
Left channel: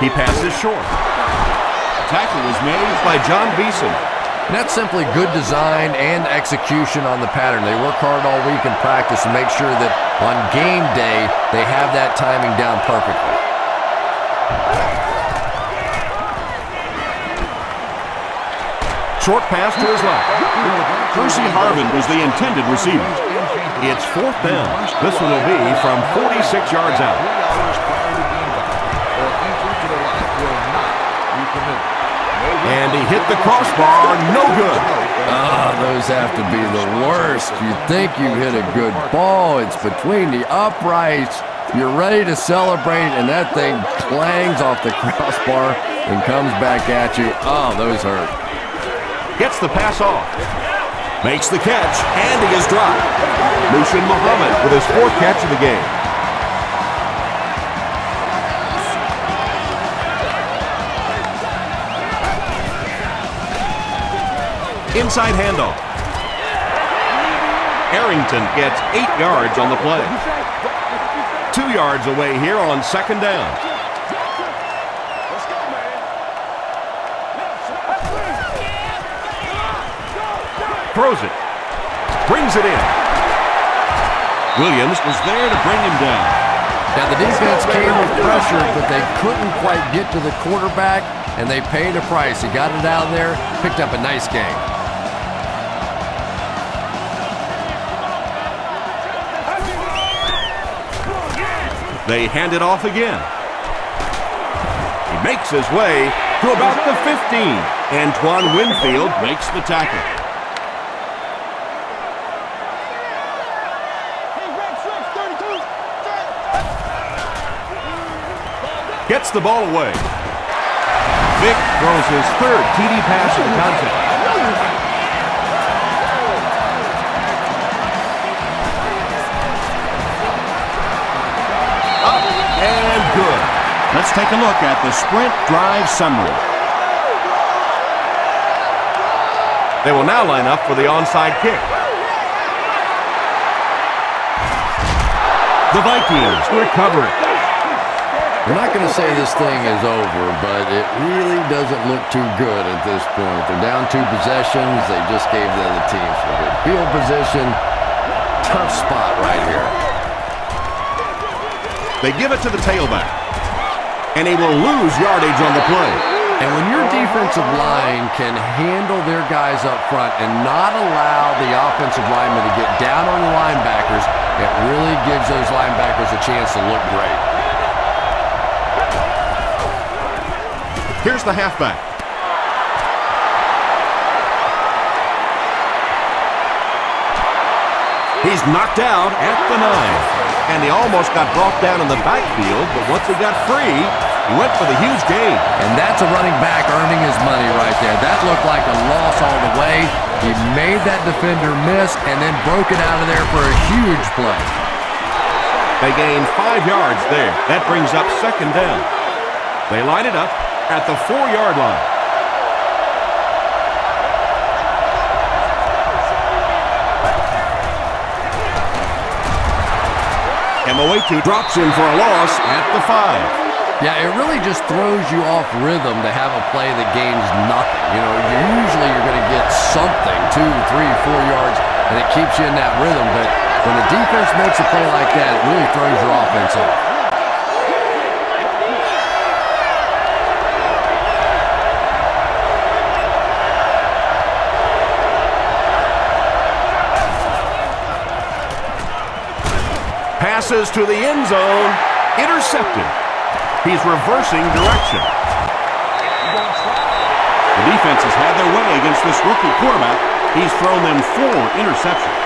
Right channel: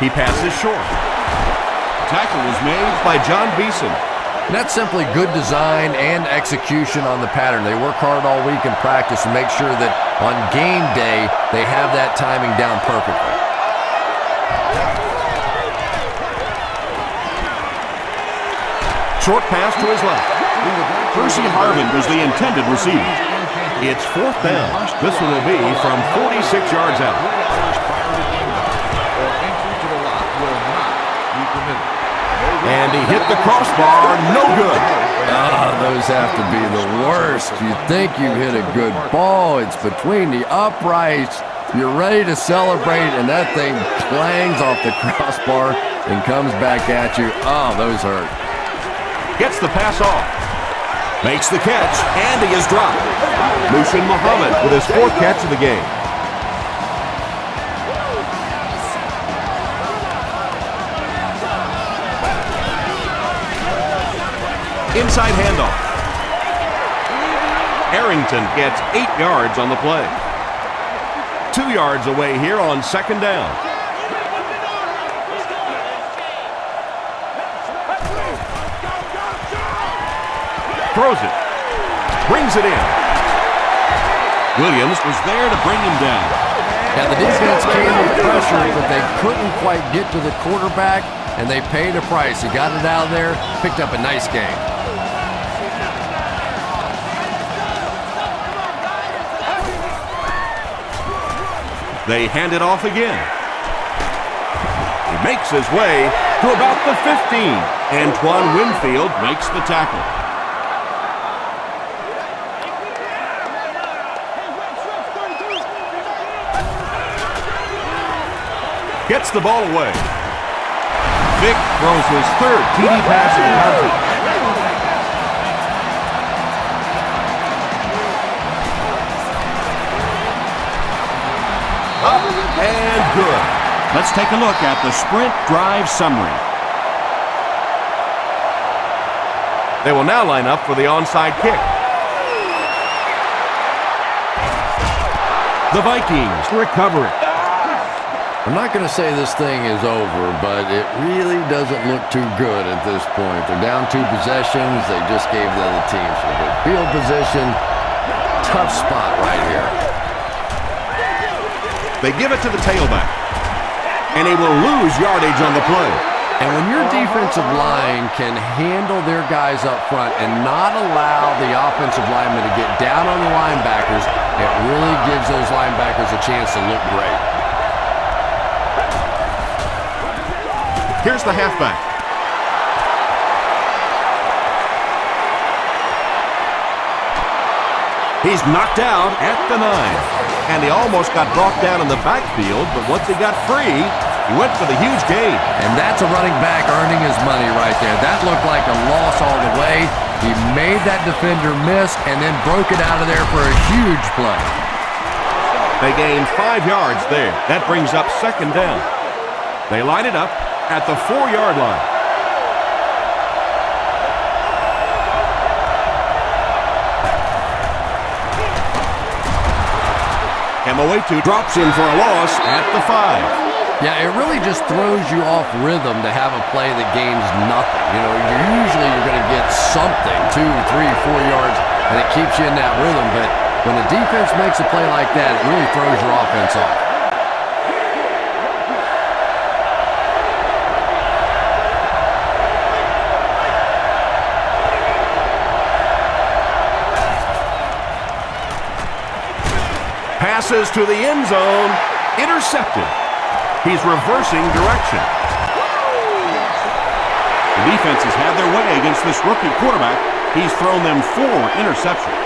He passes short. Tackle was made by John Beeson. And that's simply good design and execution on the pattern. They work hard all week in practice and make sure that on game day they have that timing down perfectly. Short pass to his left. Percy Harvin was the intended receiver. It's 4th down. This one will be from 46 yards out. 3 hours prior to game time, or entry to the lot will not be permitted. And he hit the crossbar, no good. Those have to be the worst. You think you hit a good ball. It's between the uprights. You're ready to celebrate, and that thing clangs off the crossbar and comes back at you. Oh, those hurt. Gets the pass off. Makes the catch, and he is dropped. Mushin Muhammad with his 4th catch of the game. Inside handoff. Arrington gets 8 yards on the play. 2 yards away here on 2nd down. Let's go, man. Throws it. Brings it in. Williams was there to bring him down. Now, the defense came with pressure, but they couldn't quite get to the quarterback, and they paid a price. He got it out of there, picked up a nice game. They hand it off again. He makes his way to about the 15. Antoine Winfield Makes the tackle. Gets the ball away. Vic throws his third TD pass of the contest. Up and good. Let's take a look at the sprint drive summary. They will now line up for the onside kick. The Vikings recover it. I'm not going to say this thing is over, but it really doesn't look too good at this point. They're down 2 possessions. They just gave the other team some good field position. Tough spot right here. They give it to the tailback, and he will lose yardage on the play. And when your defensive line can handle their guys up front and not allow the offensive linemen to get down on the linebackers, it really gives those linebackers a chance to look great. Here's the halfback. He's knocked out at the 9. And he almost got brought down in the backfield, but once he got free, he went for the huge gain. And that's a running back earning his money right there. That looked like a loss all the way. He made that defender miss and then broke it out of there for a huge play. They gained 5 yards there. That brings up 2nd down. They line it up at the 4-yard line. Moetu drops in for a loss at the 5. Yeah, it really just throws you off rhythm to have a play that gains nothing. You know, usually you're going to get something, 2, 3, 4 yards, and it keeps you in that rhythm. But when a defense makes a play like that, it really throws your offense off. Passes to the end zone, intercepted. He's reversing direction. The defense has had their way against this rookie quarterback. He's thrown them 4 interceptions.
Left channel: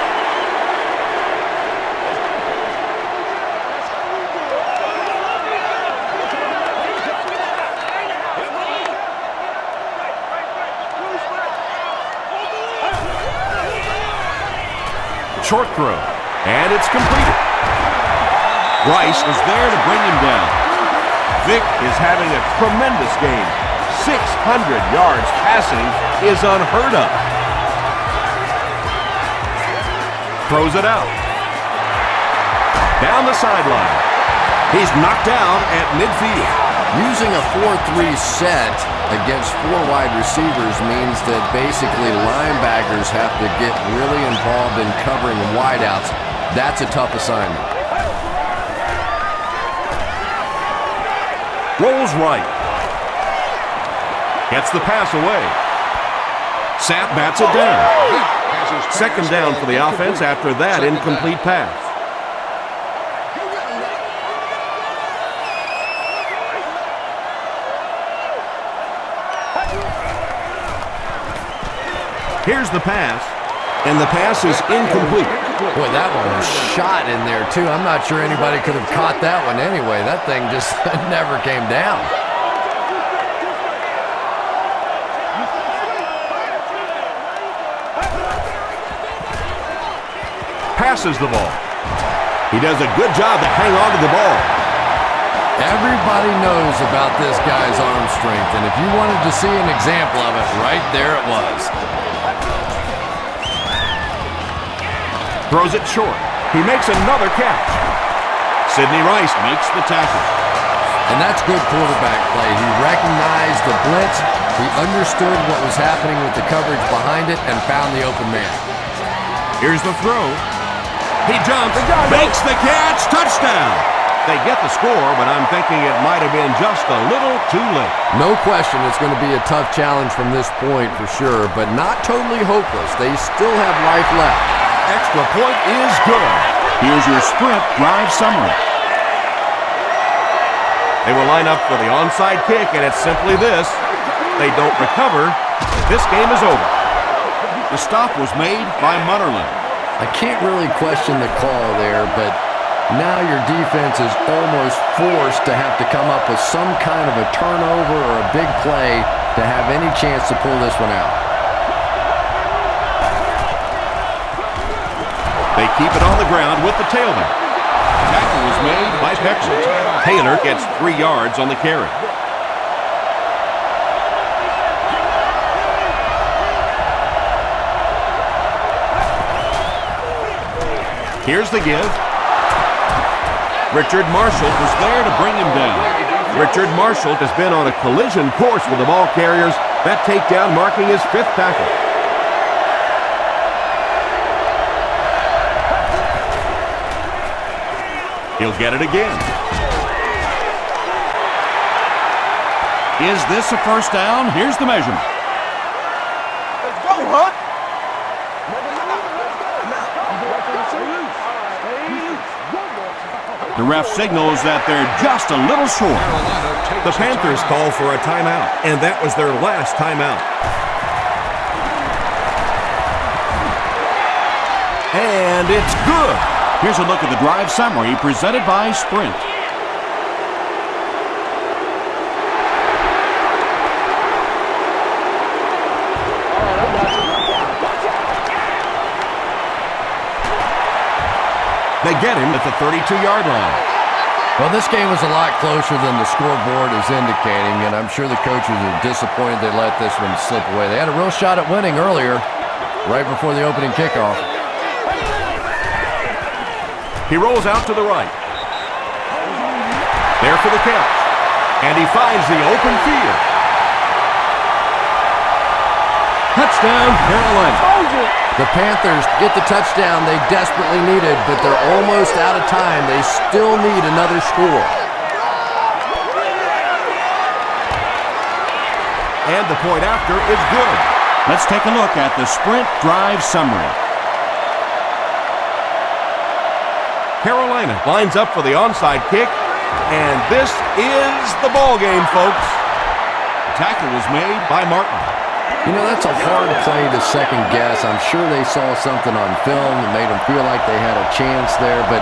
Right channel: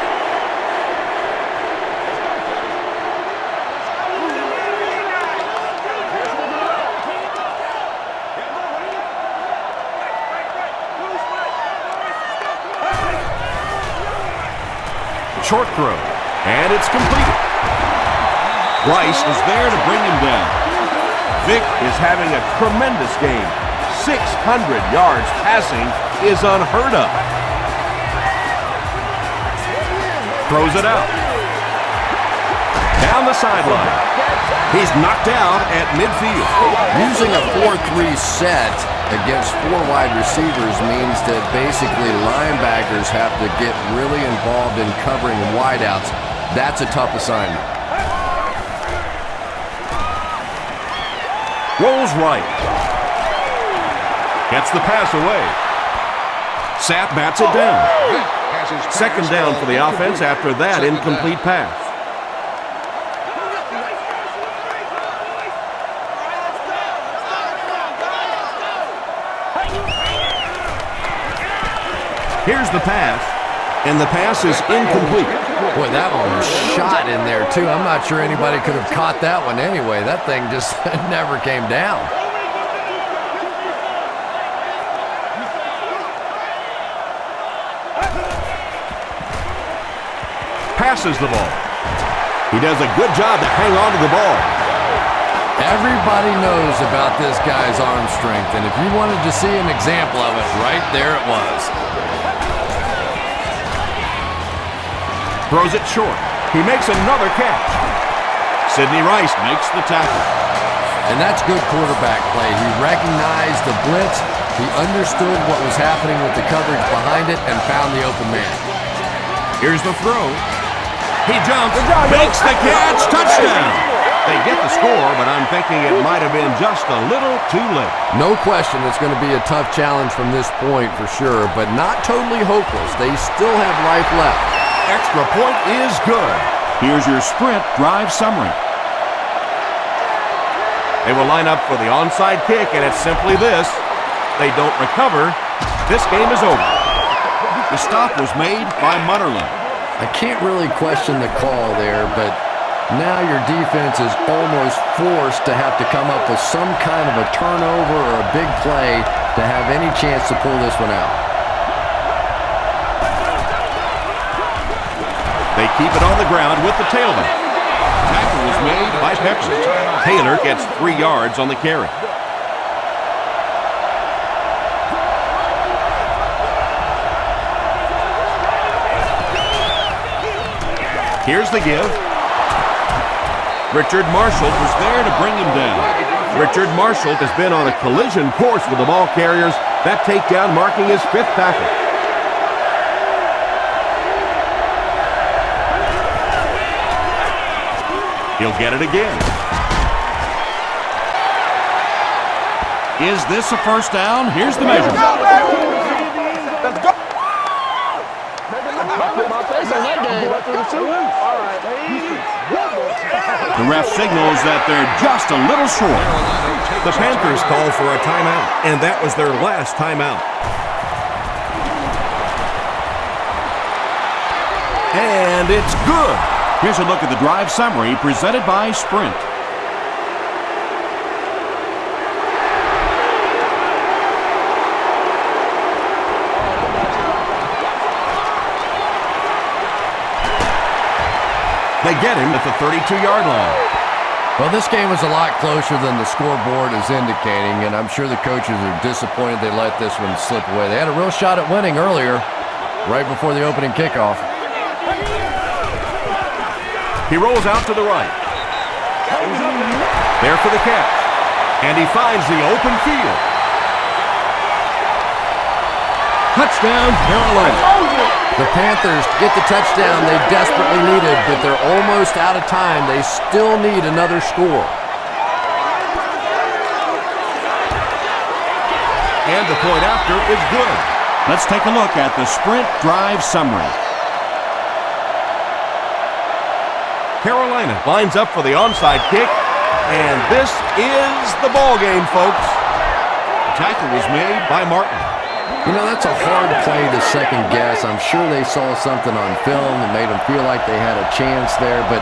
Short throw, and it's completed. Rice is there to bring him down. Vic is having a tremendous game. 600 yards passing is unheard of. Throws it out. Down the sideline. He's knocked out at midfield. Using a 4-3 set against 4 wide receivers means that basically linebackers have to get really involved in covering wideouts. That's a tough assignment. Rolls right. Gets the pass away. Sapp bats it down. 2nd down for the offense after that incomplete pass. Here's the pass, and the pass is incomplete. Boy, that one was shot in there, too. I'm not sure anybody could have caught that one anyway. That thing just never came down. Passes the ball. He does a good job to hang on to the ball. Everybody knows about this guy's arm strength, and if you wanted to see an example of it, right there it was. Throws it short. He makes another catch. Sidney Rice makes the tackle. And that's good quarterback play. He recognized the blitz, he understood what was happening with the coverage behind it, and found the open man. Here's the throw. He jumps, makes the catch, touchdown. They get the score, but I'm thinking it might have been just a little too late. No question it's going to be a tough challenge from this point for sure, but not totally hopeless. They still have life left. Extra point is good. Here's your sprint drive summary. They will line up for the onside kick, and it's simply this. They don't recover. This game is over. The stop was made by Mutterland. I can't really question the call there, but Now your defense is almost forced to have to come up with some kind of a turnover or a big play to have any chance to pull this one out. They keep it on the ground with the tailback. Tackle was made by Pepper. Taylor gets 3 yards on the carry. Here's the give. Richard Marshall was there to bring him down. Richard Marshall has been on a collision course with the ball carriers. That takedown marking his 5th tackle. He'll get it again. Is this a first down? Here's the measurement. Let's go, huh? The ref signals that they're just a little short. The Panthers call for a timeout, and that was their last timeout. And it's good. Here's a look at the drive summary presented by Sprint. They get him at the 32-yard line. Well, this game was a lot closer than the scoreboard is indicating, and I'm sure the coaches are disappointed they let this one slip away. They had a real shot at winning earlier, right before the opening kickoff. He rolls out to the right. There for the catch. And he finds the open field. Touchdown, Carolina. The Panthers get the touchdown they desperately needed, but they're almost out of time. They still need another score. And the point after is good. Let's take a look at the Sprint drive summary. Carolina lines up for the onside kick, and this is the ball game, folks. The tackle was made by Martin. You know, that's a hard play to second guess. I'm sure they saw something on film that made them feel like they had a chance there, but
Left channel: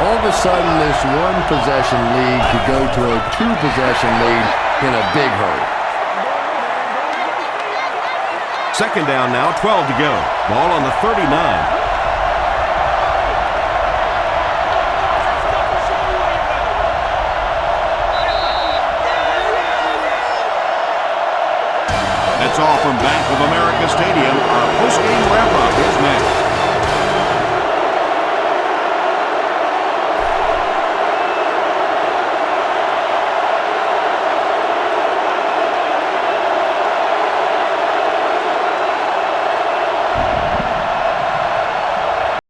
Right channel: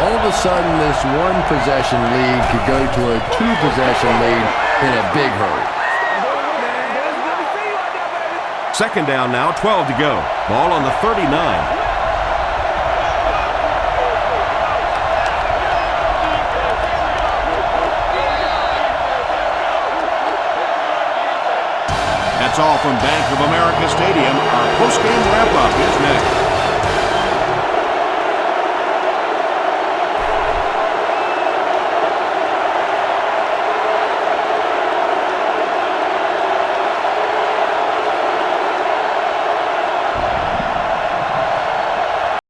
all of a sudden this one possession lead could go to a 2-possession lead in a big hurry. Second down now, 12 to go. Ball on the 39. That's all from Bank of America Stadium. Our post-game wrap-up is next.